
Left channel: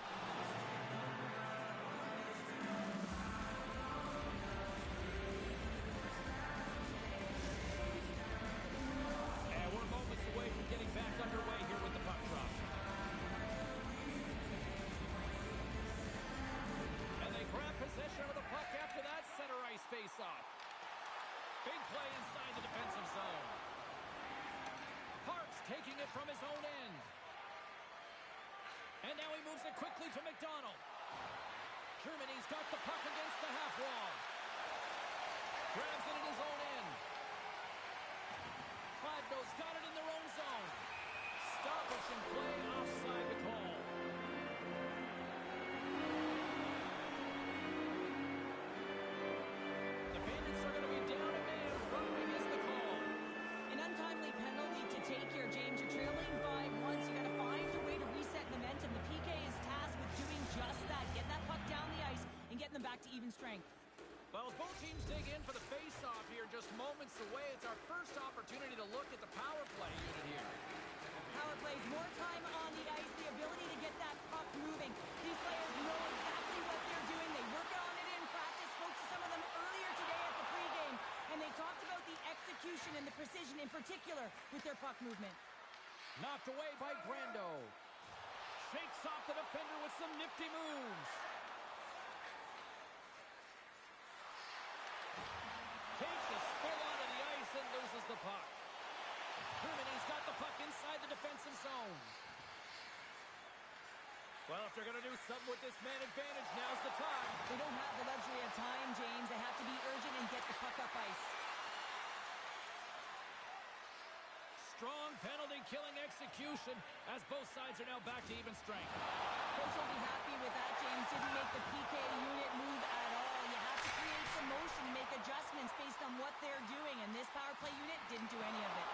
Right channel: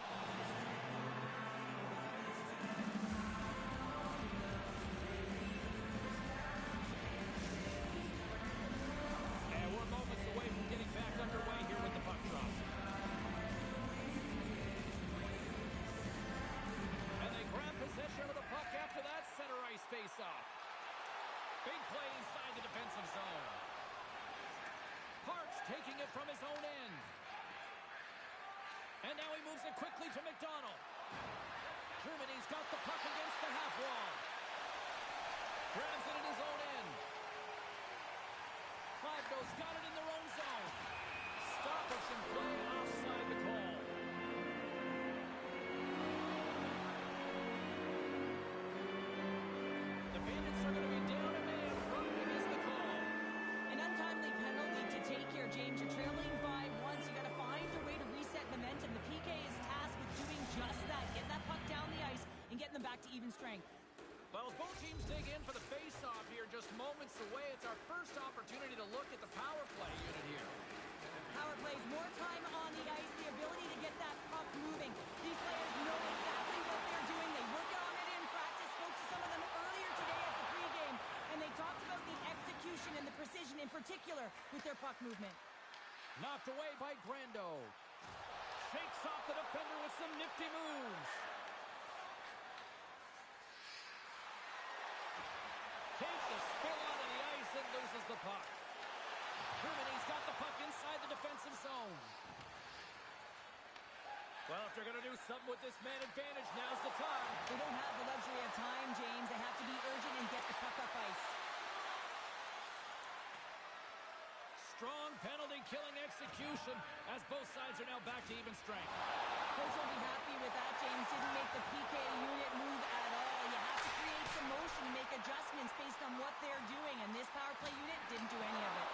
And we're moments away from getting back underway here with the puck drop. And they grab possession of the puck after that center ice face-off. Big play inside the defensive zone. Parks taking it from his own end. And now he moves it quickly to McDonald. Germany's got the puck against the half wall. Grabs it in his own end. Fladno's got it in their own zone. Stoppage in play, offside the call. The Bandits are going to be down a man. Roughing is the call. An untimely penalty to take here, James. You're trailing by once. You got to find a way to reset momentum. The PK is tasked with doing just that. Getting that puck down the ice and getting them back to even strength. Well, as both teams dig in for the face-off here, just moments away, it's our first opportunity to look at the power play unit here. Power plays, more time on the ice, the ability to get that puck moving. These players know exactly what they're doing. They work on it in practice. Spoke to some of them earlier today at the pregame, and they talked about the execution and the precision in particular with their puck movement. Knocked away by Grando. Shakes off the defender with some nifty moves. Takes a spill onto the ice and loses the puck. Germany's got the puck inside the defensive zone. Well, if they're going to do something with this man advantage, now's the time. They don't have the luxury of time, James. They have to be urgent and get the puck up ice. Strong penalty-killing execution as both sides are now back to even strength. Coach won't be happy with that, James. Didn't make the PK unit move at all. You have to create some motion, make adjustments based on what they're doing, and this power play unit didn't do any of it.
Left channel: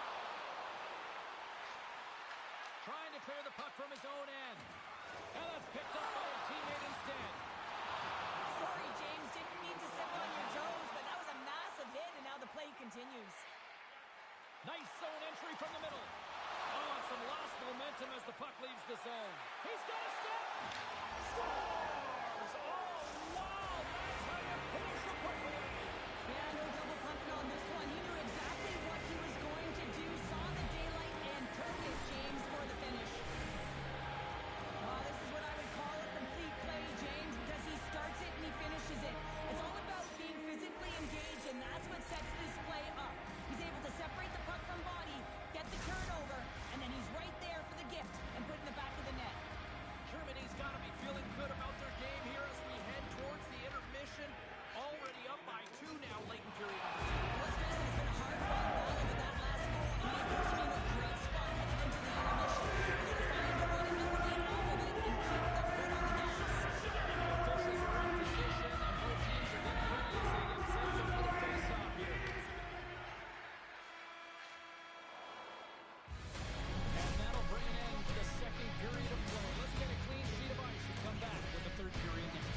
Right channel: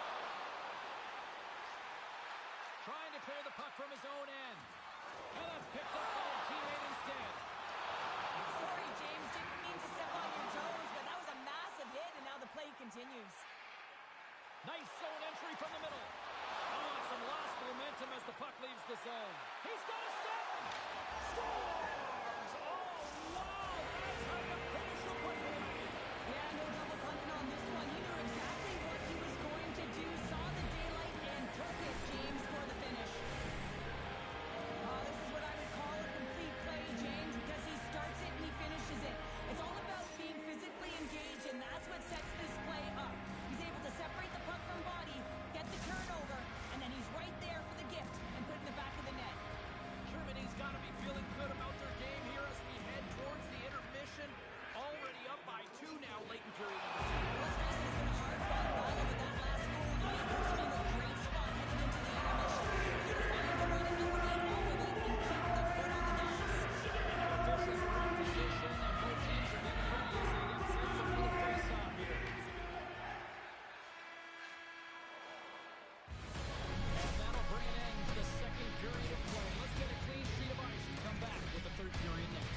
Trying to clear the puck from his own end. And that's picked up by a teammate instead. Sorry, James. Didn't mean to step on your toes, but now the play continues. Nice zone entry from the middle. Oh, and some lost momentum as the puck leaves the zone. He's got a step. Scores! Oh, wow! That's how you finish a breakaway. Yeah, no double pumping on this one. He knew exactly what he was going to do. Saw the daylight and took it, James, for the finish. Oh, this is what I would call a complete play, James, because he starts it and he finishes it. It's all about being physically engaged, and that's what sets this play up. He's able to separate the puck from body, get the turnover, and then he's right there for the gift and put it in the back of the net. Germany's got to be feeling good about their game here as we head towards the intermission. Already up by 2 now, late in period number 2. Well, let's face it, it's been a hard-fought battle, but that last goal, he has puts him in a great spot heading into the intermission. He's going to find a way to elevate off of it and keep the foot on the gas. The officials are in position, and both teams are getting ready as they get set for the face-off here. And that'll bring an end to the second period of play. Let's get a clean sheet of ice and come back with the third period next.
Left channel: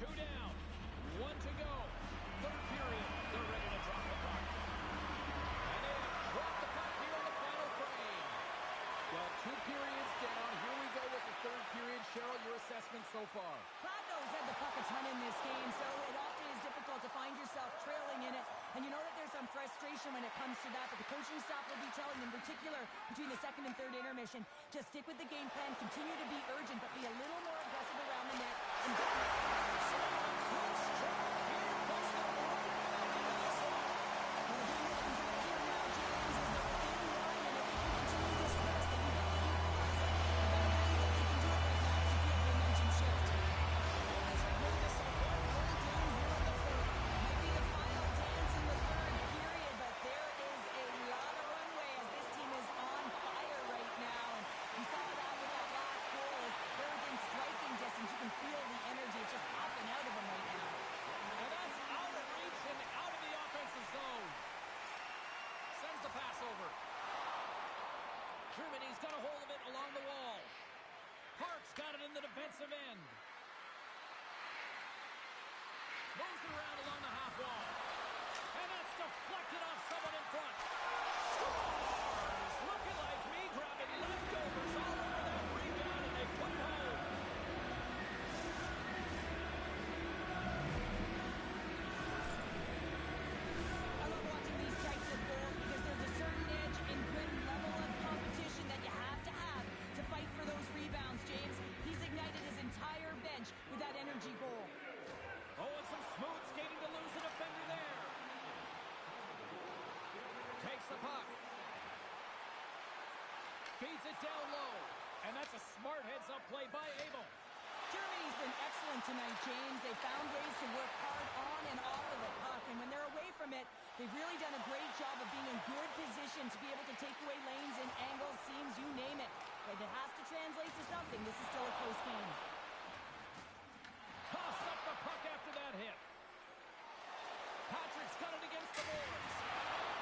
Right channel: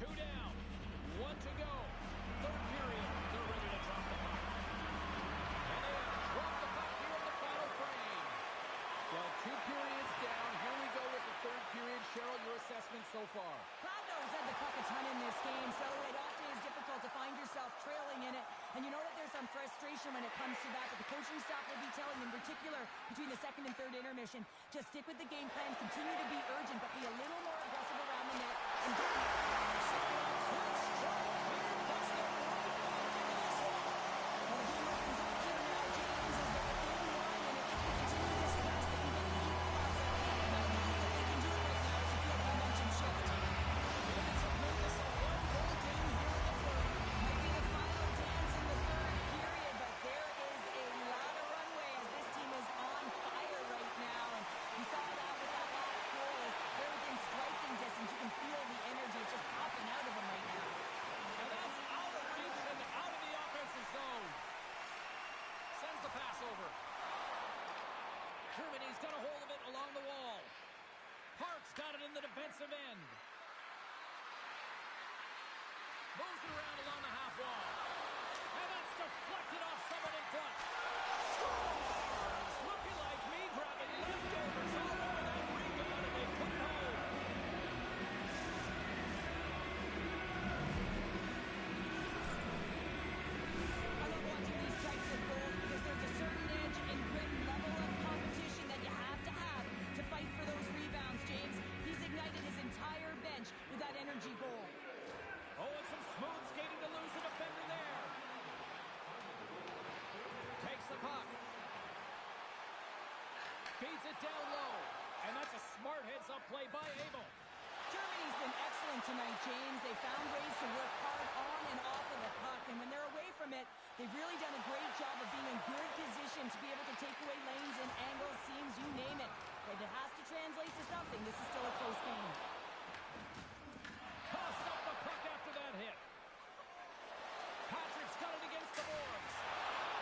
Two down, 1 to go. Third period, they're ready to drop the puck. And they have dropped the puck here in the final frame. Well, 2 periods down. Here we go with the third period. Cheryl, your assessment so far? Gladno's had the puck a ton in this game, so it often is difficult to find yourself trailing in it. And you know that there's some frustration when it comes to that, but the coaching staff will be telling, in particular, between the second and third intermission, just stick with the game plan, continue to be urgent, but be a little more aggressive around the net, and don't miss. Well, the game opens up here now, James, as they're within one, and if they can continue this press, they can get the equalizer. But I believe that they can do it right now as you feel the momentum shift. It's made this a one-goal game here in the third. Might be the final dance in the third period, but there is a lot of runway as this team is on fire right now. And you saw that with that last goal as they're within striking distance. You can feel the energy. It's just popping out of them right now. And that's out of reach and out of the offensive zone. Sends the pass over. Germany's got a hold of it along the wall. Park's got it in the defensive end. Moves it around along the half wall. And that's deflected off someone in front. Scores! Looking like me grabbing leftovers all over that rebound, and they put it home. I love watching these types of goals because there's a certain edge and grit and level of competition that you have to fight for those rebounds, James. He's ignited his entire bench with that energy goal. Oh, and some smooth skating to lose a defender there. Takes the puck. Feeds it down low. And that's a smart heads-up play by Abel. Germany's been excellent tonight, James. They found ways to work hard on and off of the puck. And when they're away from it, they've really done a great job of being in good position to be able to take away lanes and angles, seams, you name it. But it has to translate to something. This is still a close game. Coughs up the puck after that hit. Patrick's got it against the boards.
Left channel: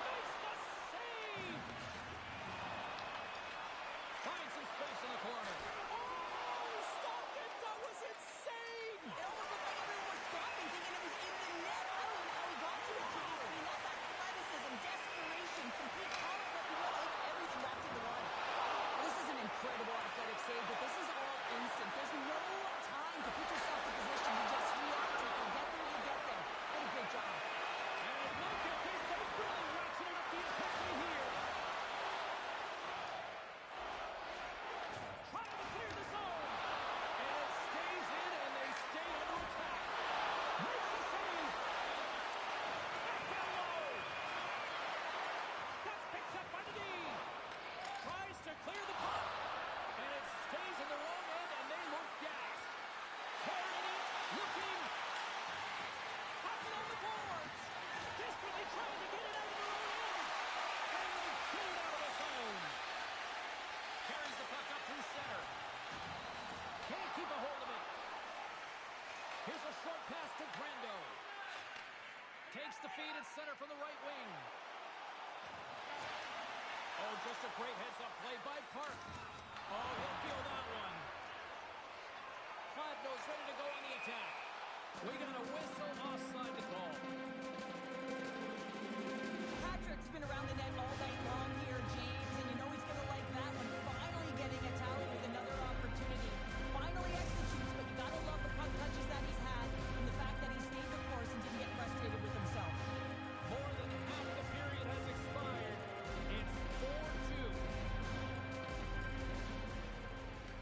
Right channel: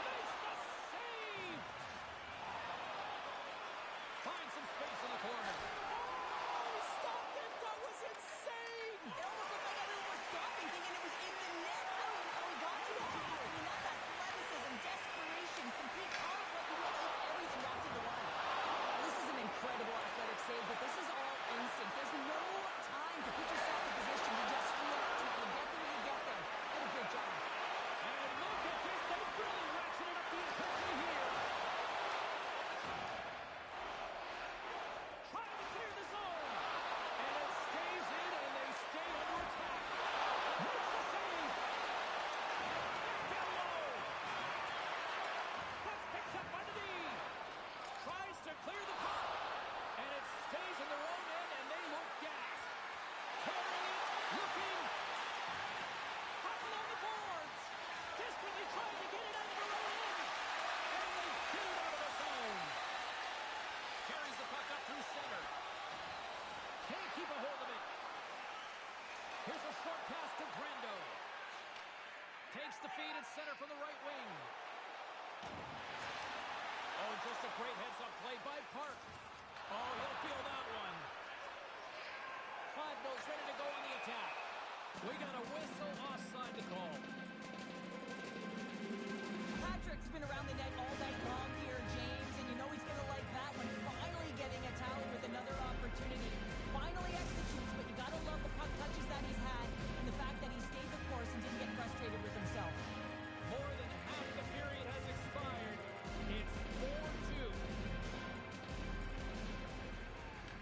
Makes the save! Finds some space in the corner. Oh, he stopped it! That was insane! It almost looked like everyone was stopping, thinking it was in the net. I don't know how he got save, but this is all instinct. There's no time to put yourself in position. You just react, and if you get there, you get there. What a great job. And look at this. They've really ratcheted up the intensity here. Trying to clear the zone. And it stays in, and they stay under attack. Makes the save. Back down low. That's picked up by the D. Tries to clear the puck. And it stays in their own end, and they look gassed. Carrying it, looking. Up along the boards. Desperately trying to get it out of their own end. And they get it out of the zone. Carries the puck up through center. Can't keep a hold of it. Here's a short pass to Brando. Takes the feed at center from the right wing. Oh, just a great heads-up play by Park. Oh, he'll feel that one. Fladno's ready to go on the attack. We got a whistle offside to call. Patrick's been around the net all night long here, James, and you know he's going to like that one. Finally getting a tally with another opportunity. Finally executes, but you got to love the puck touches that he's had and the fact that he stayed the course and didn't get frustrated with himself. More than half the period has expired. It's 4-2.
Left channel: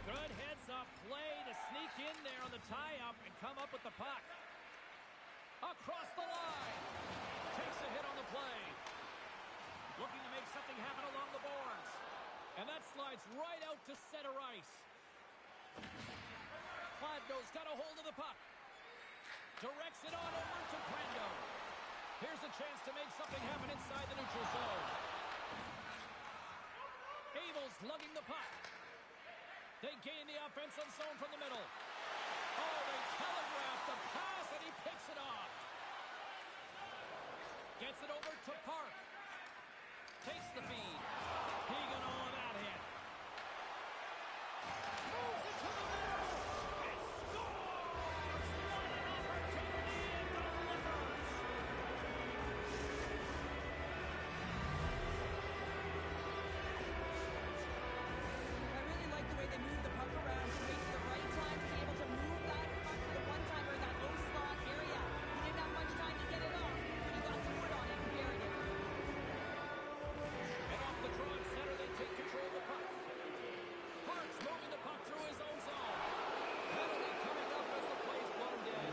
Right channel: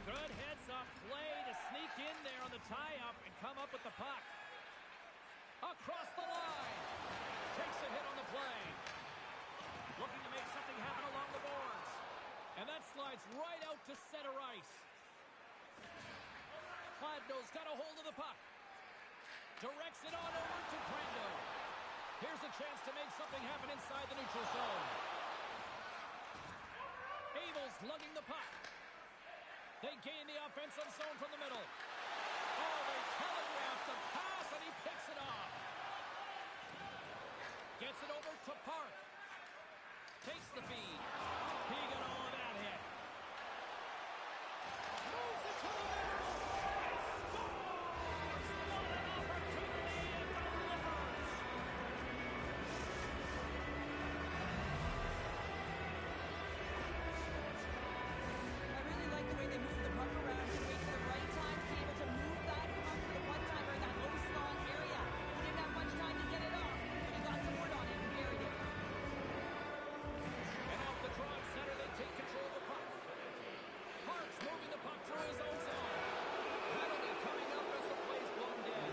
Good heads-up play to sneak in there on the tie-up and come up with the puck. Across the line. Takes a hit on the play. Looking to make something happen along the boards. And that slides right out to center ice. Fladno's got a hold of the puck. Directs it on over to Brando. Here's a chance to make something happen inside the neutral zone. Abel's lugging the puck. They gain the offensive zone from the middle. Oh, they telegraph the pass, and he picks it off. Gets it over to Park. Takes the feed. He got all of that hit. Moves it to the middle. And scores! What an opportunity and delivers! I really like the way they move the puck around to wait for the right time to be able to move that puck to the one-timer in that low slot area. He didn't have much time to get it off, but he got some wood on it and buried it. And off the draw at center, they take control of the puck. Park's moving the puck through his own zone. Penalty coming up as the play's blown dead.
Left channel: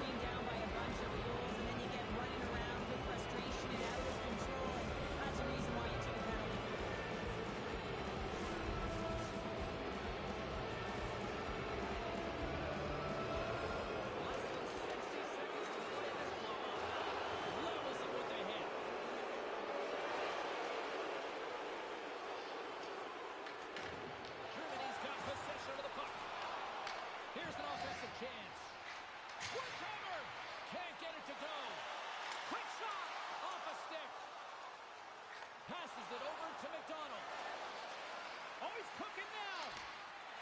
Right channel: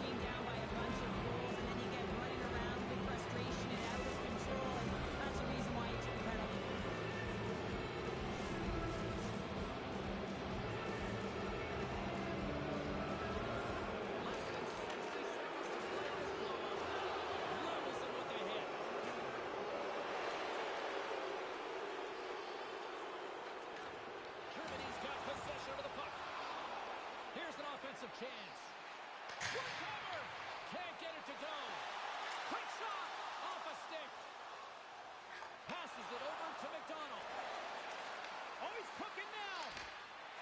Being down by a bunch of goals, and then you get running around with frustration and out of control, and that's the reason why you took a penalty. Less than 60 seconds to play in this blowout. Levels them with the hit. Germany's got possession of the puck. Here's an offensive chance. One-timer! Can't get it to go. Quick shot! Off a stick. Passes it over to McDonald. Oh, he's cooking now.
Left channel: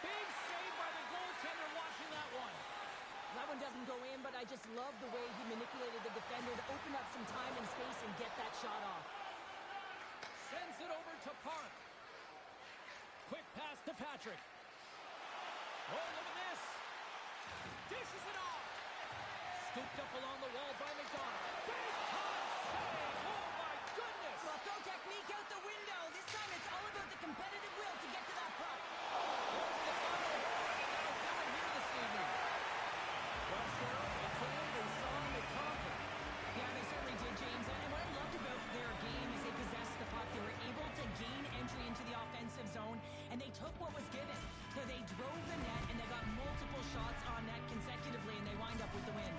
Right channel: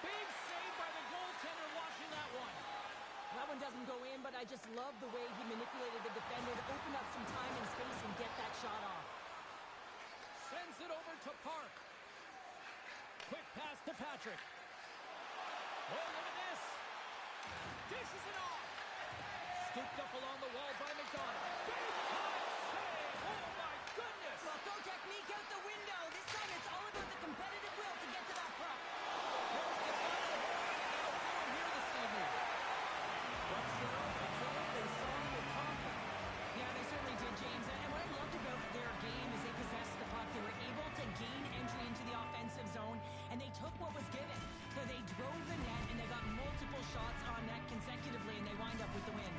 Big save by the goaltender watching that one. That one doesn't go in, but I just love the way he manipulated the defender to open up some time and space and get that shot off. Sends it over to Park. Quick pass to Patrick. Oh, look at this. Dishes it off. Scooped up along the wall by McDonald. Big time save. Oh, my goodness. Well, throw technique out the window. This time it's all about the competitive will to get to that puck. Here's the final horn, and that'll do it here this evening. Well, Cheryl, they came, they saw, and they conquered. Yeah, they certainly did, James. And what I loved about their game is they possessed the puck. They were able to gain entry into the offensive zone, and they took what was given. So they drove the net, and they got multiple shots on net consecutively, and they wind up with the win.